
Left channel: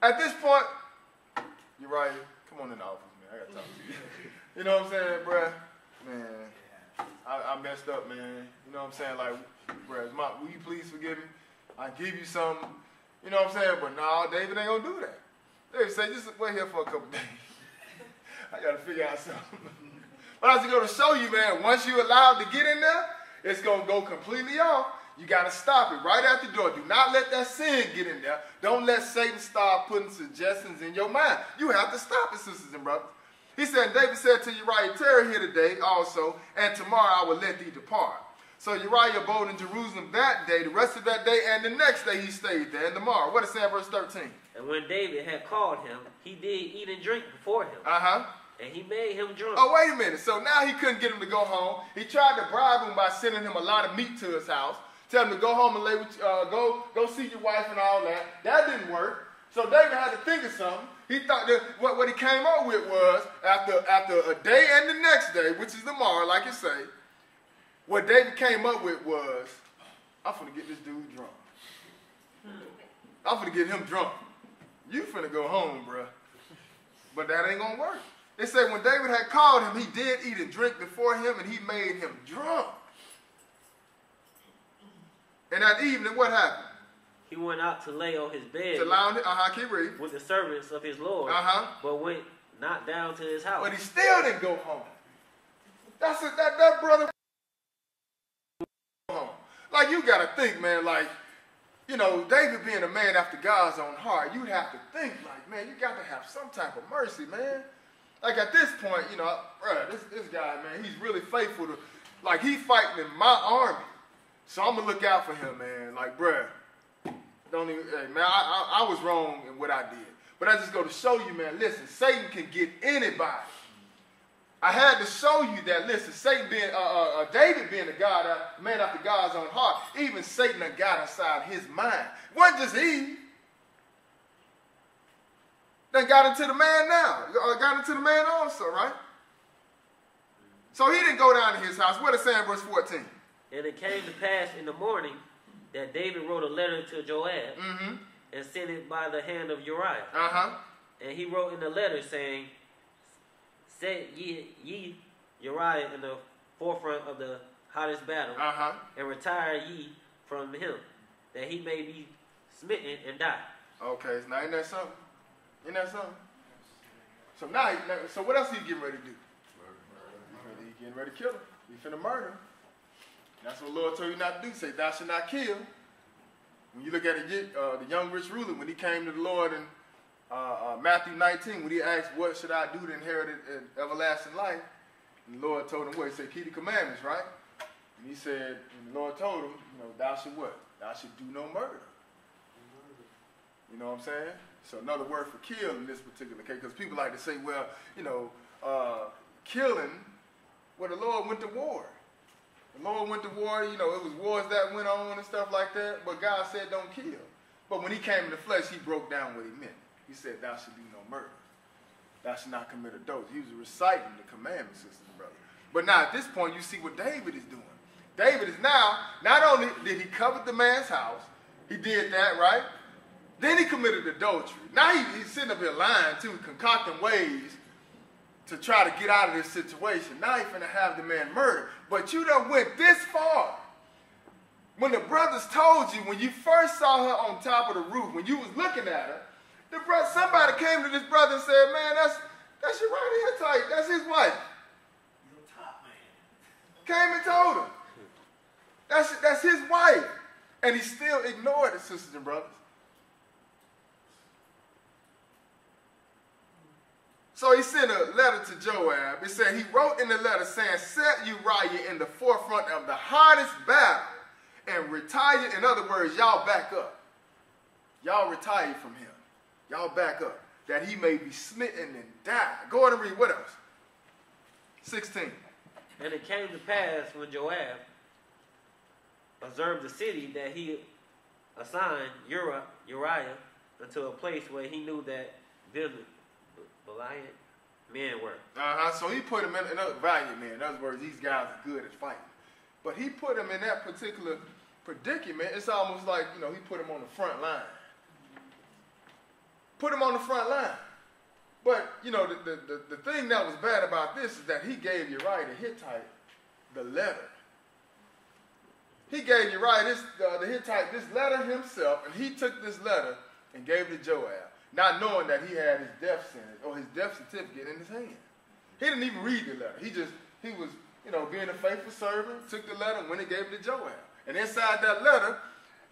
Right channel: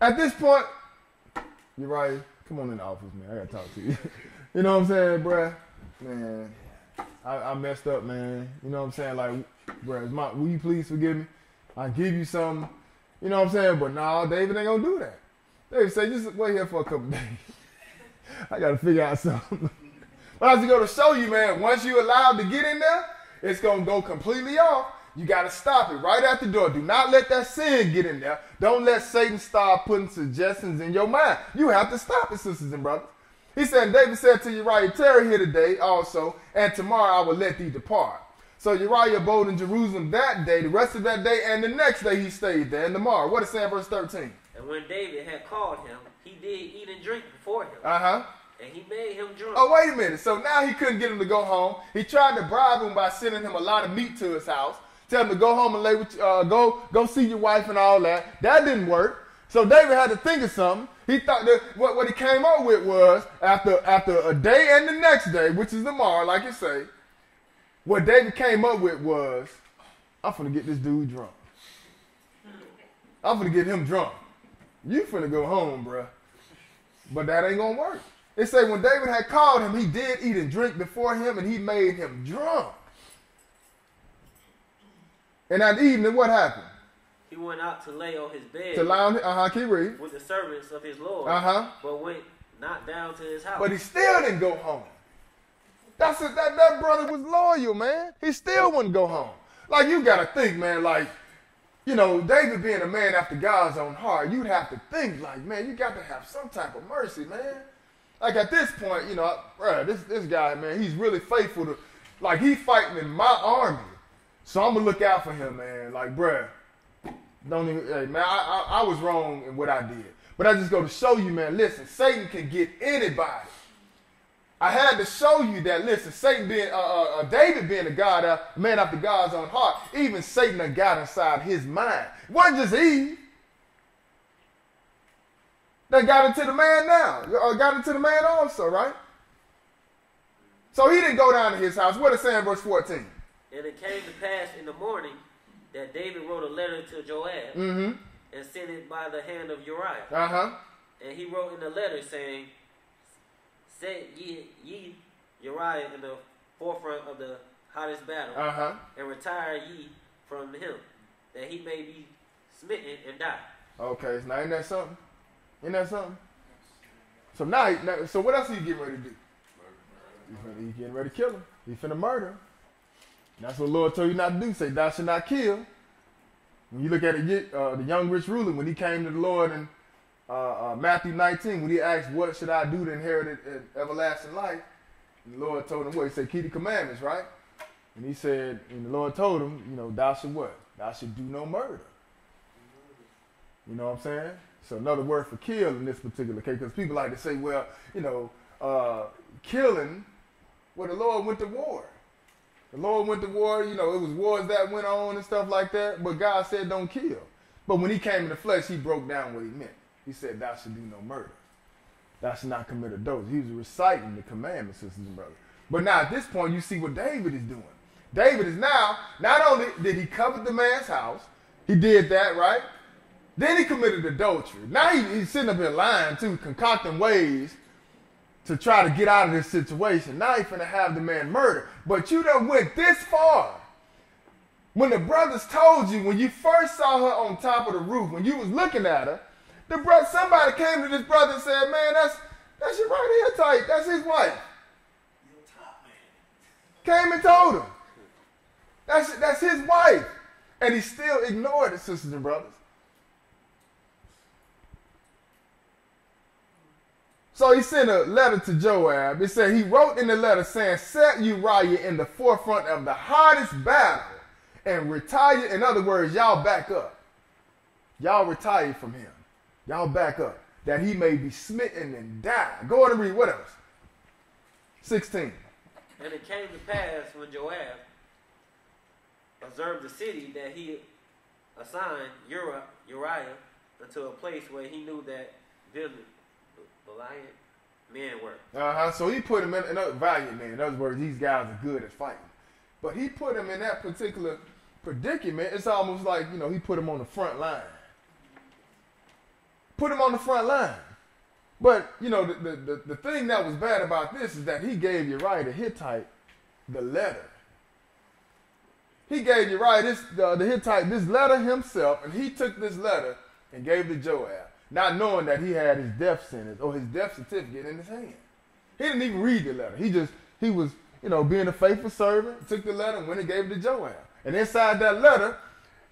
At this point, Uriah, come on in the office, man. I gotta talk to you. You know what I'm saying, bro? Man, I messed up, man. You know what I'm saying? Like, bro, will you please forgive me? I give you something. You know what I'm saying? But nah, David ain't gonna do that. David say, just wait here for a couple days. I gotta figure out something. But I was going to show you, man, once you're allowed to get in there, it's going to go completely off. You got to stop it right at the door. Do not let that sin get in there. Don't let Satan start putting suggestions in your mind. You have to stop it, sisters and brothers. He said, David said to Uriah, tarry here today also, and tomorrow I will let thee depart. So Uriah abode in Jerusalem that day, the rest of that day, and the next day he stayed there, and tomorrow. What is saying, verse 13? And when David had called him, he did eat and drink before him. Uh-huh. And he made him drunk. Oh, wait a minute. So now he couldn't get him to go home. He tried to bribe him by sending him a lot of meat to his house. Tell him to go home and lay with, go see your wife and all that. That didn't work. So David had to think of something. He thought that what he came up with was, after a day and the next day, which is tomorrow, like you say, what David came up with was, I'm finna get this dude drunk. I'm finna get him drunk. You finna go home, bruh. But that ain't gonna work. It said when David had called him, he did eat and drink before him, and he made him drunk. And that evening, what happened? He went out to lay on his bed keep reading. with the servants of his Lord, but went not down to his house. But he still didn't go home. That brother was loyal, man. He still wouldn't go home. Like, you got to think, man, like, you know, David being a man after God's own heart, you have to think, like, man, you got to have some type of mercy, man. Like, at this point, you know, bro, this guy, man, he's really faithful to, like, he's fighting in my army. So I'm going to look out for him, man. Like, bro, don't even, hey, man, I was wrong in what I did. But I just go to show you, man, listen, Satan can get anybody. I had to show you that, listen, Satan being, David being a man after God's own heart, even Satan had got inside his mind. It wasn't just Eve. They got into the man now. Got into the man also, right? So he didn't go down to his house. What is it saying in verse 14? And it came to pass in the morning that David wrote a letter to Joab and sent it by the hand of Uriah. And he wrote in the letter saying, set ye Uriah in the forefront of the hottest battle, and retire ye from him, that he may be smitten and die. Okay, now ain't that something? Isn't that something? So now, so what else are you getting ready to do? He's getting ready to kill him. He's finna murder him. That's what the Lord told you not to do. Say, thou shalt not kill. When you look at the young rich ruler, when he came to the Lord in Matthew 19, when he asked, what should I do to inherit everlasting life? And the Lord told him what? He said, keep the commandments, right? And he said, and the Lord told him, you know, thou should what? Thou should do no murder. You know what I'm saying? So another word for kill in this particular case, because people like to say, well, you know, killing, well, the Lord went to war. The Lord went to war, you know, it was wars that went on and stuff like that, but God said don't kill. But when he came in the flesh, he broke down what he meant. He said, thou should do no murder. Thou should not commit adultery. He was reciting the commandments, sisters and brothers. But now at this point, you see what David is doing. David is now, not only did he covet the man's house, he did that, right? Then he committed adultery. Now he's sitting up here lying too, concocting ways to try to get out of this situation. Now he's going to have the man murdered. But you done went this far. When the brothers told you, when you first saw her on top of the roof, when you was looking at her, somebody came to this brother and said, man, that's your right here tight. That's his wife. Your top man. Came and told him. That's his wife. And he still ignored it, sisters and brothers. So he sent a letter to Joab. It said he wrote in the letter saying, set Uriah in the forefront of the hottest battle and retire. In other words, y'all back up. Y'all retire from him. Y'all back up. That he may be smitten and die. Go on and read. What else? 16. And it came to pass when Joab observed the city that he assigned Uriah unto a place where he knew that valiant men were. So he put him in another valiant man. In other words, these guys are good at fighting. But he put him in that particular predicament. It's almost like, he put him on the front line. Put him on the front line. But, the thing that was bad about this is that he gave Uriah the Hittite the letter. He gave Uriah the Hittite this letter himself, and he took this letter and gave it to Joab, not knowing that he had his death sentence or his death certificate in his hand. He didn't even read the letter. He was, being a faithful servant, took the letter and went and gave it to Joab. And inside that letter,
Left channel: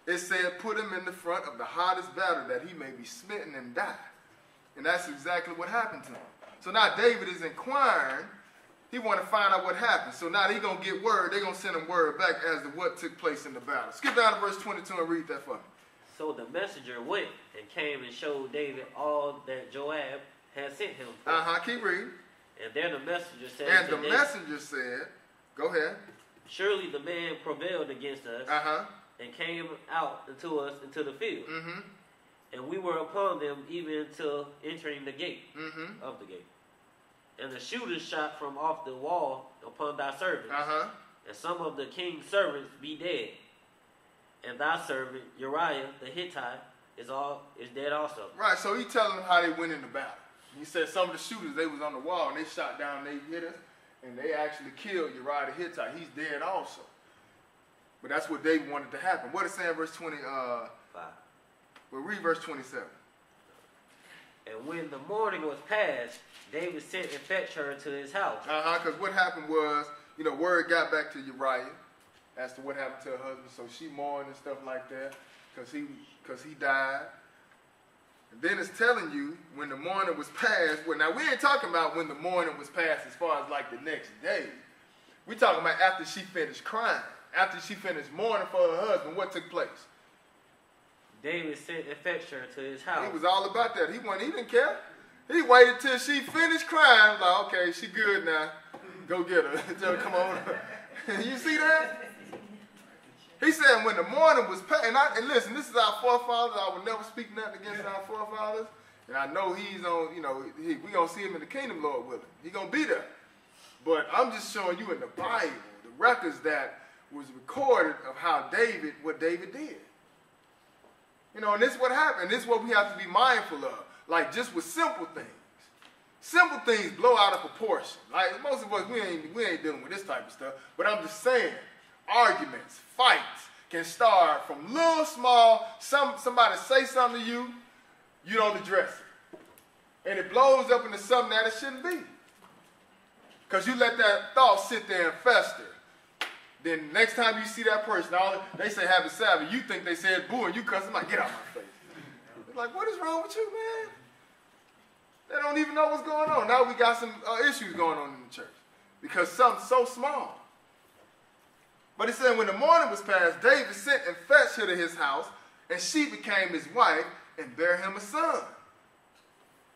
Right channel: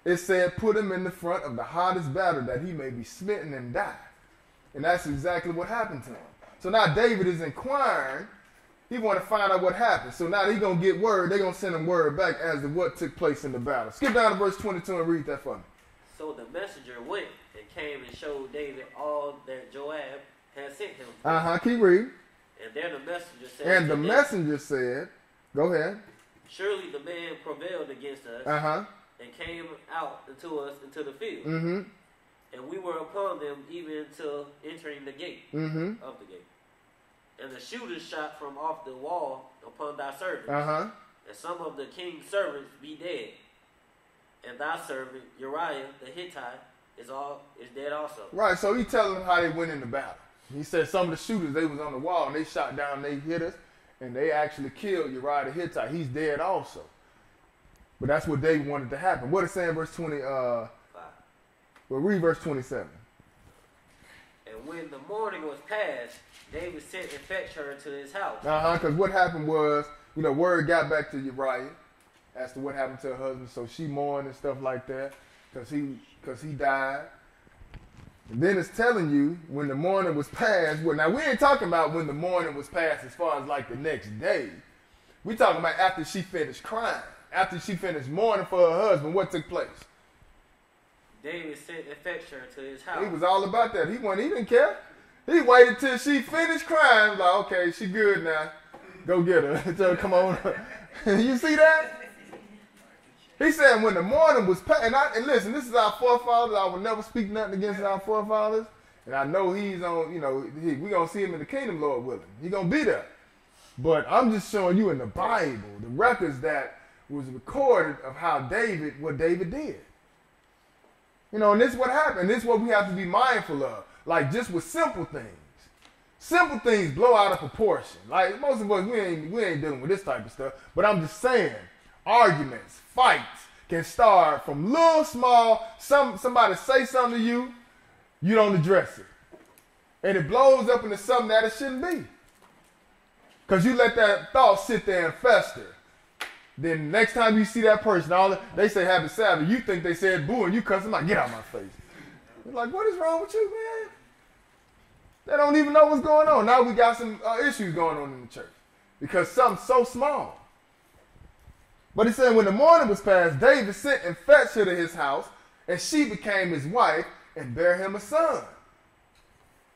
it said, put him in the front of the hottest battle that he may be smitten and die. And that's exactly what happened to him. So now David is inquiring. He want to find out what happened. So now he's going to get word. They're going to send him word back as to what took place in the battle. Skip down to verse 22 and read that for me. So the messenger went and came and showed David all that Joab had sent him. Keep reading. And then the messenger said, and the messenger said, go ahead. Surely the man prevailed against us and came out unto us into the field. And we were upon them even until entering the gate of the gate. And the shooters shot from off the wall upon thy servants. And some of the king's servants be dead. And thy servant Uriah the Hittite is dead also. Right, so he telling them how they went in the battle. He said some of the shooters, they was on the wall, and they shot down, they hit us, and they actually killed Uriah the Hittite. He's dead also. But that's what they wanted to happen. What is saying in verse 25? Well, read verse 27. And when the morning was past, David sent and fetched her to his house. Because what happened was, word got back to Uriah as to what happened to her husband. So she mourned and stuff like that because he died. And then it's telling you when the morning was past. Well, now we ain't talking about when the morning was past as far as like the next day. We're talking about after she finished crying, after she finished mourning for her husband. What took place? David sent and fetched her to his house. He was all about that. He didn't care. He waited till she finished crying. Like, okay, she good now. Go get her. Tell her, come on. You see that? He said when the morning was past, and listen, this is our forefathers. I will never speak nothing against our forefathers. And I know he's on, we're going to see him in the kingdom, Lord willing. He's going to be there. But I'm just showing you in the Bible, the records that was recorded of what David did. And this is what happened. This is what we have to be mindful of. Like just with simple things. Simple things blow out of proportion. Like most of us, we ain't dealing with this type of stuff. But I'm just saying, arguments, fights can start from little small. Somebody say something to you, you don't address it, and it blows up into something that it shouldn't be. Because you let that thought sit there and fester. Then next time you see that person, they say happy Sabbath, you think they said boo, and you cuss them like, get out of my face. You're like, what is wrong with you, man? They don't even know what's going on. Now we got some issues going on in the church because something's so small. But he said when the morning was past, David sent and fetched her to his house, and she became his wife and bare him a son.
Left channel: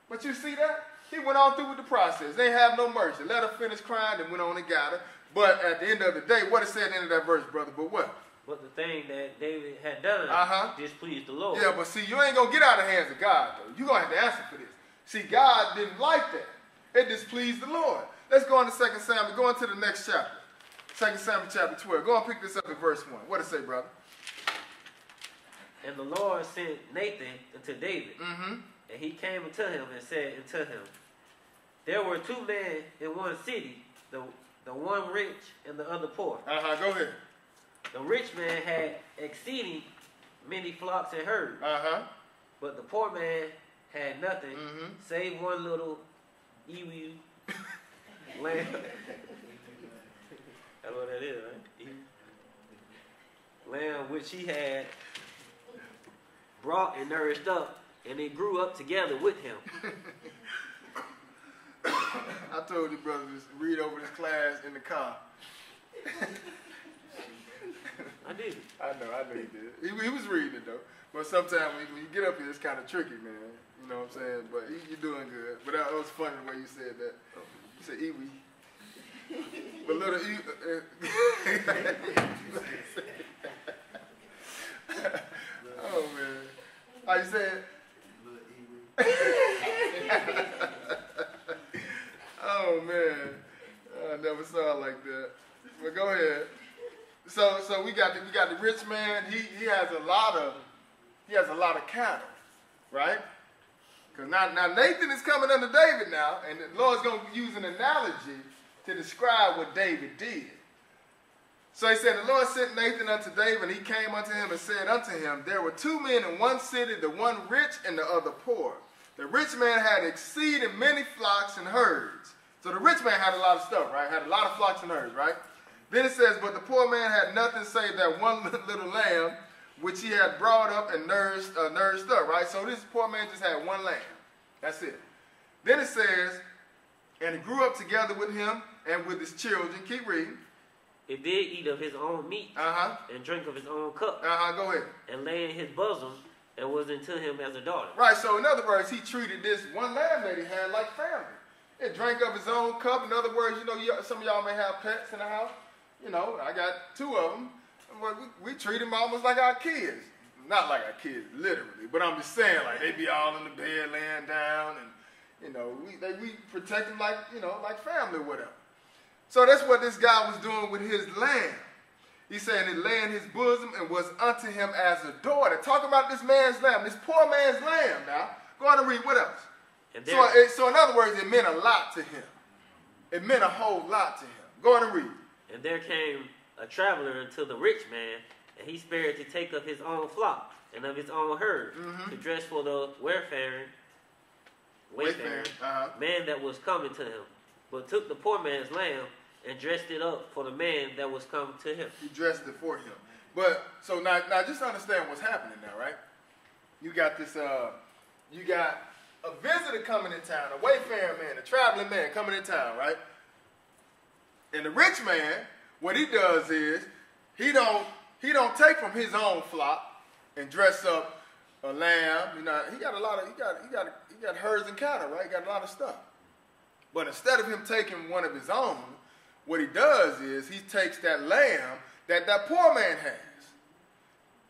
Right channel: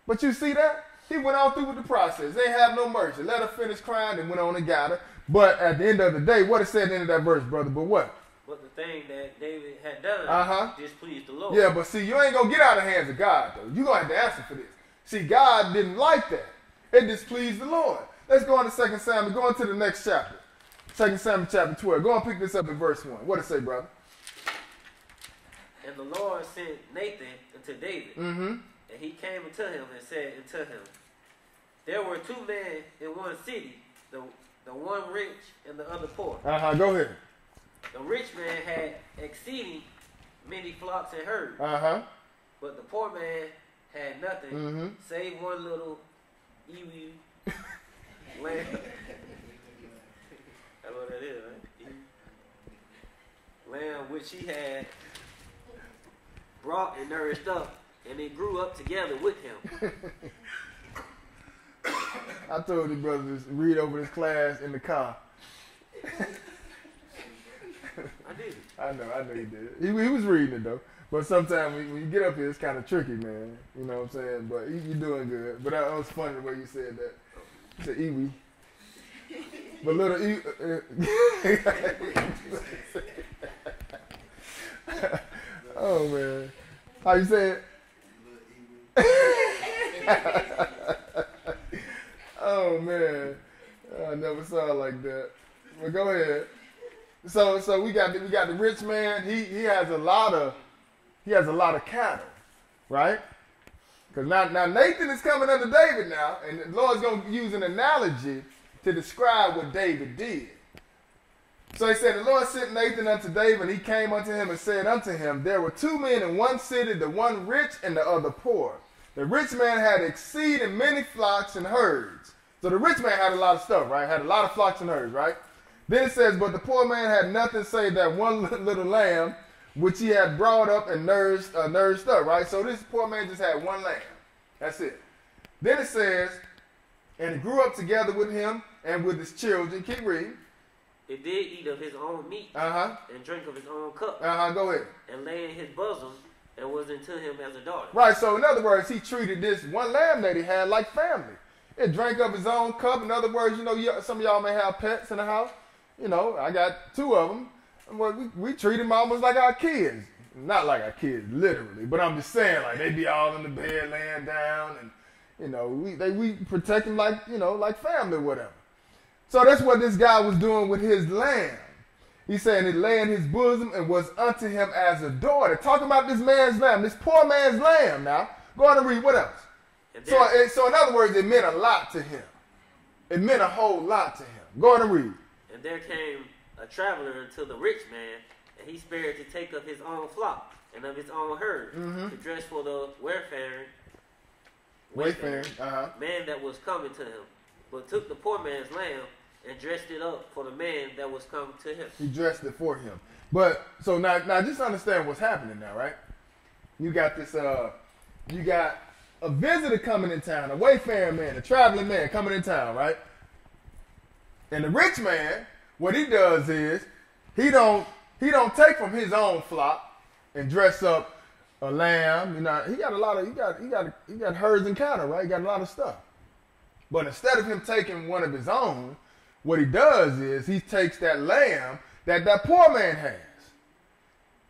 But you see that? He went on through with the process. They have no mercy. Let her finish crying and went on and got her. But at the end of the day, what it said at the end of that verse, brother? But what? But the thing that David had done displeased the Lord. Yeah, but see, you ain't going to get out of the hands of God, though. You're going to have to answer for this. See, God didn't like that. It displeased the Lord. Let's go on to 2 Samuel. Go on to the next chapter. 2 Samuel chapter 12. Go and pick this up in verse 1. What does it say, brother? And the Lord sent Nathan unto David. And he came unto him and said unto him, there were two men in one city, the one rich and the other poor. Go ahead. The rich man had exceeding many flocks and herds. But the poor man had nothing save one little ewe lamb. That's what that is, right? Lamb which he had brought and nourished up, and they grew up together with him. I told you, brother, to read over this class in the car. I did. I know you did. He was reading it, though. But sometimes when you get up here, it's kind of tricky, man. You know what I'm saying? But you're doing good. But that was funny the way you said that. You said Iwi. But little oh, man. How you say it? so we got the rich man. He has a lot of cattle, right? Because now Nathan is coming under David now, and the Lord's going to use an analogy to describe what David did. So he said, the Lord sent Nathan unto David, and he came unto him and said unto him, there were two men in one city, the one rich and the other poor. The rich man had exceeding many flocks and herds. So the rich man had a lot of stuff, right? Had a lot of flocks and herds, right? Then it says, but the poor man had nothing save that one little lamb, which he had brought up and nourished up, right? So this poor man just had one lamb. That's it. Then it says, and he grew up together with him and with his children. Keep reading. He did eat of his own meat and drink of his own cup. Go ahead. And lay in his bosom and was unto him as a daughter. Right, so in other words, he treated this one lamb that he had like family. It drank of his own cup. In other words, some of y'all may have pets in the house. I got two of them. We treat them almost like our kids. Not like our kids, literally, but I'm just saying, like, they be all in the bed laying down, and, we protect them like, like family or whatever. So that's what this guy was doing with his lamb. He said it lay in his bosom and was unto him as a daughter. Talking about this man's lamb, this poor man's lamb now. Go on and read, what else? So in other words, it meant a lot to him. It meant a whole lot to him. Go on and read. And there came a traveler unto the rich man, and he spared to take of his own flock and of his own herd, to dress for the wayfaring man that was coming to him, but took the poor man's lamb and dressed it up for the man that was coming to him. He dressed it for him. But so now just understand what's happening now, right? You got this you got a visitor coming in town, a wayfaring man, a traveling man coming in town, right? And the rich man, what he does is he don't take from his own flock and dress up a lamb. He got a lot of he got herds and cattle, right? He got a lot of stuff. But instead of him taking one of his own, what he does is he takes that lamb that poor man has.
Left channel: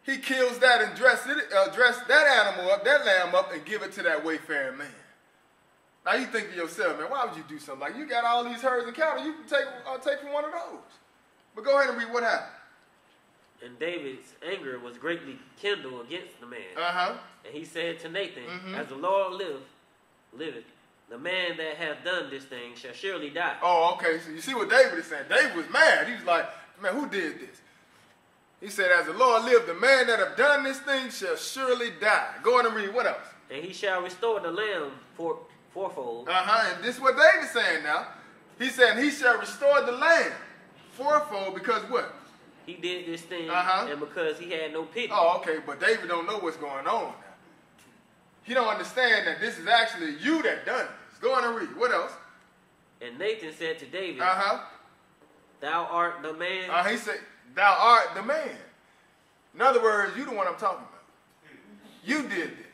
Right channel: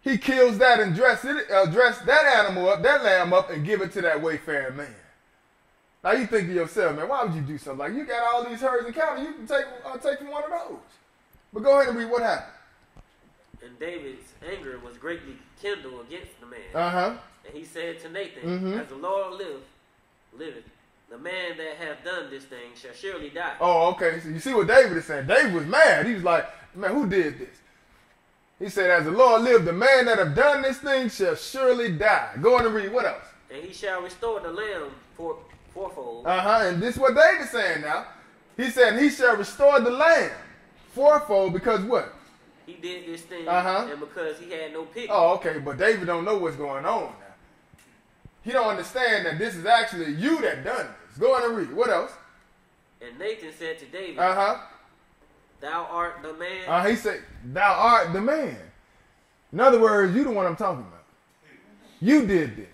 He kills that and dress that animal up, that lamb up, and give it to that wayfaring man. Now you think to yourself, man, why would you do something like you got all these herds and cattle? You can take from one of those. But go ahead and read what happened. And David's anger was greatly kindled against the man. And he said to Nathan, as the Lord liveth, the man that hath done this thing shall surely die. Oh, okay. So you see what David is saying. David was mad. He was like, man, who did this? He said, as the Lord lived, the man that have done this thing shall surely die. Go on and read. What else? And he shall restore the lamb fourfold. And this is what David's saying now. He said, he shall restore the lamb fourfold because what? He did this thing and because he had no pity. Oh, okay. But David don't know what's going on now. He don't understand that this is actually you that done this. Go on and read. What else? And Nathan said to David, thou art the man. He said, thou art the man. In other words, you the one I'm talking about. You did this.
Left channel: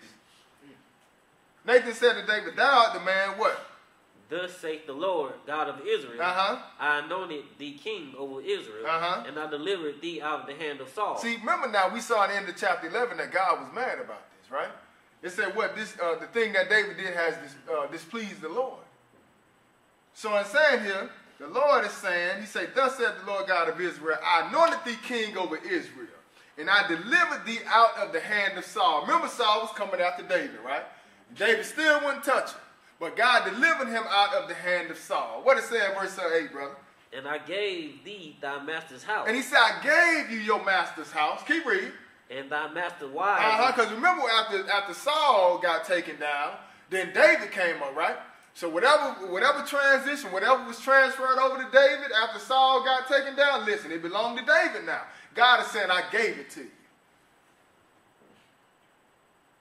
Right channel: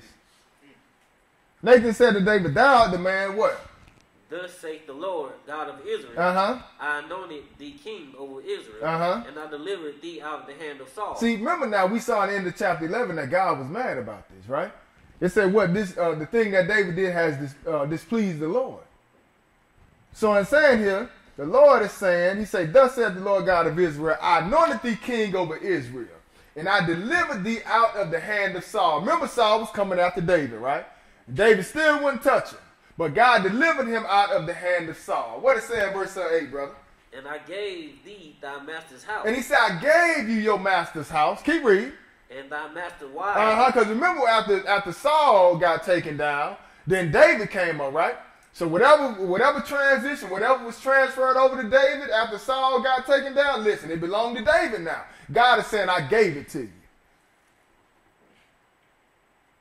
Nathan said to David, thou art the man what? Thus saith the Lord, God of Israel, I anointed thee king over Israel, and I delivered thee out of the hand of Saul. See, remember now, we saw at the end of chapter 11 that God was mad about this, right? It said what the thing that David did has displeased the Lord. So in saying here, the Lord is saying, he said, thus said the Lord God of Israel, I anointed thee king over Israel, and I delivered thee out of the hand of Saul. Remember, Saul was coming after David, right? David still wouldn't touch him, but God delivered him out of the hand of Saul. What it say in verse 8, brother? And I gave thee thy master's house. And he said, I gave you your master's house. Keep reading. And thy master's wife. Because remember, after Saul got taken down, then David came up, right? So whatever transition, whatever was transferred over to David after Saul got taken down, listen, it belonged to David now. God is saying, I gave it to you.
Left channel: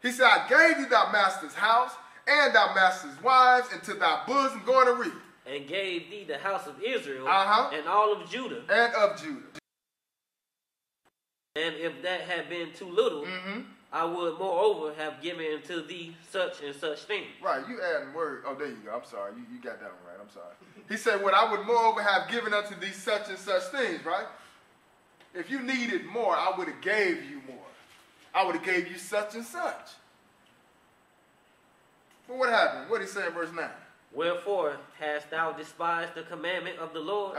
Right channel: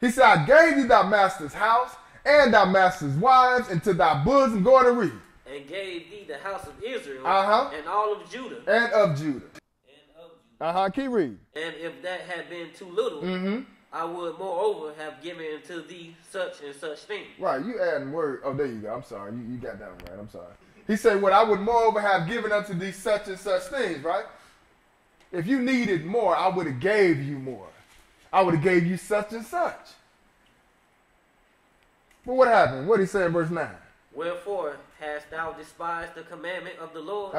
He said, I gave you thy master's house and thy master's wives into thy bosom. Go on and read. And gave thee the house of Israel and all of Judah. And of Judah. Keep reading. And if that had been too little, I would moreover have given unto thee such and such things. Right, you adding word. Oh, there you go. I'm sorry. You got that one right. I'm sorry. He said, what I would moreover have given unto thee such and such things, right? If you needed more, I would have gave you more. I would have gave you such and such. But what happened? What did he say in verse 9? Wherefore hast thou despised the commandment of the Lord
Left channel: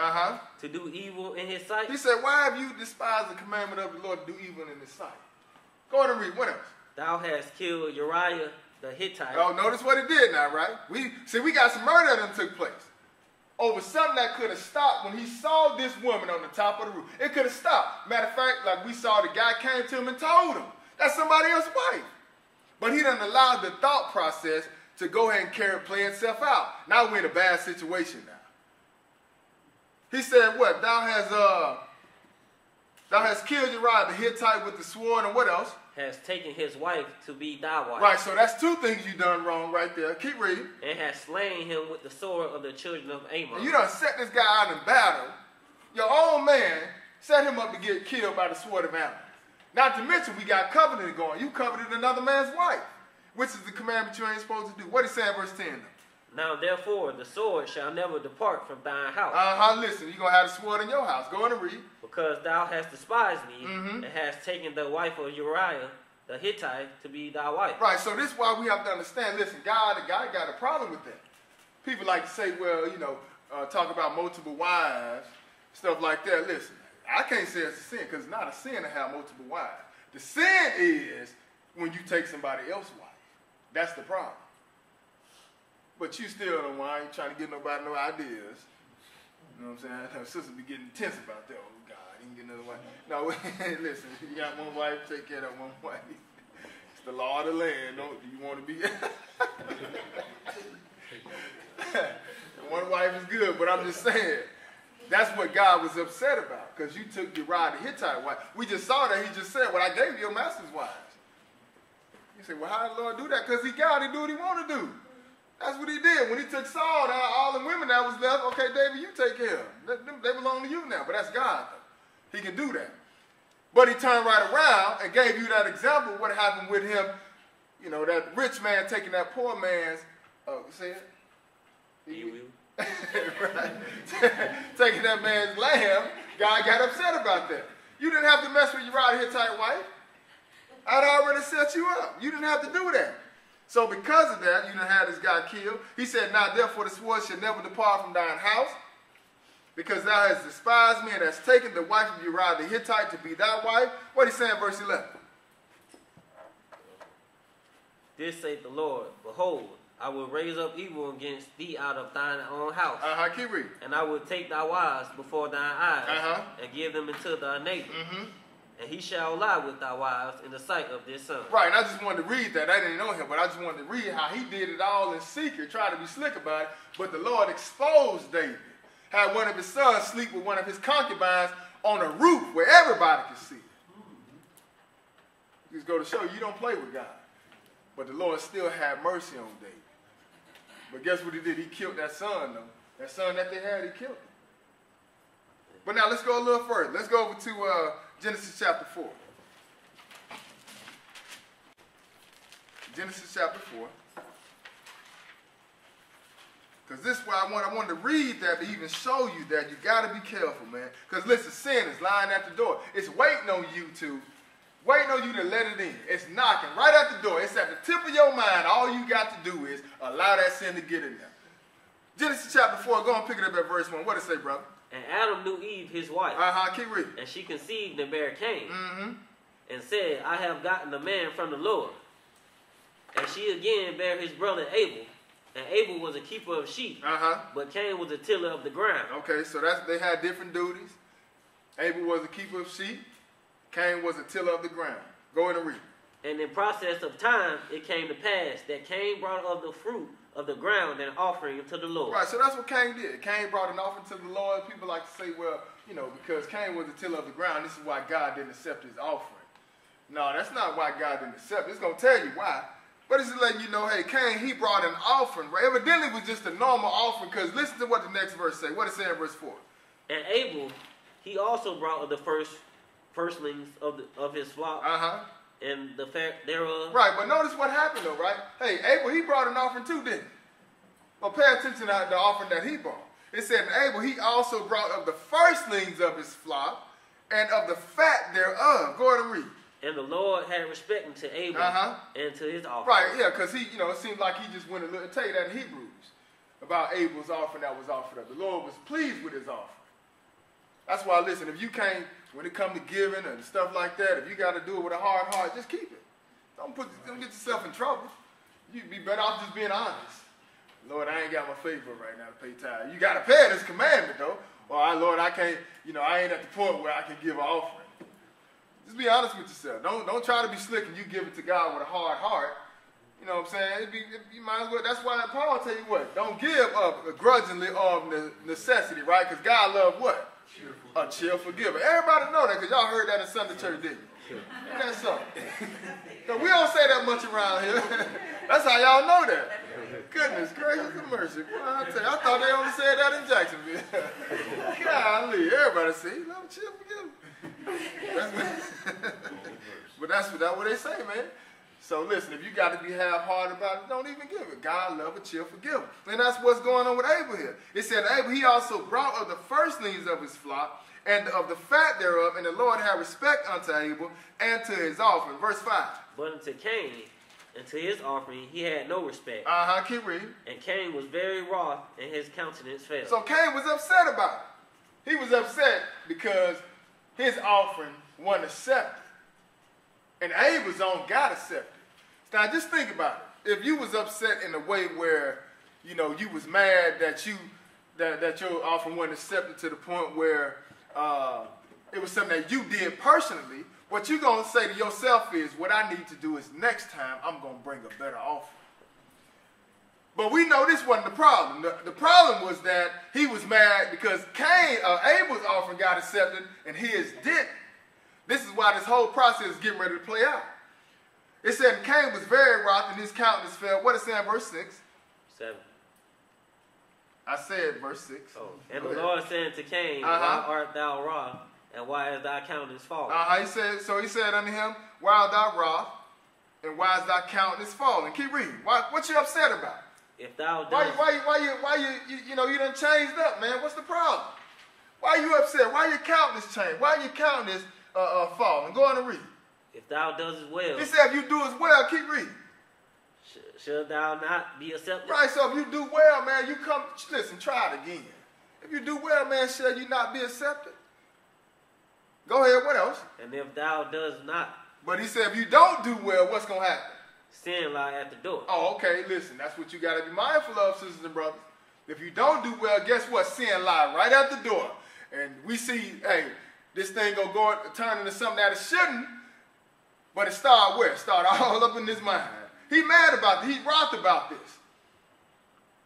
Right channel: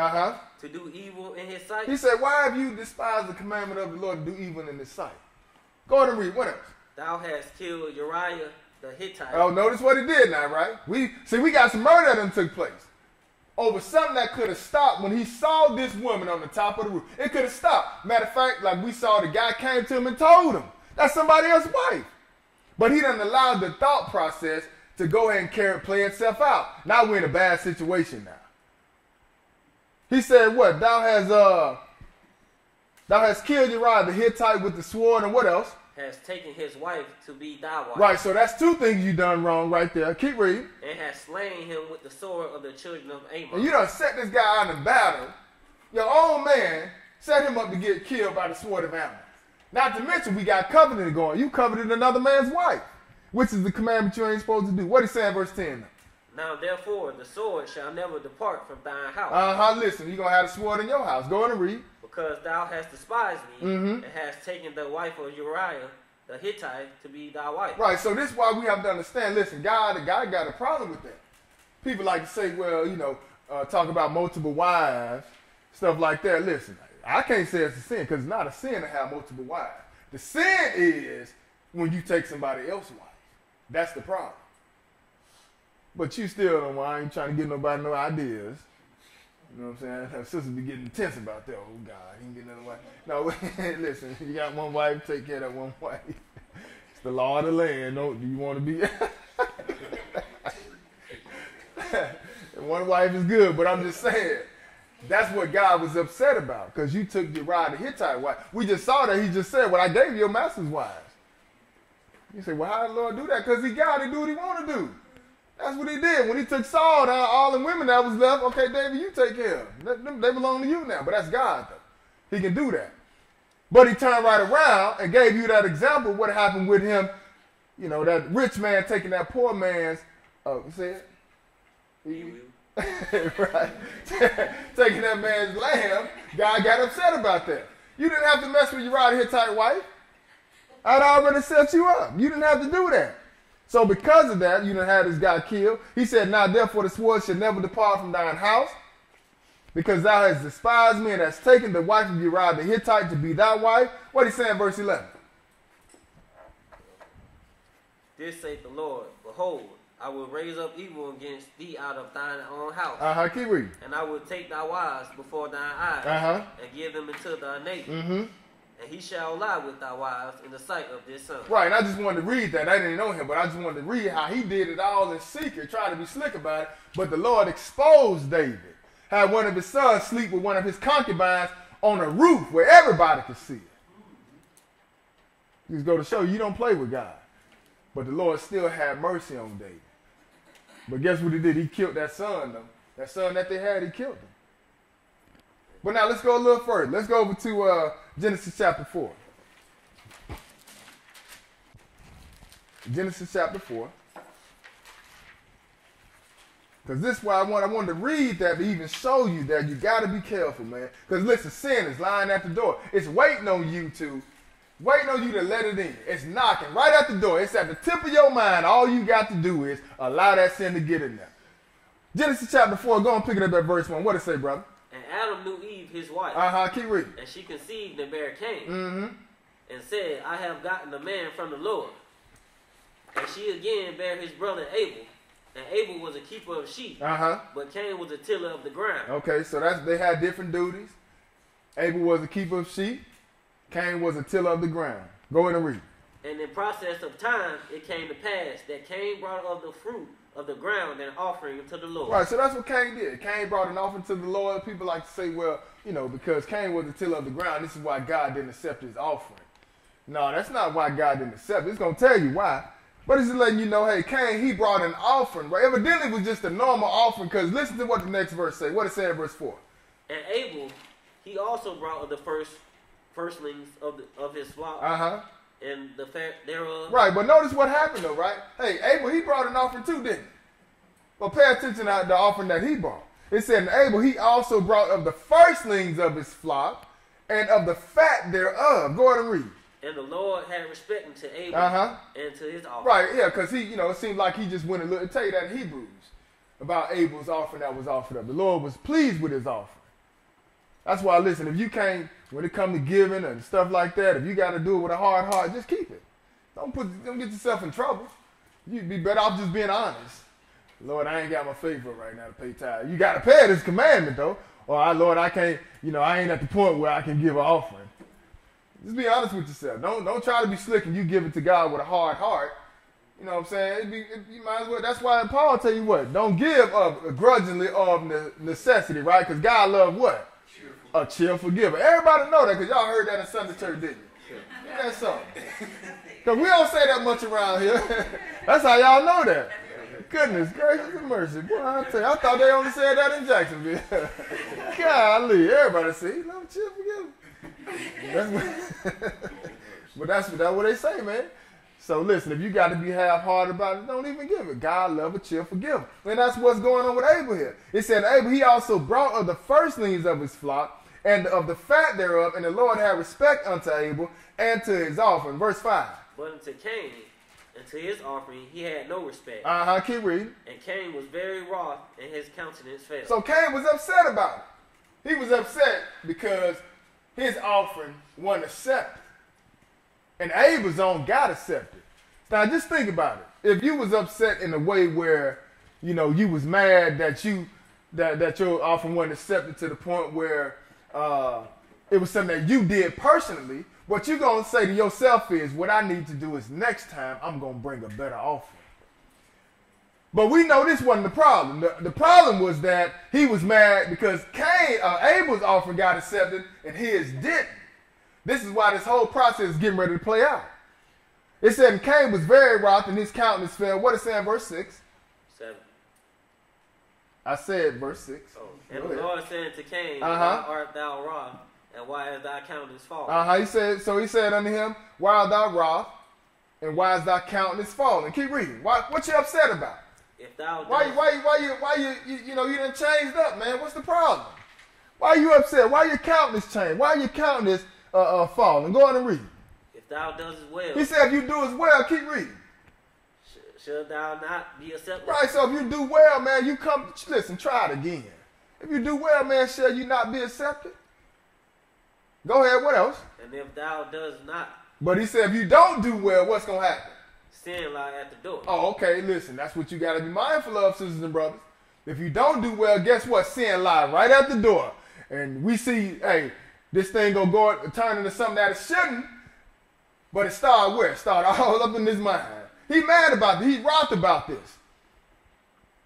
to do evil in his sight? He said, why have you despised the commandment of the Lord to do evil in his sight? Go ahead and read. What else? Thou hast killed Uriah the Hittite. Oh, notice what he did now, right? We got some murder that took place over something that could have stopped when he saw this woman on the top of the roof. It could have stopped. Matter of fact, like we saw, the guy came to him and told him that's somebody else's wife. But he didn't allow the thought process to go ahead and play itself out. Now we're in a bad situation now. He said, what? Thou hast killed Uriah the Hittite with the sword, and what else? Has taken his wife to be thy wife. Right, so that's two things you done wrong right there. Keep reading. And has slain him with the sword of the children of Ammon. And you done set this guy out in battle. Your own man set him up to get killed by the sword of Ammon. Not to mention, we got covenant going. You coveted another man's wife, which is the commandment you ain't supposed to do. What is saying, verse 10? Now, therefore, the sword shall never depart from thine house. Listen, you're going to have a sword in your house. Go on and read. Because thou hast despised me, and hast taken the wife of Uriah the Hittite to be thy wife. Right, so this is why we have to understand, listen, God got a problem with that. People like to say, well, talk about multiple wives, stuff like that. Listen, I can't say it's a sin, because it's not a sin to have multiple wives. The sin is when you take somebody else's wife. That's the problem. But you still don't want, I ain't trying to give nobody no ideas. You know what I'm saying? Her sisters be getting intense about that. Oh, God, he can get another wife. No, listen, you got one wife, take care of that one wife. It's the law of the land. No, do you want to be? One wife is good, but I'm just saying, that's what God was upset about, because you took Uriah the Hittite wife. We just saw that. He just said, well, I gave you your master's wives. You say, well, how did the Lord do that? Because he got to do what he want to do. That's what he did. When he took Saul down, all the women that was left, okay, David, you take care of them. They belong to you now. But that's God, though. He can do that. But he turned right around and gave you that example of what happened with him. You know, that rich man taking that poor man's, you say it? Right. Taking that man's lamb. God got upset about that. You didn't have to mess with Uriah the Hittite wife. I'd already set you up. You didn't have to do that. So because of that, you done had this guy killed. He said, now therefore the sword shall never depart from thine house, because thou hast despised me and hast taken the wife of Uriah the Hittite to be thy wife. What he saying, verse 11? This saith the Lord, behold, I will raise up evil against thee out of thine own house. Keep reading. And I will take thy wives before thine eyes, and give them into thy neighbor. And he shall lie with thy wives in the sight of this son. Right, and I just wanted to read that. I didn't know him, but I just wanted to read how he did it all in secret, trying to be slick about it. But the Lord exposed David. Had one of his sons sleep with one of his concubines on a roof where everybody could see it. Just go to show you don't play with God. But the Lord still had mercy on David. But guess what he did? He killed that son, though. That son that they had, he killed him. But now let's go a little further. Let's go over to Genesis chapter 4. Genesis chapter 4. Because this is why I wanted to read that to even show you that you got to be careful, man. Because listen, sin is lying at the door. It's waiting on you to let it in. It's knocking right at the door. It's at the tip of your mind. All you got to do is allow that sin to get in there. Genesis chapter 4, go and pick it up at verse 1. What does it say, brother? And Adam knew Eve, his wife. Keep reading. And she conceived and bare Cain. And said, I have gotten a man from the Lord. And she again bare his brother Abel. And Abel was a keeper of sheep. But Cain was a tiller of the ground. Okay, so they had different duties. Abel was a keeper of sheep. Cain was a tiller of the ground. Go ahead and read. And in process of time, it came to pass that Cain brought of the fruit of the ground and offering to the Lord. Right, so that's what Cain did. Cain brought an offering to the Lord. People like to say, well, because Cain was the tiller of the ground, this is why God didn't accept his offering. No, that's not why God didn't accept it. It's going to tell you why. But it's just letting you know, hey, Cain, he brought an offering. Right? Evidently, it was just a normal offering, because listen to what the next verse says. What it says in verse 4. And Abel, he also brought of the firstlings of his flock. And the fat thereof. Right, but notice what happened though, right? Hey, Abel, he brought an offering too, didn't he? Well, pay attention to the offering that he brought. It said, Abel, he also brought of the firstlings of his flock and of the fat thereof. Go ahead and read. And the Lord had respect unto Abel and to his offering. Right, yeah, because he, it seems like he just went a little, tell you that in Hebrews. about Abel's offering that was offered up. The Lord was pleased with his offering. That's why, listen, if you can't, when it comes to giving and stuff like that, if you got to do it with a hard heart, just keep it. Don't get yourself in trouble. You'd be better off just being honest. Lord, I ain't got my favor right now to pay tithe. You got to pay it. It's commandment, though. Or, Lord, I can't, I ain't at the point where I can give an offering. Just be honest with yourself. Don't try to be slick and you give it to God with a hard heart. You know what I'm saying? You might as well. That's why Paul tell you what. Don't give up grudgingly of necessity, right? Because God loves what? A cheerful giver. Everybody know that because y'all heard that in Sunday church, didn't you? That's so. Because we don't say that much around here. That's how y'all know that. Goodness gracious and mercy. Boy, I tell you, I thought they only said that in Jacksonville. Golly, everybody say, love a cheerful giver. But that's what they say, man. So listen, if you got to be half-hearted about it, don't even give it. God love a cheerful giver. And that's what's going on with Abel here. It said, Abel, he also brought of the firstlings of his flock and of the fat thereof, and the Lord had respect unto Abel and to his offering. Verse 5. But unto Cain, and to his offering, he had no respect. Keep reading. And Cain was very wroth, and his countenance fell. So Cain was upset about it. He was upset because his offering wasn't accepted. And Abel's own got accepted. Now, just think about it. If you was upset in a way where, you was mad that that your offering wasn't accepted to the point where it was something that you did personally, what you're going to say to yourself is, what I need to do is next time I'm going to bring a better offering. But we know this wasn't the problem. The problem was that he was mad because Abel's offering got accepted and his didn't. This is why this whole process is getting ready to play out. It said Cain was very wroth and his countenance fell. What is it in verse 6? 7. I said verse 6. Oh. And the Lord said to Cain, Why art thou wroth, and why is thy countenance fallen? He said unto him, Why art thou wroth, and why is thy countenance fallen? Keep reading. What you upset about? If thou why you done changed up, man? What's the problem? Why are you upset? Why your countenance changed? Why your countenance fallen? Go on and read. If thou doest well. He said if you do as well, keep reading. Shall thou not be accepted? Right, so if you do well, man, you come, listen, try it again. If you do well, man, shall you not be accepted? Go ahead, what else? And if thou doest not. But he said if you don't do well, what's going to happen? Sin lie at the door. Oh, okay, listen, that's what you got to be mindful of, sisters and brothers. If you don't do well, guess what? Sin lie right at the door. And we see, hey, this thing going to turn into something that it shouldn't. But it started where? It started all up in his mind. He mad about this. He's wroth about this.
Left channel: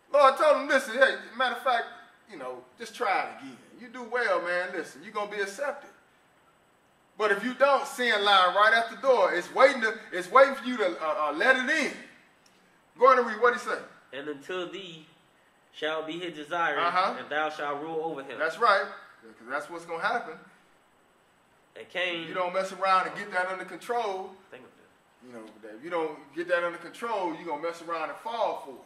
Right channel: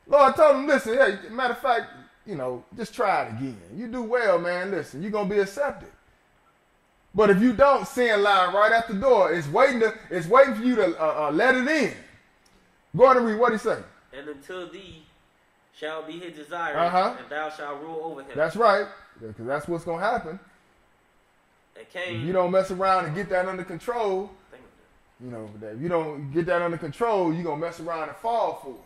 Lord told him, listen, hey, matter of fact, just try it again. You do well, man, listen, you're going to be accepted. But if you don't, sin lie right at the door. It's waiting for you to let it in. Go on and read what he say. And until thee shall be his desire, and thou shalt rule over him. That's right, because that's what's going to happen. And Cain, if you don't mess around and get that under control, if you don't get that under control, you're going to mess around and fall for it.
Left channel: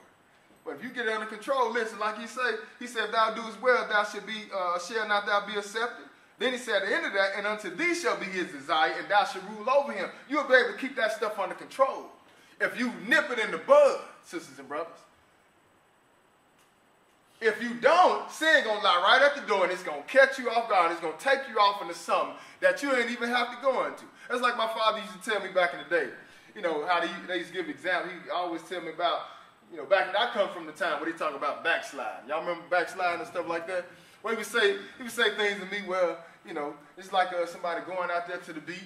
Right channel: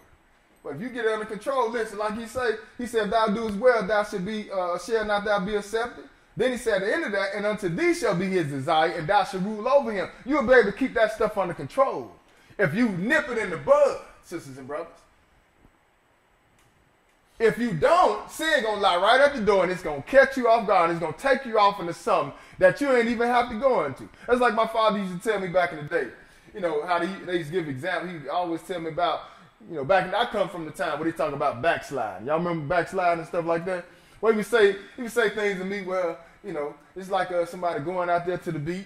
But if you get it under control, listen, like he said, if thou doest well, thou shall not thou be accepted. Then he said at the end of that, and unto thee shall be his desire, and thou shalt rule over him. You'll be able to keep that stuff under control. If you nip it in the bud, sisters and brothers. If you don't, sin going to lie right at the door, and it's going to catch you off guard. It's going to take you off into something that you ain't even have to go into. That's like my father used to tell me back in the day. How they used to give examples. He always tell me about, back I come from the time where they talk about backsliding. Y'all remember backsliding and stuff like that? Well, he would say things to me, well, it's like somebody going out there to the beach.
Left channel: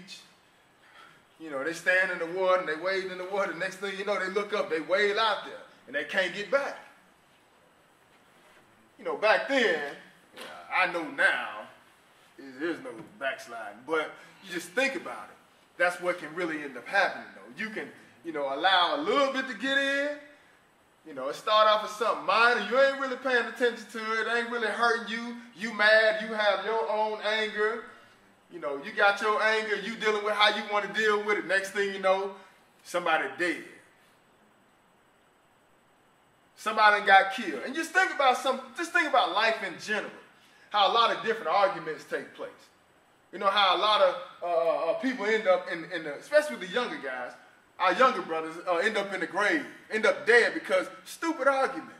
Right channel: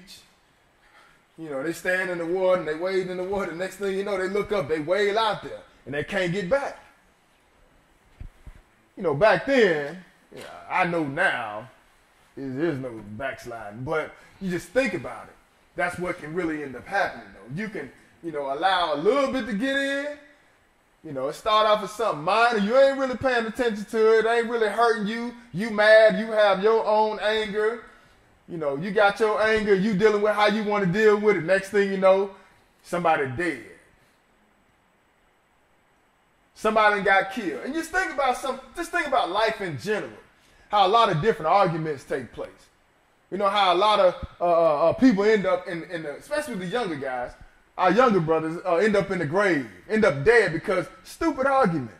They stand in the water and they wade in the water. The next thing you know, they look up, they wade out there, and they can't get back. Back then, I know now, there's no backsliding, but you just think about it. That's what can really end up happening, though. You can, allow a little bit to get in. It start off as something minor. You ain't really paying attention to it. It ain't really hurting you. You mad. You have your own anger. You got your anger. You dealing with how you want to deal with it. Next thing you know, somebody dead. Somebody got killed. And just think about life in general. How a lot of different arguments take place. How a lot of people end up especially the younger guys, our younger brothers end up in the grave, end up dead because stupid arguments.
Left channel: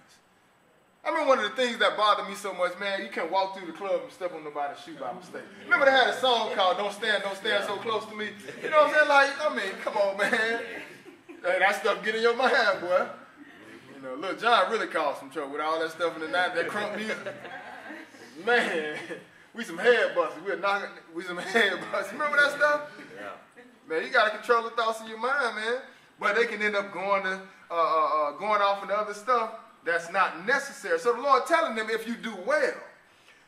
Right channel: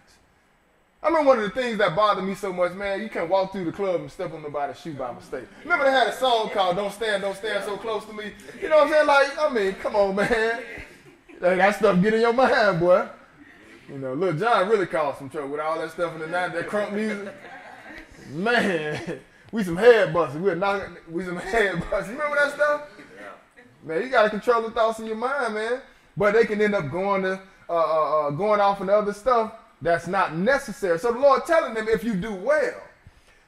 I remember one of the things that bothered me so much, man, you can't walk through the club and step on nobody's shoe by mistake. Remember they had a song called Don't Stand So Close to Me? You know what I'm saying? Like, I mean, come on, man. That stuff get in your mind, boy. You know, Lil Jon really caused some trouble with all that stuff in the 90s, that crunk music. Man, we some head busters. We some head busters. Remember that stuff? Yeah. Man, you got to control the thoughts in your mind, man. But they can end up going off into other stuff that's not necessary. So the Lord telling them, if you do well,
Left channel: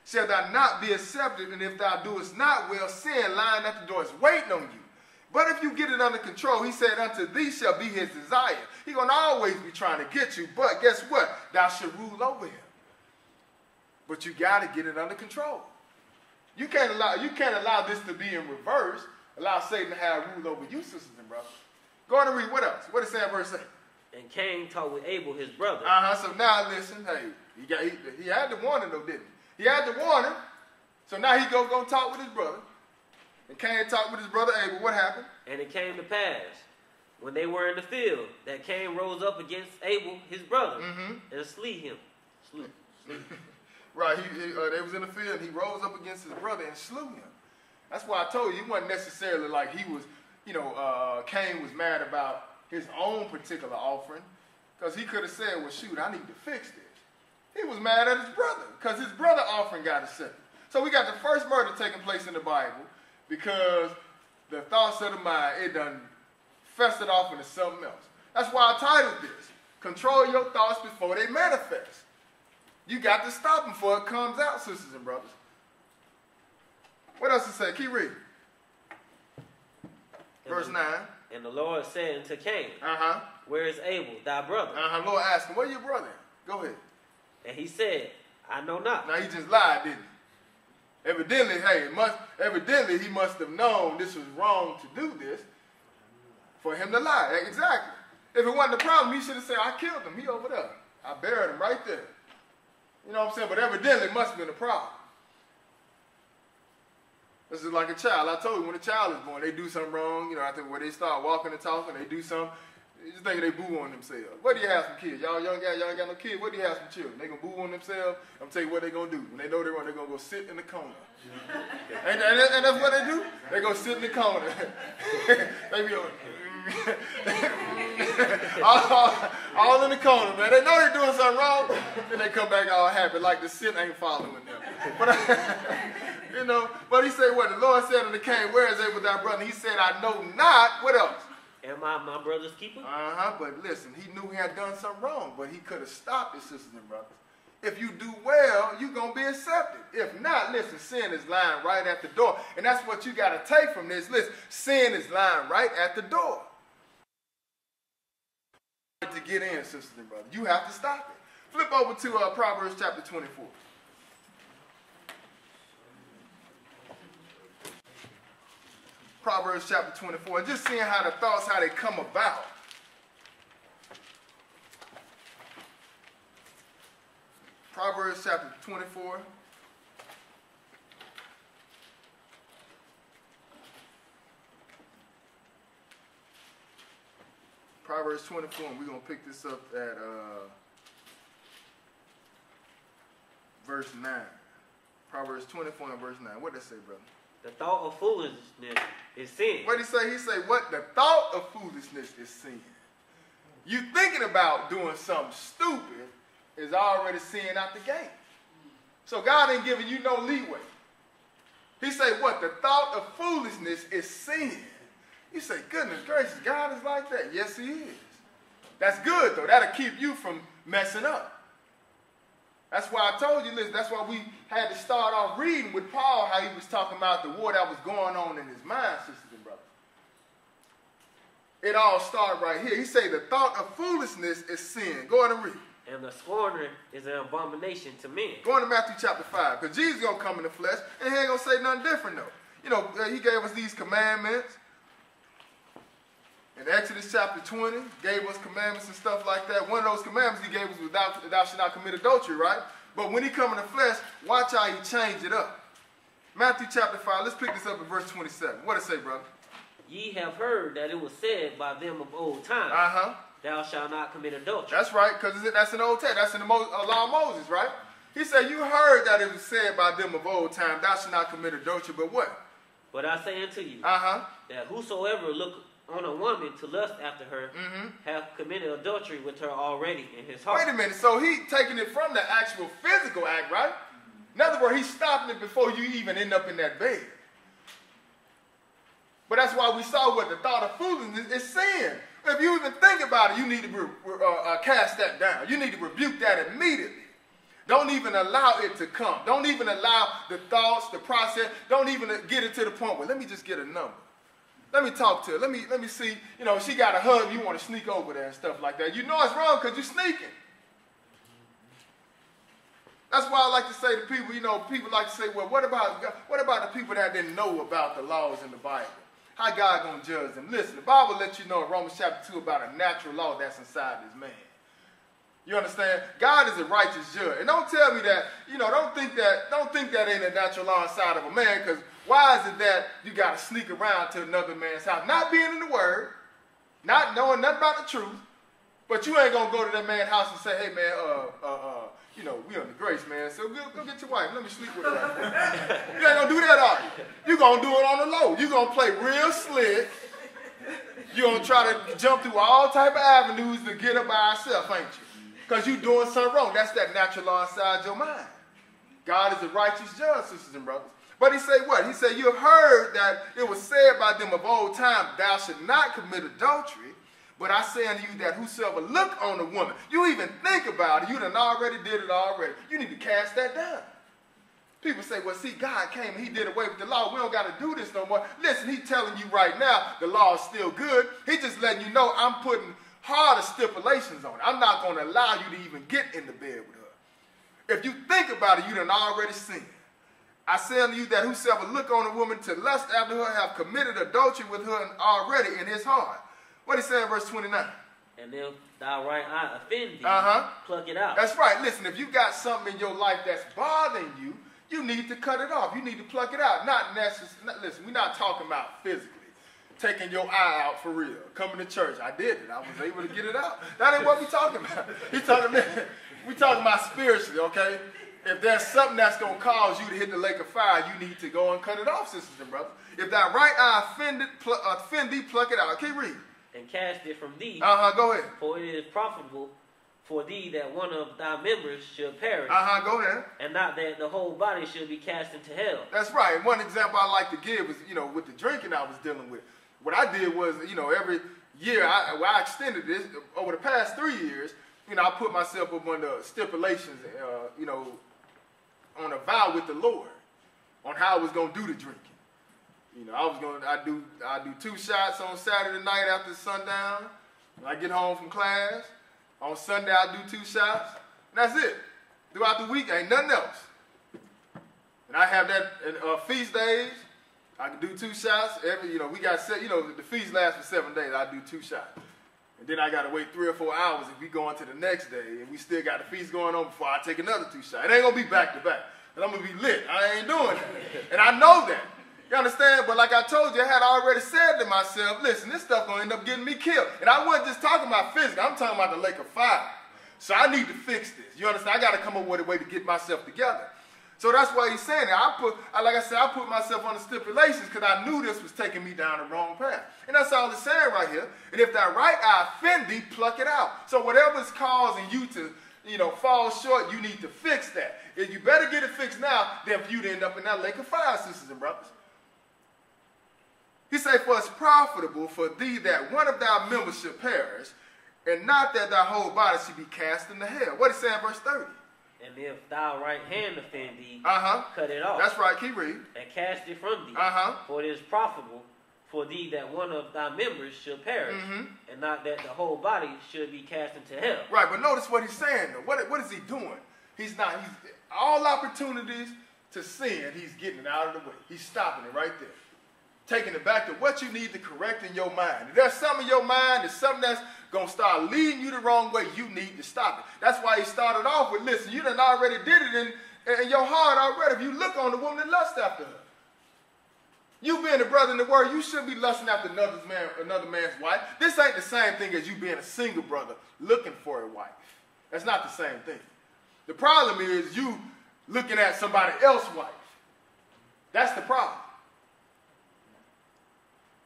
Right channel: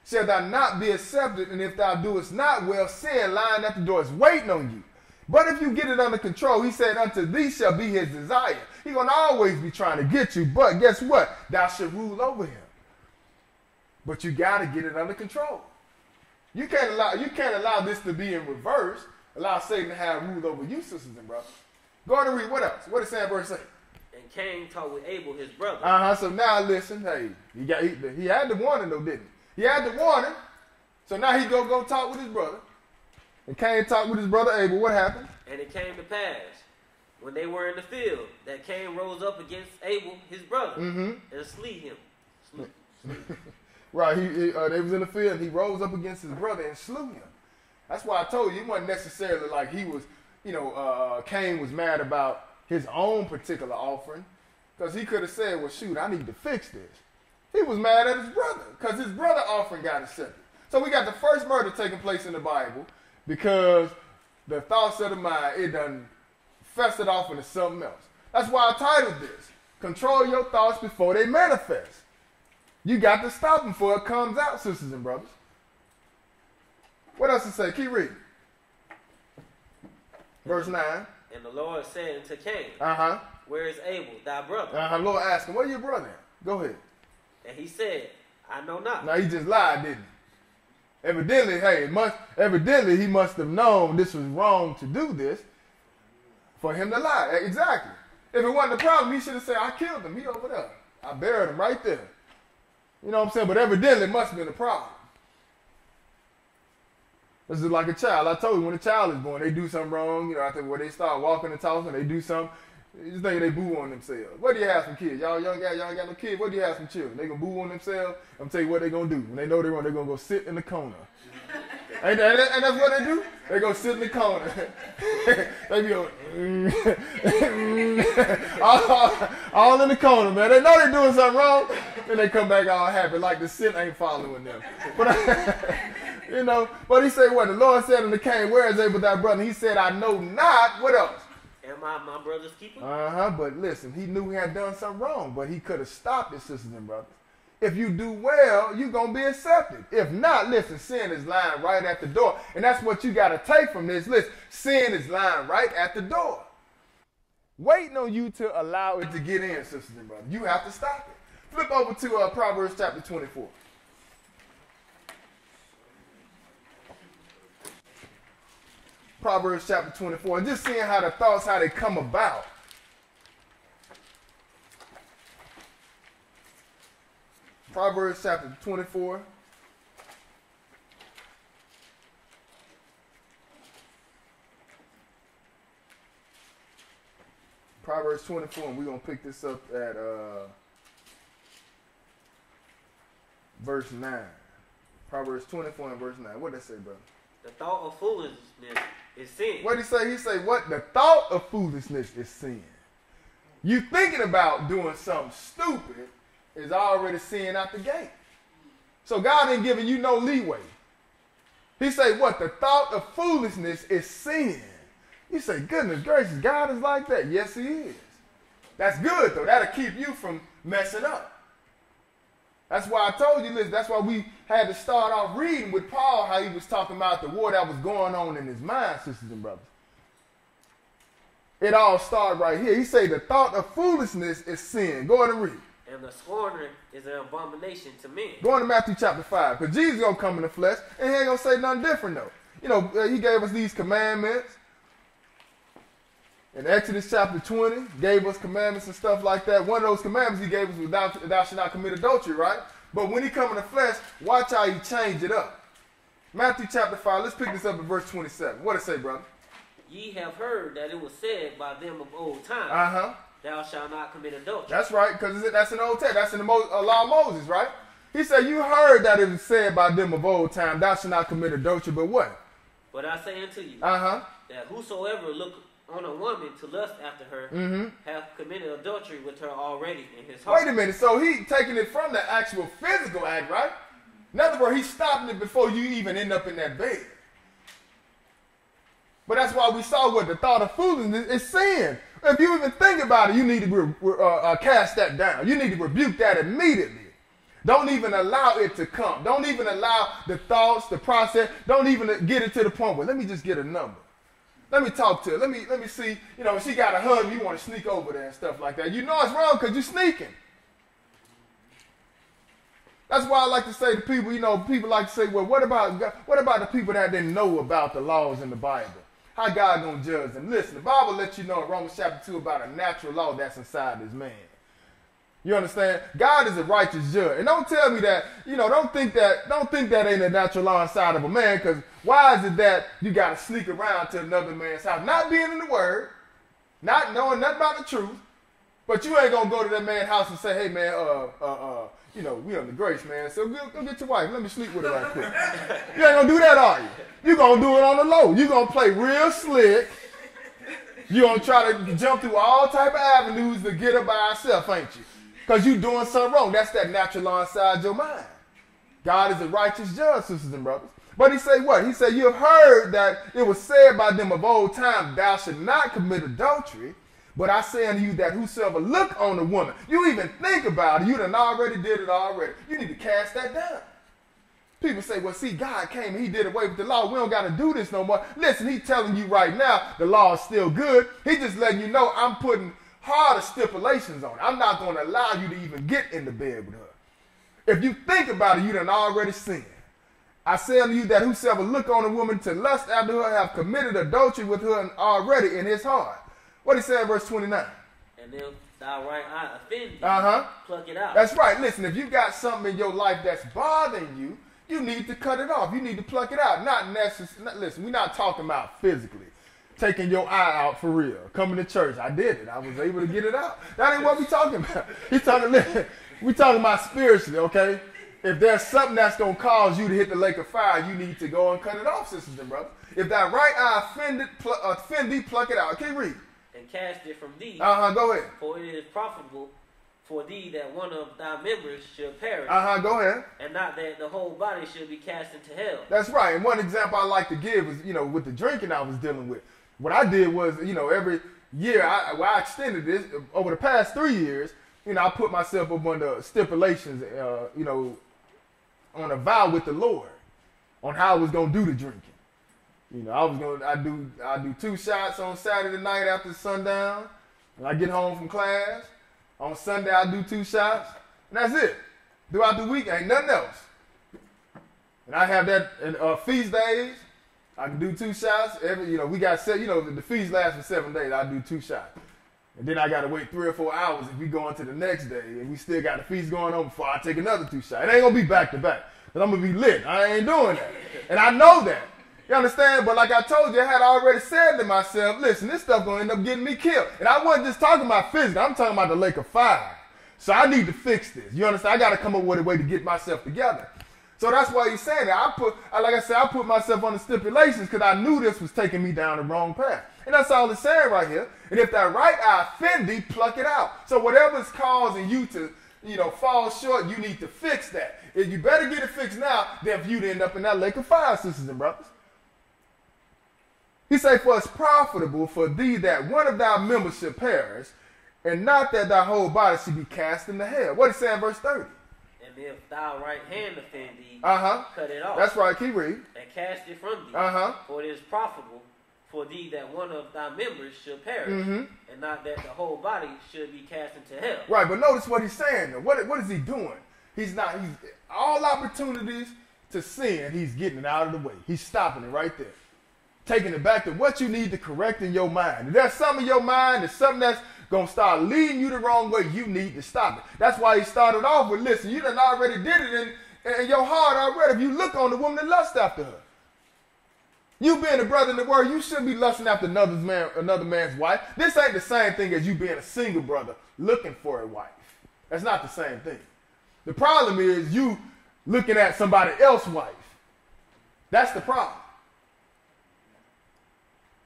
shall thou not be accepted, and if thou doest not well, sin lying at the door is waiting on you. But if you get it under control, he said, unto thee shall be his desire. He's going to always be trying to get you, but guess what? Thou shalt rule over him. But you got to get it under control. You can't allow this to be in reverse. Allow Satan to have rule over you, sisters and brothers. Go on and read. What else? What does that verse say? And Cain talked with Abel, his brother. So now listen, hey, he had the warning though, didn't he? He had the warning. So now he go talk with his brother. And Cain talked with his brother Abel. What happened? And it came to pass, when they were in the field, that Cain rose up against Abel, his brother, and slew him. Right, they was in the field. He rose up against his brother and slew him. That's why I told you, it wasn't necessarily like he was, Cain was mad about his own particular offering, because he could have said, well, shoot, I need to fix this. He was mad at his brother, because his brother offering got accepted. So we got the first murder taking place in the Bible, because the thoughts of the mind, it done festered off into something else. That's why I titled this, Control Your Thoughts Before They Manifest. You got to stop them before it comes out, sisters and brothers. What else to say? Keep reading. Verse 9. And the Lord said unto Cain, where is Abel, thy brother? Lord asked him, where your brother? Go ahead. And he said, I know not. Now he just lied, didn't he? Evidently he must have known this was wrong to do this for him to lie. Exactly. If it wasn't a problem, he should have said, I killed him. He over there. I buried him right there. You know what I'm saying? But evidently it must have been a problem. This is like a child. I told you, when a child is born, they do something wrong. I think when they start walking and talking, they do something. You think they boo on themselves. What do you have some kids? Y'all ain't got no kids. What do you have some children? They gonna boo on themselves. I'm tell you what they gonna do. When they know they're gonna go sit in the corner. and that's what they do. They go sit in the corner. They go all in the corner, man. They know they're doing something wrong, and they come back all happy, like the sin ain't following them. But he said what? The Lord said unto Cain, where is Abel thy brother? He said, I know not. What else? Am I my brother's keeper? But listen, he knew he had done something wrong, but he could have stopped it, sisters and brothers. If you do well, you're going to be accepted. If not, listen, sin is lying right at the door. And that's what you got to take from this list. Sin is lying right at the door, waiting on you to allow it to get in, sisters and brothers. You have to stop it. Flip over to Proverbs chapter 24. Proverbs chapter 24, and just seeing how the thoughts, how they come about. Proverbs chapter 24. Proverbs 24, and we're going to pick this up at verse 9. Proverbs 24 and verse 9. What did that say, brother? The thought of foolishness is sin. What did he say? He said, what? The thought of foolishness is sin. You thinking about doing something stupid is already sin out the gate. So God ain't giving you no leeway. He said, what? The thought of foolishness is sin. You say, goodness gracious, God is like that. Yes, he is. That's good, though. That'll keep you from messing up. That's why I told you this. That's why we had to start off reading with Paul, how he was talking about the war that was going on in his mind, sisters and brothers. It all started right here. He said the thought of foolishness is sin. Go ahead and read. And the scorner is an abomination to men. Go on to Matthew chapter 5, because Jesus is going to come in the flesh, and he ain't going to say nothing different, though. He gave us these commandments. In Exodus chapter 20, gave us commandments and stuff like that. One of those commandments he gave us was thou shalt not commit adultery, right? But when he come in the flesh, watch how he changed it up. Matthew chapter 5, let's pick this up at verse 27. What does it say, brother? Ye have heard that it was said by them of old time, thou shalt not commit adultery. That's right, because that's in the Old Testament. That's in the law of Moses, right? He said, you heard that it was said by them of old time, thou shalt not commit adultery, but what? But I say unto you, that whosoever look on a woman to lust after her, hath committed adultery with her already in his heart. Wait a minute, so he taking it from the actual physical act, right? In other words, he's stopping it before you even end up in that bed. But that's why we saw what the thought of foolishness is sin. If you even think about it, you need to cast that down. You need to rebuke that immediately. Don't even allow it to come. Don't even allow the thoughts, the process. Don't even get it to the point where let me just get a number. Let me talk to her. Let me see. You know, she got a husband. You want to sneak over there and stuff like that. You know it's wrong because you're sneaking. That's why I like to say to people, you know, people like to say, well, what about the people that didn't know about the laws in the Bible? How God going to judge them? Listen, the Bible lets you know in Romans chapter 2 about a natural law that's inside this man. You understand? God is a righteous judge. And don't tell me that, you know, don't think that ain't a natural law inside of a man, because why is it that you got to sneak around to another man's house, not being in the Word, not knowing nothing about the truth, but you ain't going to go to that man's house and say, hey, man, you know, we on the grace, man, so go get your wife. Let me sleep with her right quick. You ain't going to do that, are you? You're going to do it on the low. You're going to play real slick. You're going to try to jump through all type of avenues to get her by herself, ain't you? Because you're doing something wrong. That's that natural law inside your mind. God is a righteous judge, sisters and brothers. But he said what? He said, you have heard that it was said by them of old time, thou should not commit adultery. But I say unto you that whosoever look on a woman, you even think about it, you done already did it already. You need to cast that down. People say, well, see, God came and he did away with the law. We don't got to do this no more. Listen, he's telling you right now the law is still good. He's just letting you know I'm putting harder stipulations on it. I'm not going to allow you to even get in the bed with her. If you think about it, you done already sinned. I say unto you that whosoever look on a woman to lust after her have committed adultery with her already in his heart. What he said in verse 29? And if thy right eye offend thee, pluck it out. That's right. Listen, if you got something in your life that's bothering you, you need to cut it off. You need to pluck it out. Not necessarily. Listen, we're not talking about physically. Taking your eye out for real. Coming to church. I did it. I was able to get it out. That ain't what we're talking about. We're talking about spiritually, okay? If there's something that's going to cause you to hit the lake of fire, you need to go and cut it off, sisters and brothers. If that right eye offend thee, pluck it out. Keep reading. And cast it from thee. Go ahead. For it is profitable for thee that one of thy members should perish. Go ahead. And not that the whole body should be cast into hell. That's right. And one example I like to give is, you know, with the drinking I was dealing with. What I did was, you know, every year I extended this over the past 3 years. You know, I put myself up under stipulations, you know, on a vow with the Lord on how I was going to do the drinking. You know, I do 2 shots on Saturday night after sundown. When I get home from class, on Sunday I do 2 shots. And that's it. Throughout the week, ain't nothing else. And I have that feast days. I can do 2 shots. We got the feast lasts for 7 days. I do 2 shots. And then I got to wait 3 or 4 hours if we go on to the next day. And we still got the feast going on before I take another 2 shots. It ain't going to be back to back. But I'm going to be lit. I ain't doing that. And I know that. You understand? But like I told you, I had already said to myself, listen, this stuff going to end up getting me killed. And I wasn't just talking about physics. I'm talking about the lake of fire. So I need to fix this. You understand? I got to come up with a way to get myself together. So that's why he's saying that. I put myself on the stipulations because I knew this was taking me down the wrong path. And that's all it's saying right here. And if that right eye offend thee, pluck it out. So whatever's causing you to, fall short, you need to fix that. If you better get it fixed now than if you'd end up in that lake of fire, sisters and brothers. He said, for it's profitable for thee that one of thy members should perish, and not that thy whole body should be cast into hell. What he say in verse 30? And if thy right hand offend thee, cut it off. That's right, keep reading. And cast it from thee. For it is profitable for thee that one of thy members should perish, and not that the whole body should be cast into hell. Right, but notice what he's saying. What is he doing? He's all opportunities to sin, he's getting it out of the way. He's stopping it right there. Taking it back to what you need to correct in your mind. If there's something in your mind, there's something that's going to start leading you the wrong way, you need to stop it. That's why he started off with, listen, you done already did it in your heart already. If you look on the woman and lust after her. You being a brother in the word, you shouldn't be lusting after another man's wife. This ain't the same thing as you being a single brother looking for a wife. That's not the same thing. The problem is you looking at somebody else's wife. That's the problem.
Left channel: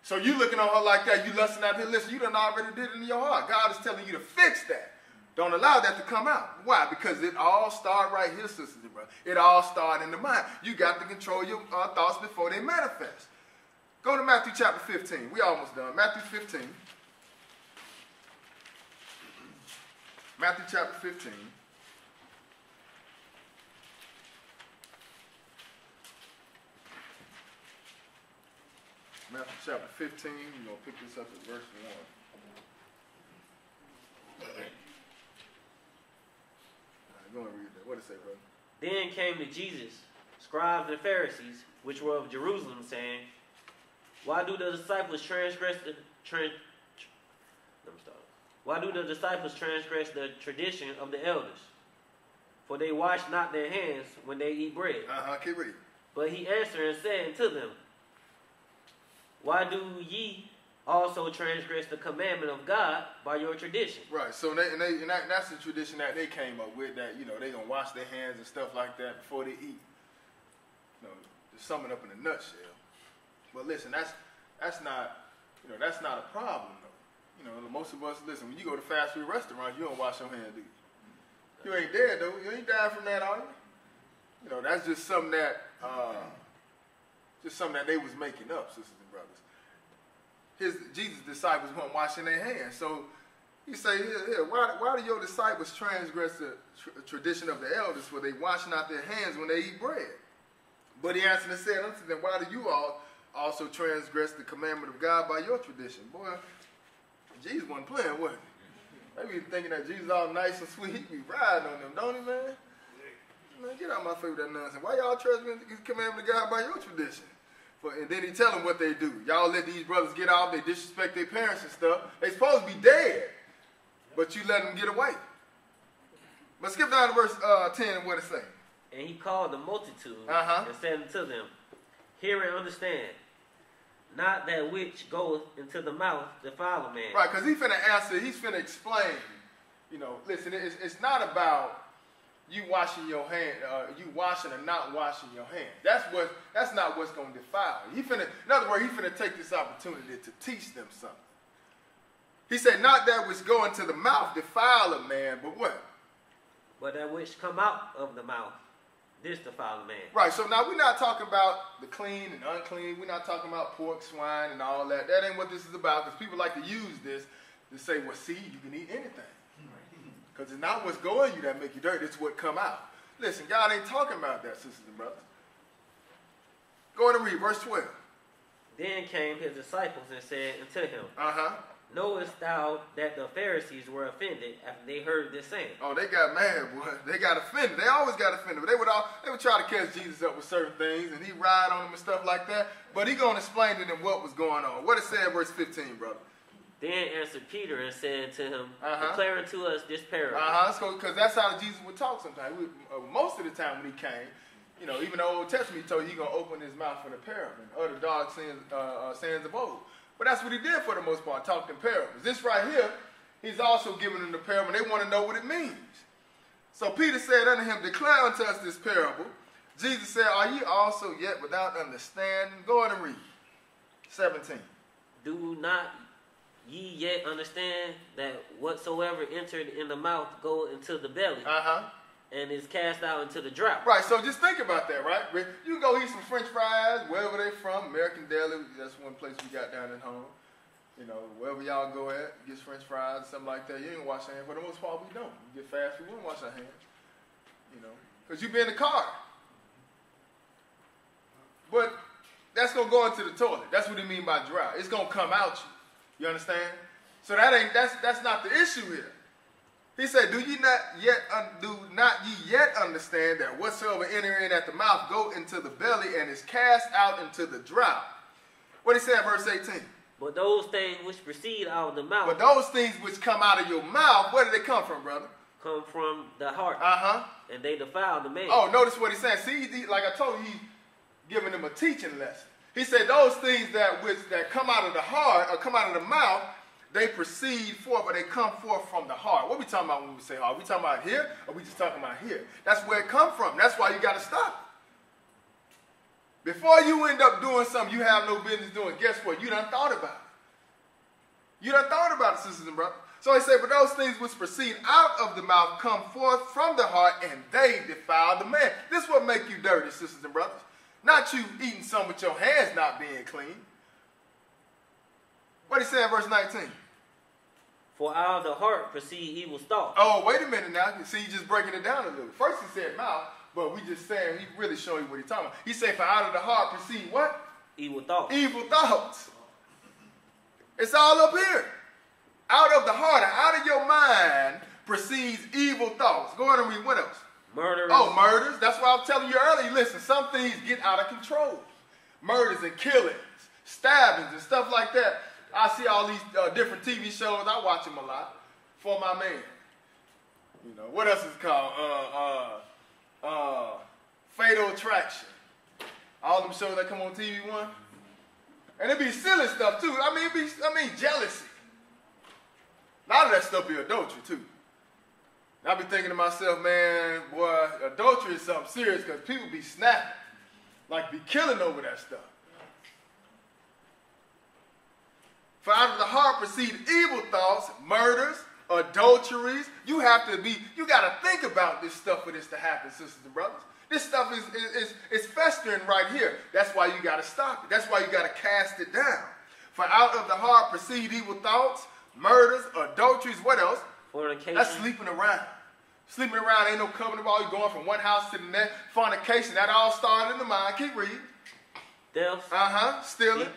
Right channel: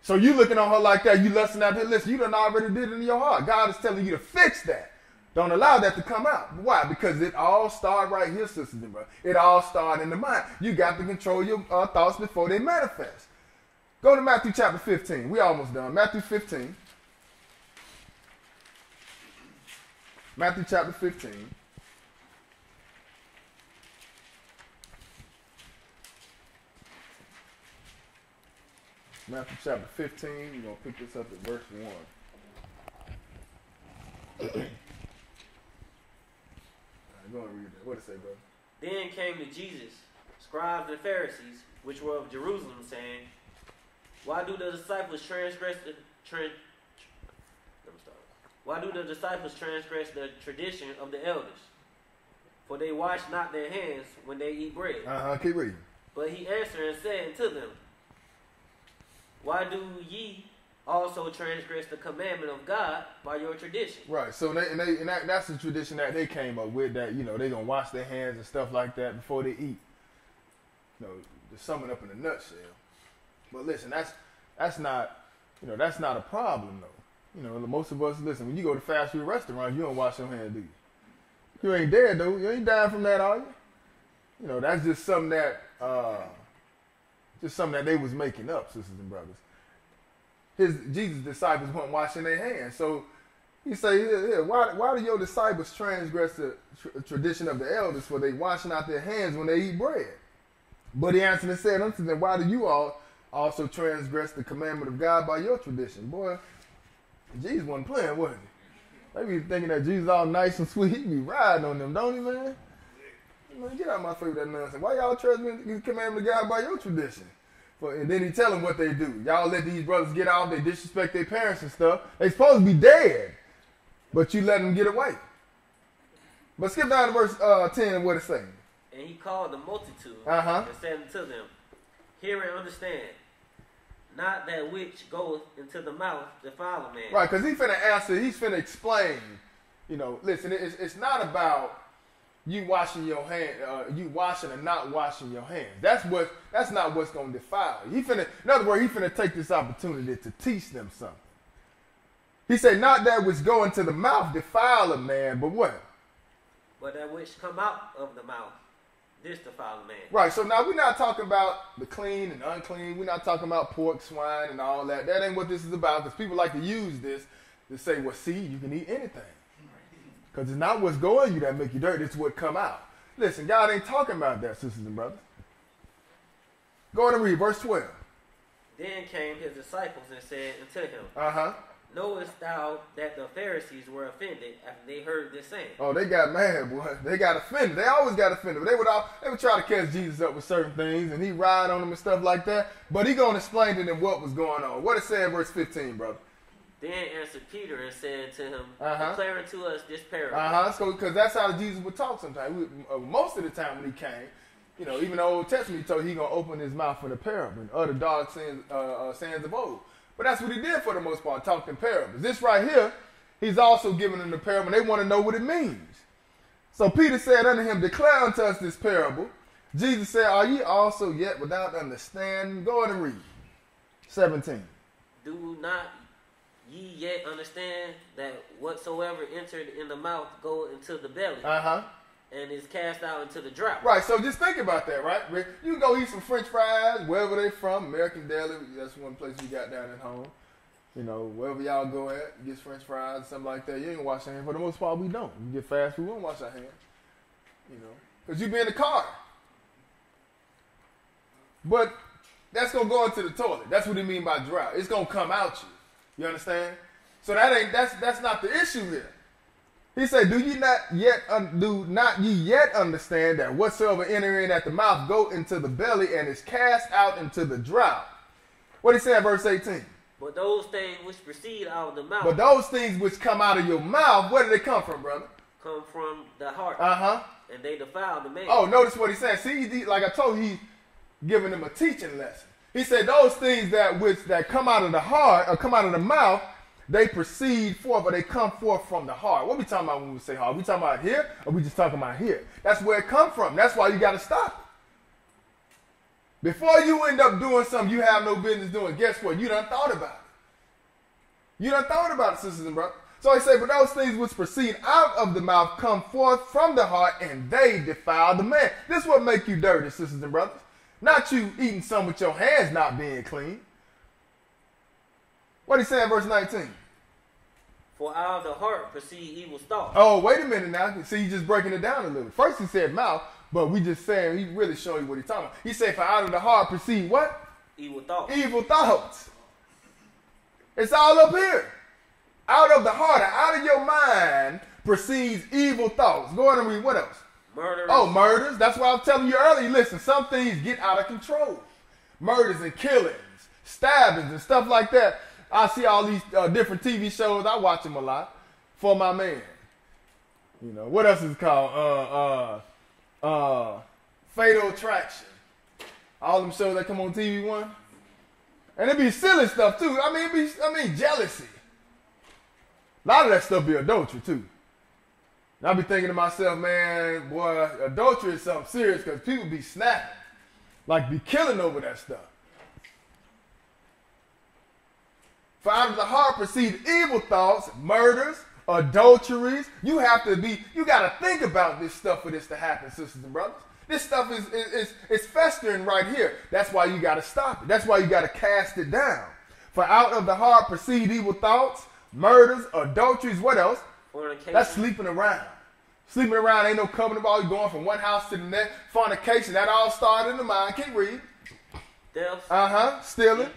So you looking on her like that, you lusting after her. Listen, you done already did it in your heart. God is telling you to fix that. Don't allow that to come out. Why? Because it all started right here, sisters and brothers. It all started in the mind. You got to control your thoughts before they manifest. Go to Matthew chapter 15. We almost done. Matthew 15. Matthew chapter 15. Matthew chapter 15. We're going to pick this up at verse 1. Go and read that. What it say, brother? Then came to Jesus, scribes and Pharisees, which were of Jerusalem, saying, Why do the disciples transgress the tradition of the elders? For they wash not their hands when they eat bread. Keep reading. But he answered and said unto them, Why do ye also transgress the commandment of God by your tradition? Right. So that's the tradition that they came up with, that, they gonna wash their hands and stuff like that before they eat. To sum it up in a nutshell. But listen, that's not a problem though. Most of us, listen, when you go to fast food restaurants, you don't wash your hands, do you? You ain't dead though. You ain't dying from that, are you? That's just something that they was making up, sisters and brothers. Jesus' disciples weren't washing their hands. So he say, why do your disciples transgress the tradition of the elders, for they wash not their hands when they eat bread? But he answered and said unto them, Why do you all also transgress the commandment of God by your tradition? Boy, Jesus wasn't playing, was he? They be thinking that Jesus all nice and sweet. He be riding on them, don't he, man? Man, get out of my face with that nonsense. Why y'all transgress the commandment of God by your tradition? And then he tell them what they do. Y'all let these brothers get off. They disrespect their parents and stuff. They supposed to be dead, but you let them get away. But skip down to verse 10 and what it say. And he called the multitude and said unto them, Hear and understand. Not that which goeth into the mouth defile a man. Right, because he's finna answer. He's finna explain. Listen, it's not about you washing your hand, you washing and not washing your hands. That's not what's going to defile you. In other words, he's finna take this opportunity to teach them something. He said, not that which go into the mouth defile a man, but what? But that which come out of the mouth, this defile a man. Right, so now we're not talking about the clean and unclean. We're not talking about pork, swine, and all that. That ain't what this is about, because people like to use this to say, well, see, you can eat anything. Because it's not what's going you that make you dirty, it's what come out. Listen, God ain't talking about that, sisters and brothers. Go ahead and read verse 12. Then came his disciples and said unto him, Knowest thou that the Pharisees were offended after they heard this saying? Oh, they got mad, boy. They got offended. They always got offended. But they would try to catch Jesus up with certain things, and he ride on them and stuff like that. But he going to explain to them what was going on. What it said in verse 15, brother? Then answered Peter and said to him, Declare unto us this parable. So, because that's how Jesus would talk sometimes. Most of the time when he came, even the Old Testament, he told he going to open his mouth for the parable, and utter dark sayings of old. But that's what he did for the most part, talking parables. This right here, he's also giving them the parable. They want to know what it means. So Peter said unto him, Declare unto us this parable. Jesus said, Are ye also yet without understanding? Go ahead and read. 17. Do not ye yet understand that whatsoever entered in the mouth go into the belly, and is cast out into the drought? Right, so just think about that, right? You can go eat some French fries, wherever they're from, American Deli, that's one place we got down at home. Wherever y'all go at, get French fries, something like that. You ain't wash your hands. For the most part, we don't. You get fast food, we don't wash our hands. Because you be in the car. But that's going to go into the toilet. That's what he mean by drought. It's going to come out you. You understand? So that's not the issue here. He said, do not ye yet understand that whatsoever enter in at the mouth go into the belly and is cast out into the drought? What he said in verse 18? But those things which proceed out of the mouth. But those things which come out of your mouth, where do they come from, brother? Come from the heart. And they defile the man. Oh, notice what he said. See, like I told you, he's giving them a teaching lesson. He said those things that come out of the heart or come out of the mouth, they proceed forth or they come forth from the heart. What are we talking about when we say heart? Are we talking about here or are we just talking about here? That's where it comes from. That's why you got to stop. Before you end up doing something you have no business doing, guess what? You done thought about it. You done thought about it, sisters and brothers. So he said, but those things which proceed out of the mouth come forth from the heart, and they defile the man. This is what make you dirty, sisters and brothers. Not you eating something with your hands not being clean. What did he say in verse 19? For out of the heart proceed evil thoughts. Oh, wait a minute now. See, you just breaking it down a little. First he said mouth, but we just saying, he really showing you what he's talking about. He said, for out of the heart proceed what? Evil thoughts. Evil thoughts. It's all up here. Out of the heart, out of your mind proceeds evil thoughts. Go ahead and read what else? Murders. Oh, murders. That's why I was telling you earlier. Listen, some things get out of control. Murders and killings, stabbings and stuff like that. I see all these different TV shows. I watch them a lot. For my man. You know, what else is it called? Fatal Attraction. All them shows that come on TV one. And it be silly stuff too. I mean jealousy. A lot of that stuff be adultery too. And I be thinking to myself, man, boy, adultery is something serious because people be snapping. Like be killing over that stuff. For out of the heart proceed evil thoughts, murders, adulteries. You got to think about this stuff for this to happen, sisters and brothers. This stuff is festering right here. That's why you got to stop it. That's why you got to cast it down. For out of the heart proceed evil thoughts, murders, adulteries, what else? Fornication. That's sleeping around. Sleeping around ain't no covenant ball. You're going from one house to the next. Fornication, that all started in the mind. Keep reading. Theft. Stealing.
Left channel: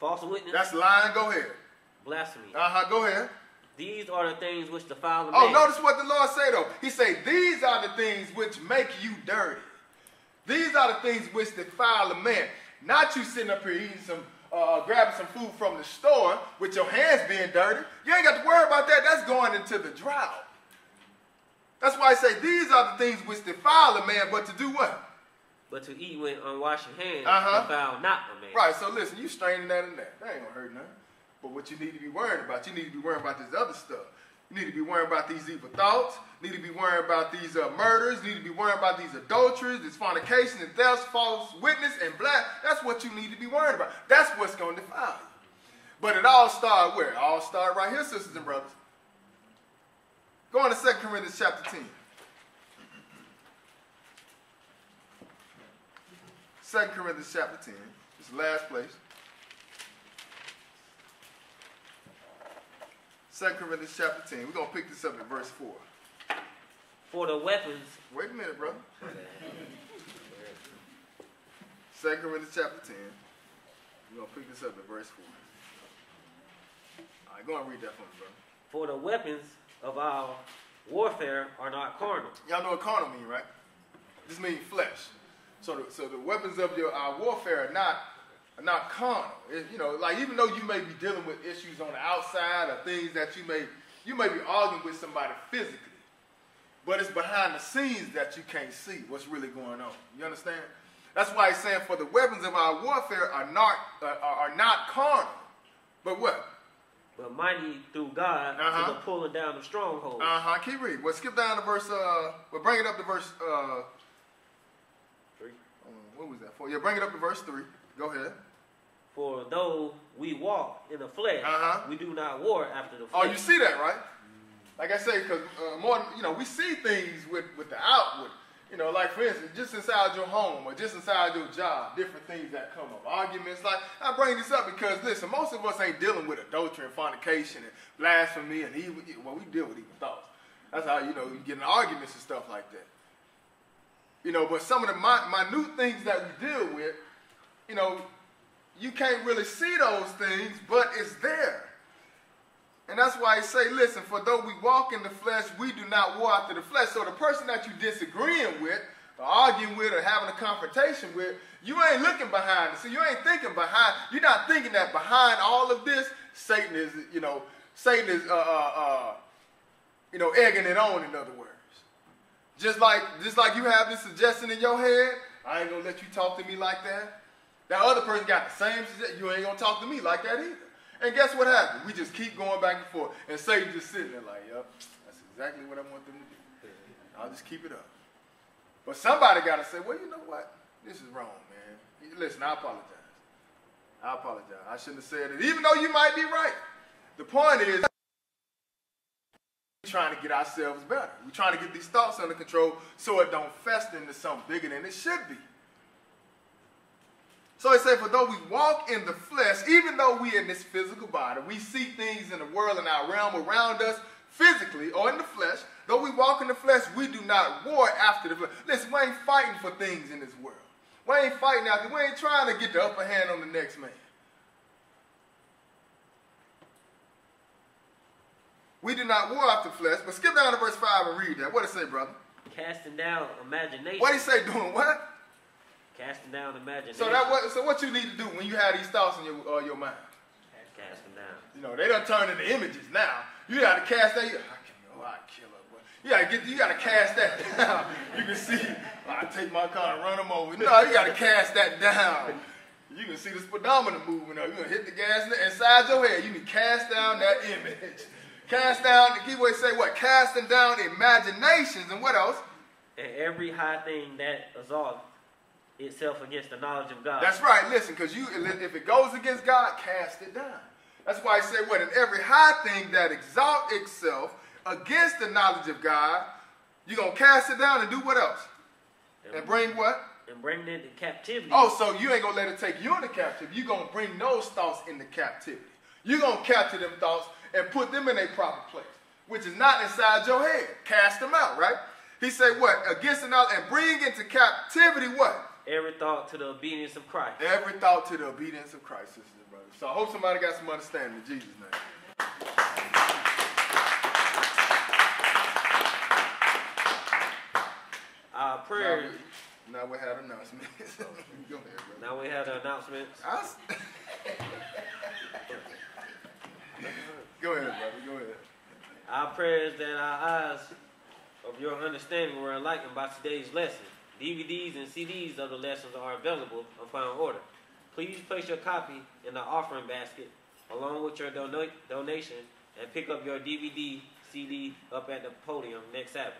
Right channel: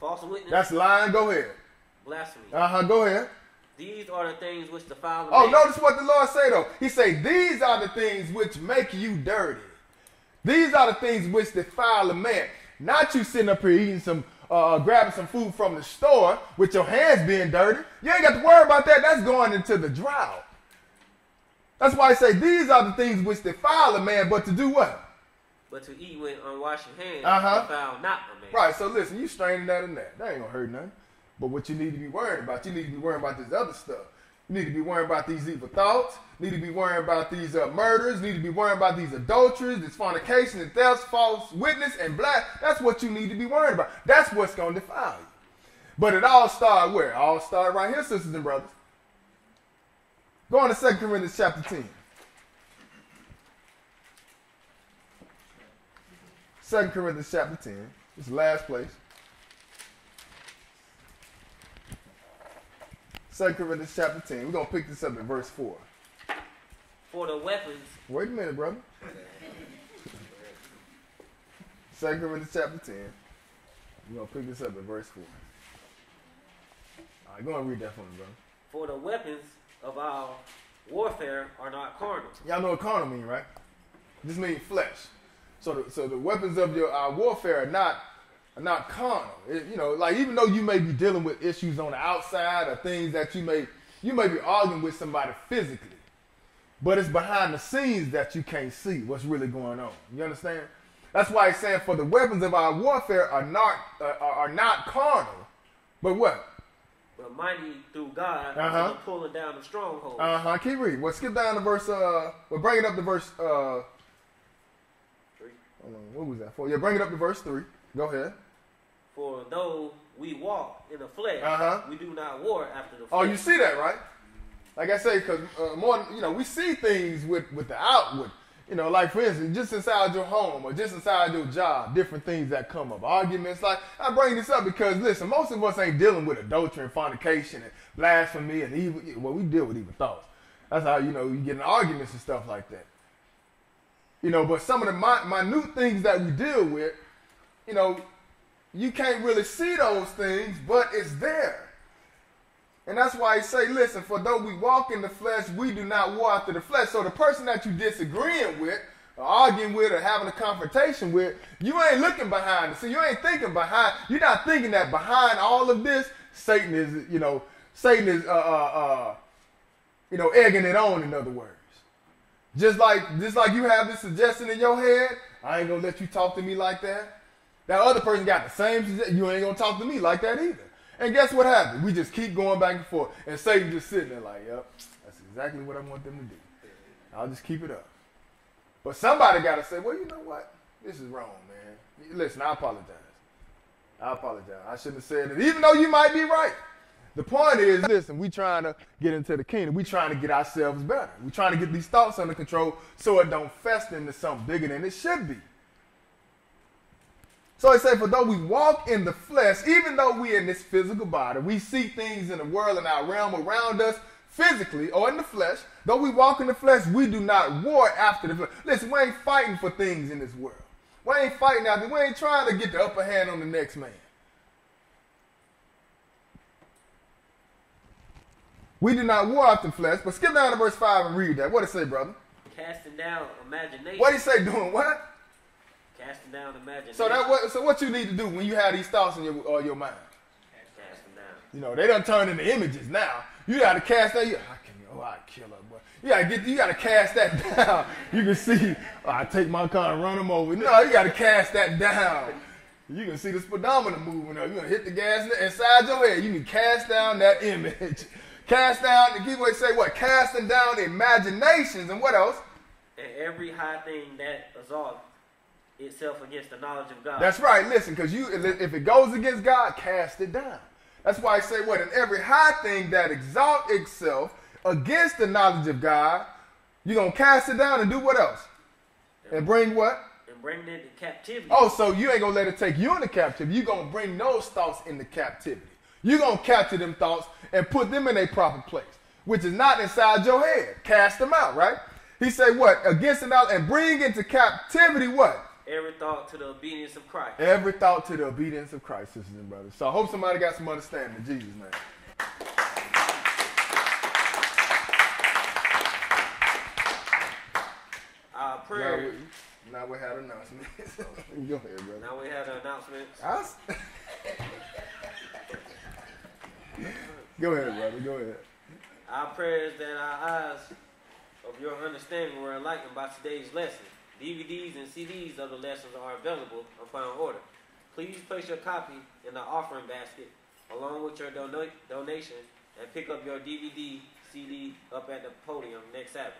False witness. That's lying. Go ahead. Blasphemy. Go ahead. These are the things which defile the Oh, man. notice what the Lord say though. He say, these are the things which make you dirty. These are the things which defile a man. Not you sitting up here eating some, grabbing some food from the store with your hands being dirty. You ain't got to worry about that. That's going into the drought. That's why I say these are the things which defile a man, but to do what? But to eat with unwashed hands defile not a man. Right, so listen, you straining that and that. That ain't going to hurt nothing. But what you need to be worried about, you need to be worrying about this other stuff. You need to be worrying about these evil thoughts. You need to be worrying about these murders. You need to be worrying about these adulteries, this fornication, and theft, false witness, and black. That's what you need to be worried about. That's what's going to defile you. But it all started where? It all started right here, sisters and brothers. Go on to 2 Corinthians chapter 10. 2 Corinthians chapter 10. This is the last place. 2 Corinthians chapter 10. We're going to pick this up in verse 4. For the weapons. Wait a minute, brother. 2 Corinthians chapter 10. We're going to pick this up in verse 4. All right, go and read that for me, brother. For the weapons of our warfare are not carnal. Y'all know what carnal means, right? This means flesh. So the weapons of our warfare are not carnal. Like even though you may be dealing with issues on the outside or things that you may be arguing with somebody physically, but it's behind the scenes that you can't see what's really going on. You understand? That's why it's saying for the weapons of our warfare are not carnal, but what? But mighty through God to the pulling down of strongholds. Keep reading. Well, skip down to verse. We'll bring it up to verse. 3. What was that for? Yeah, bring it up to verse 3. Go ahead. For though we walk in the flesh, we do not war after the flesh. Oh, you see that, right? Like I say, because we see things with the outward. Like for instance, just inside your home or just inside your job, different things that come up. Arguments. Like I bring this up because listen, most of us ain't dealing with adultery and fornication and blasphemy and evil. Well, we deal with evil thoughts. That's how you get in arguments and stuff like that. But some of the minute things that we deal with, you can't really see those things, but it's there. And that's why I say, listen, for though we walk in the flesh, we do not war after the flesh. So the person that you disagreeing with, or arguing with, or having a confrontation with, you ain't looking behind it. So you ain't thinking behind, you're not thinking that behind all of this, Satan is egging it on, in other words. Just like you have this suggestion in your head, I ain't gonna let you talk to me like that. That other person got the same, you ain't going to talk to me like that either. And guess what happened? We just keep going back and forth. And Satan just sitting there like, yep, that's exactly what I want them to do. I'll just keep it up. But somebody got to say, well, you know what? This is wrong, man. Listen, I apologize. I shouldn't have said it, even though you might be right. The point is, listen, we trying to get into the kingdom. We trying to get ourselves better. We trying to get these thoughts under control so it don't fester into something bigger than it should be. So it says, for though we walk in the flesh, even though we in this physical body, we see things in the world and our realm around us physically or in the flesh. Though we walk in the flesh, we do not war after the flesh. Listen, we ain't fighting for things in this world. We ain't fighting out there. We ain't trying to get the upper hand on the next man. We do not war after the flesh. But skip down to verse 5 and read that. What it say, brother? Casting down imagination. What he say doing what? Casting down imagination. So what you need to do when you have these thoughts in your mind? Casting down. You know, they done turn into images now. You got to cast that. I kill her, boy. You got to cast that down. You can see, I take my car and run them over. No, you got to cast that down. You can see the speedometer moving up. You're going to hit the gas inside your head. You can cast down that image. Cast down, the giveaway say what? Casting down imaginations and what else? And every high thing that exalts itself against the knowledge of God. That's right. Listen, because if it goes against God, cast it down. That's why I say what? And every high thing that exalts itself against the knowledge of God, you're going to cast it down and do what else? And bring what? And bring it into captivity. Oh, so you ain't going to let it take you into captivity. You're going to bring those thoughts into captivity. You're going to capture them thoughts and put them in a proper place, which is not inside your head. Cast them out, right? He said what? Against the knowledge and bring into captivity what? Every thought to the obedience of Christ. Every thought to the obedience of Christ, sisters and brothers. So I hope somebody got some understanding in Jesus' name. Our prayer. Now we had announcements. Go ahead, brother. Now we have the announcements. Go ahead, brother. Go ahead. Our prayer is that our eyes of your understanding were enlightened by today's lesson. DVDs and CDs of the lessons are available upon order. Please place your copy in the offering basket along with your donation and pick up your DVD, CD up at the podium next Sabbath.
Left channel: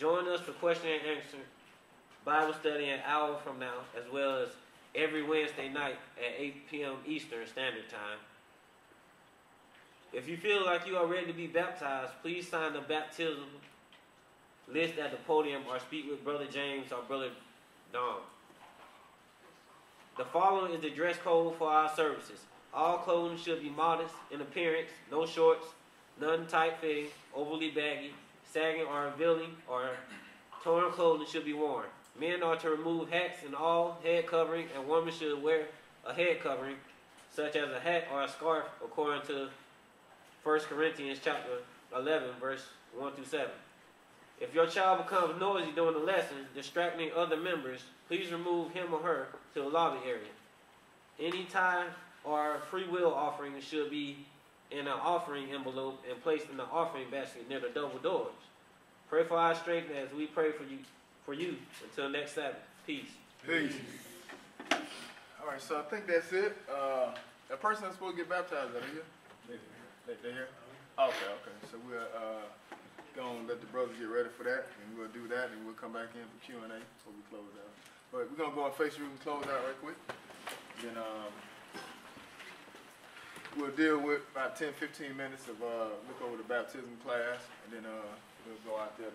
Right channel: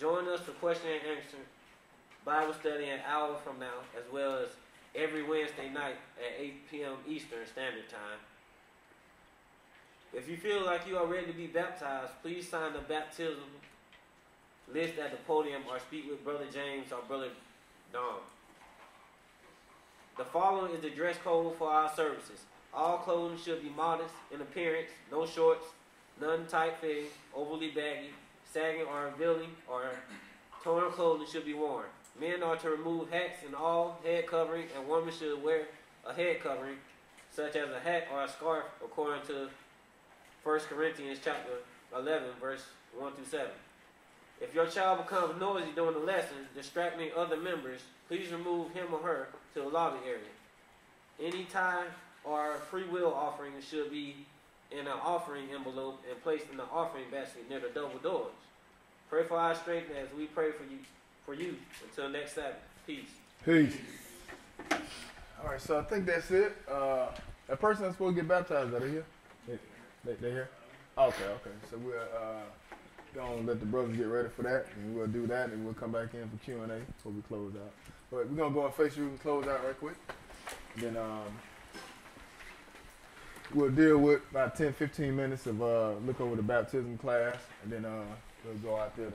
Join us for question and answer Bible study an hour from now, as well as every Wednesday night at 8 p.m. Eastern Standard Time. If you feel like you are ready to be baptized, please sign the baptism list at the podium or speak with Brother James or Brother Don. The following is the dress code for our services. All clothing should be modest in appearance, no shorts, none tight-fitting, overly baggy, sagging or revealing, or torn clothing should be worn. Men are to remove hats and all head covering, and women should wear a head covering, such as a hat or a scarf, according to 1 Corinthians chapter 11, verse 1 through 7. If your child becomes noisy during the lesson, distracting other members, please remove him or her to the lobby area. Any tithe or free will offering should be in an offering envelope and placed in the offering basket near the double doors. Pray for our strength as we pray for you until next Sabbath. Peace. Peace. All right, so I think that's it. A person that's supposed to get baptized, are they here? They here? Okay. So we'll go and let the brothers get ready for that, and we'll do that, and we'll come back in for Q&A before we close out. But we're going to go on Facebook and close out right quick. Then we'll deal with about 10-15 minutes of look over the baptism class, and then we'll go out there to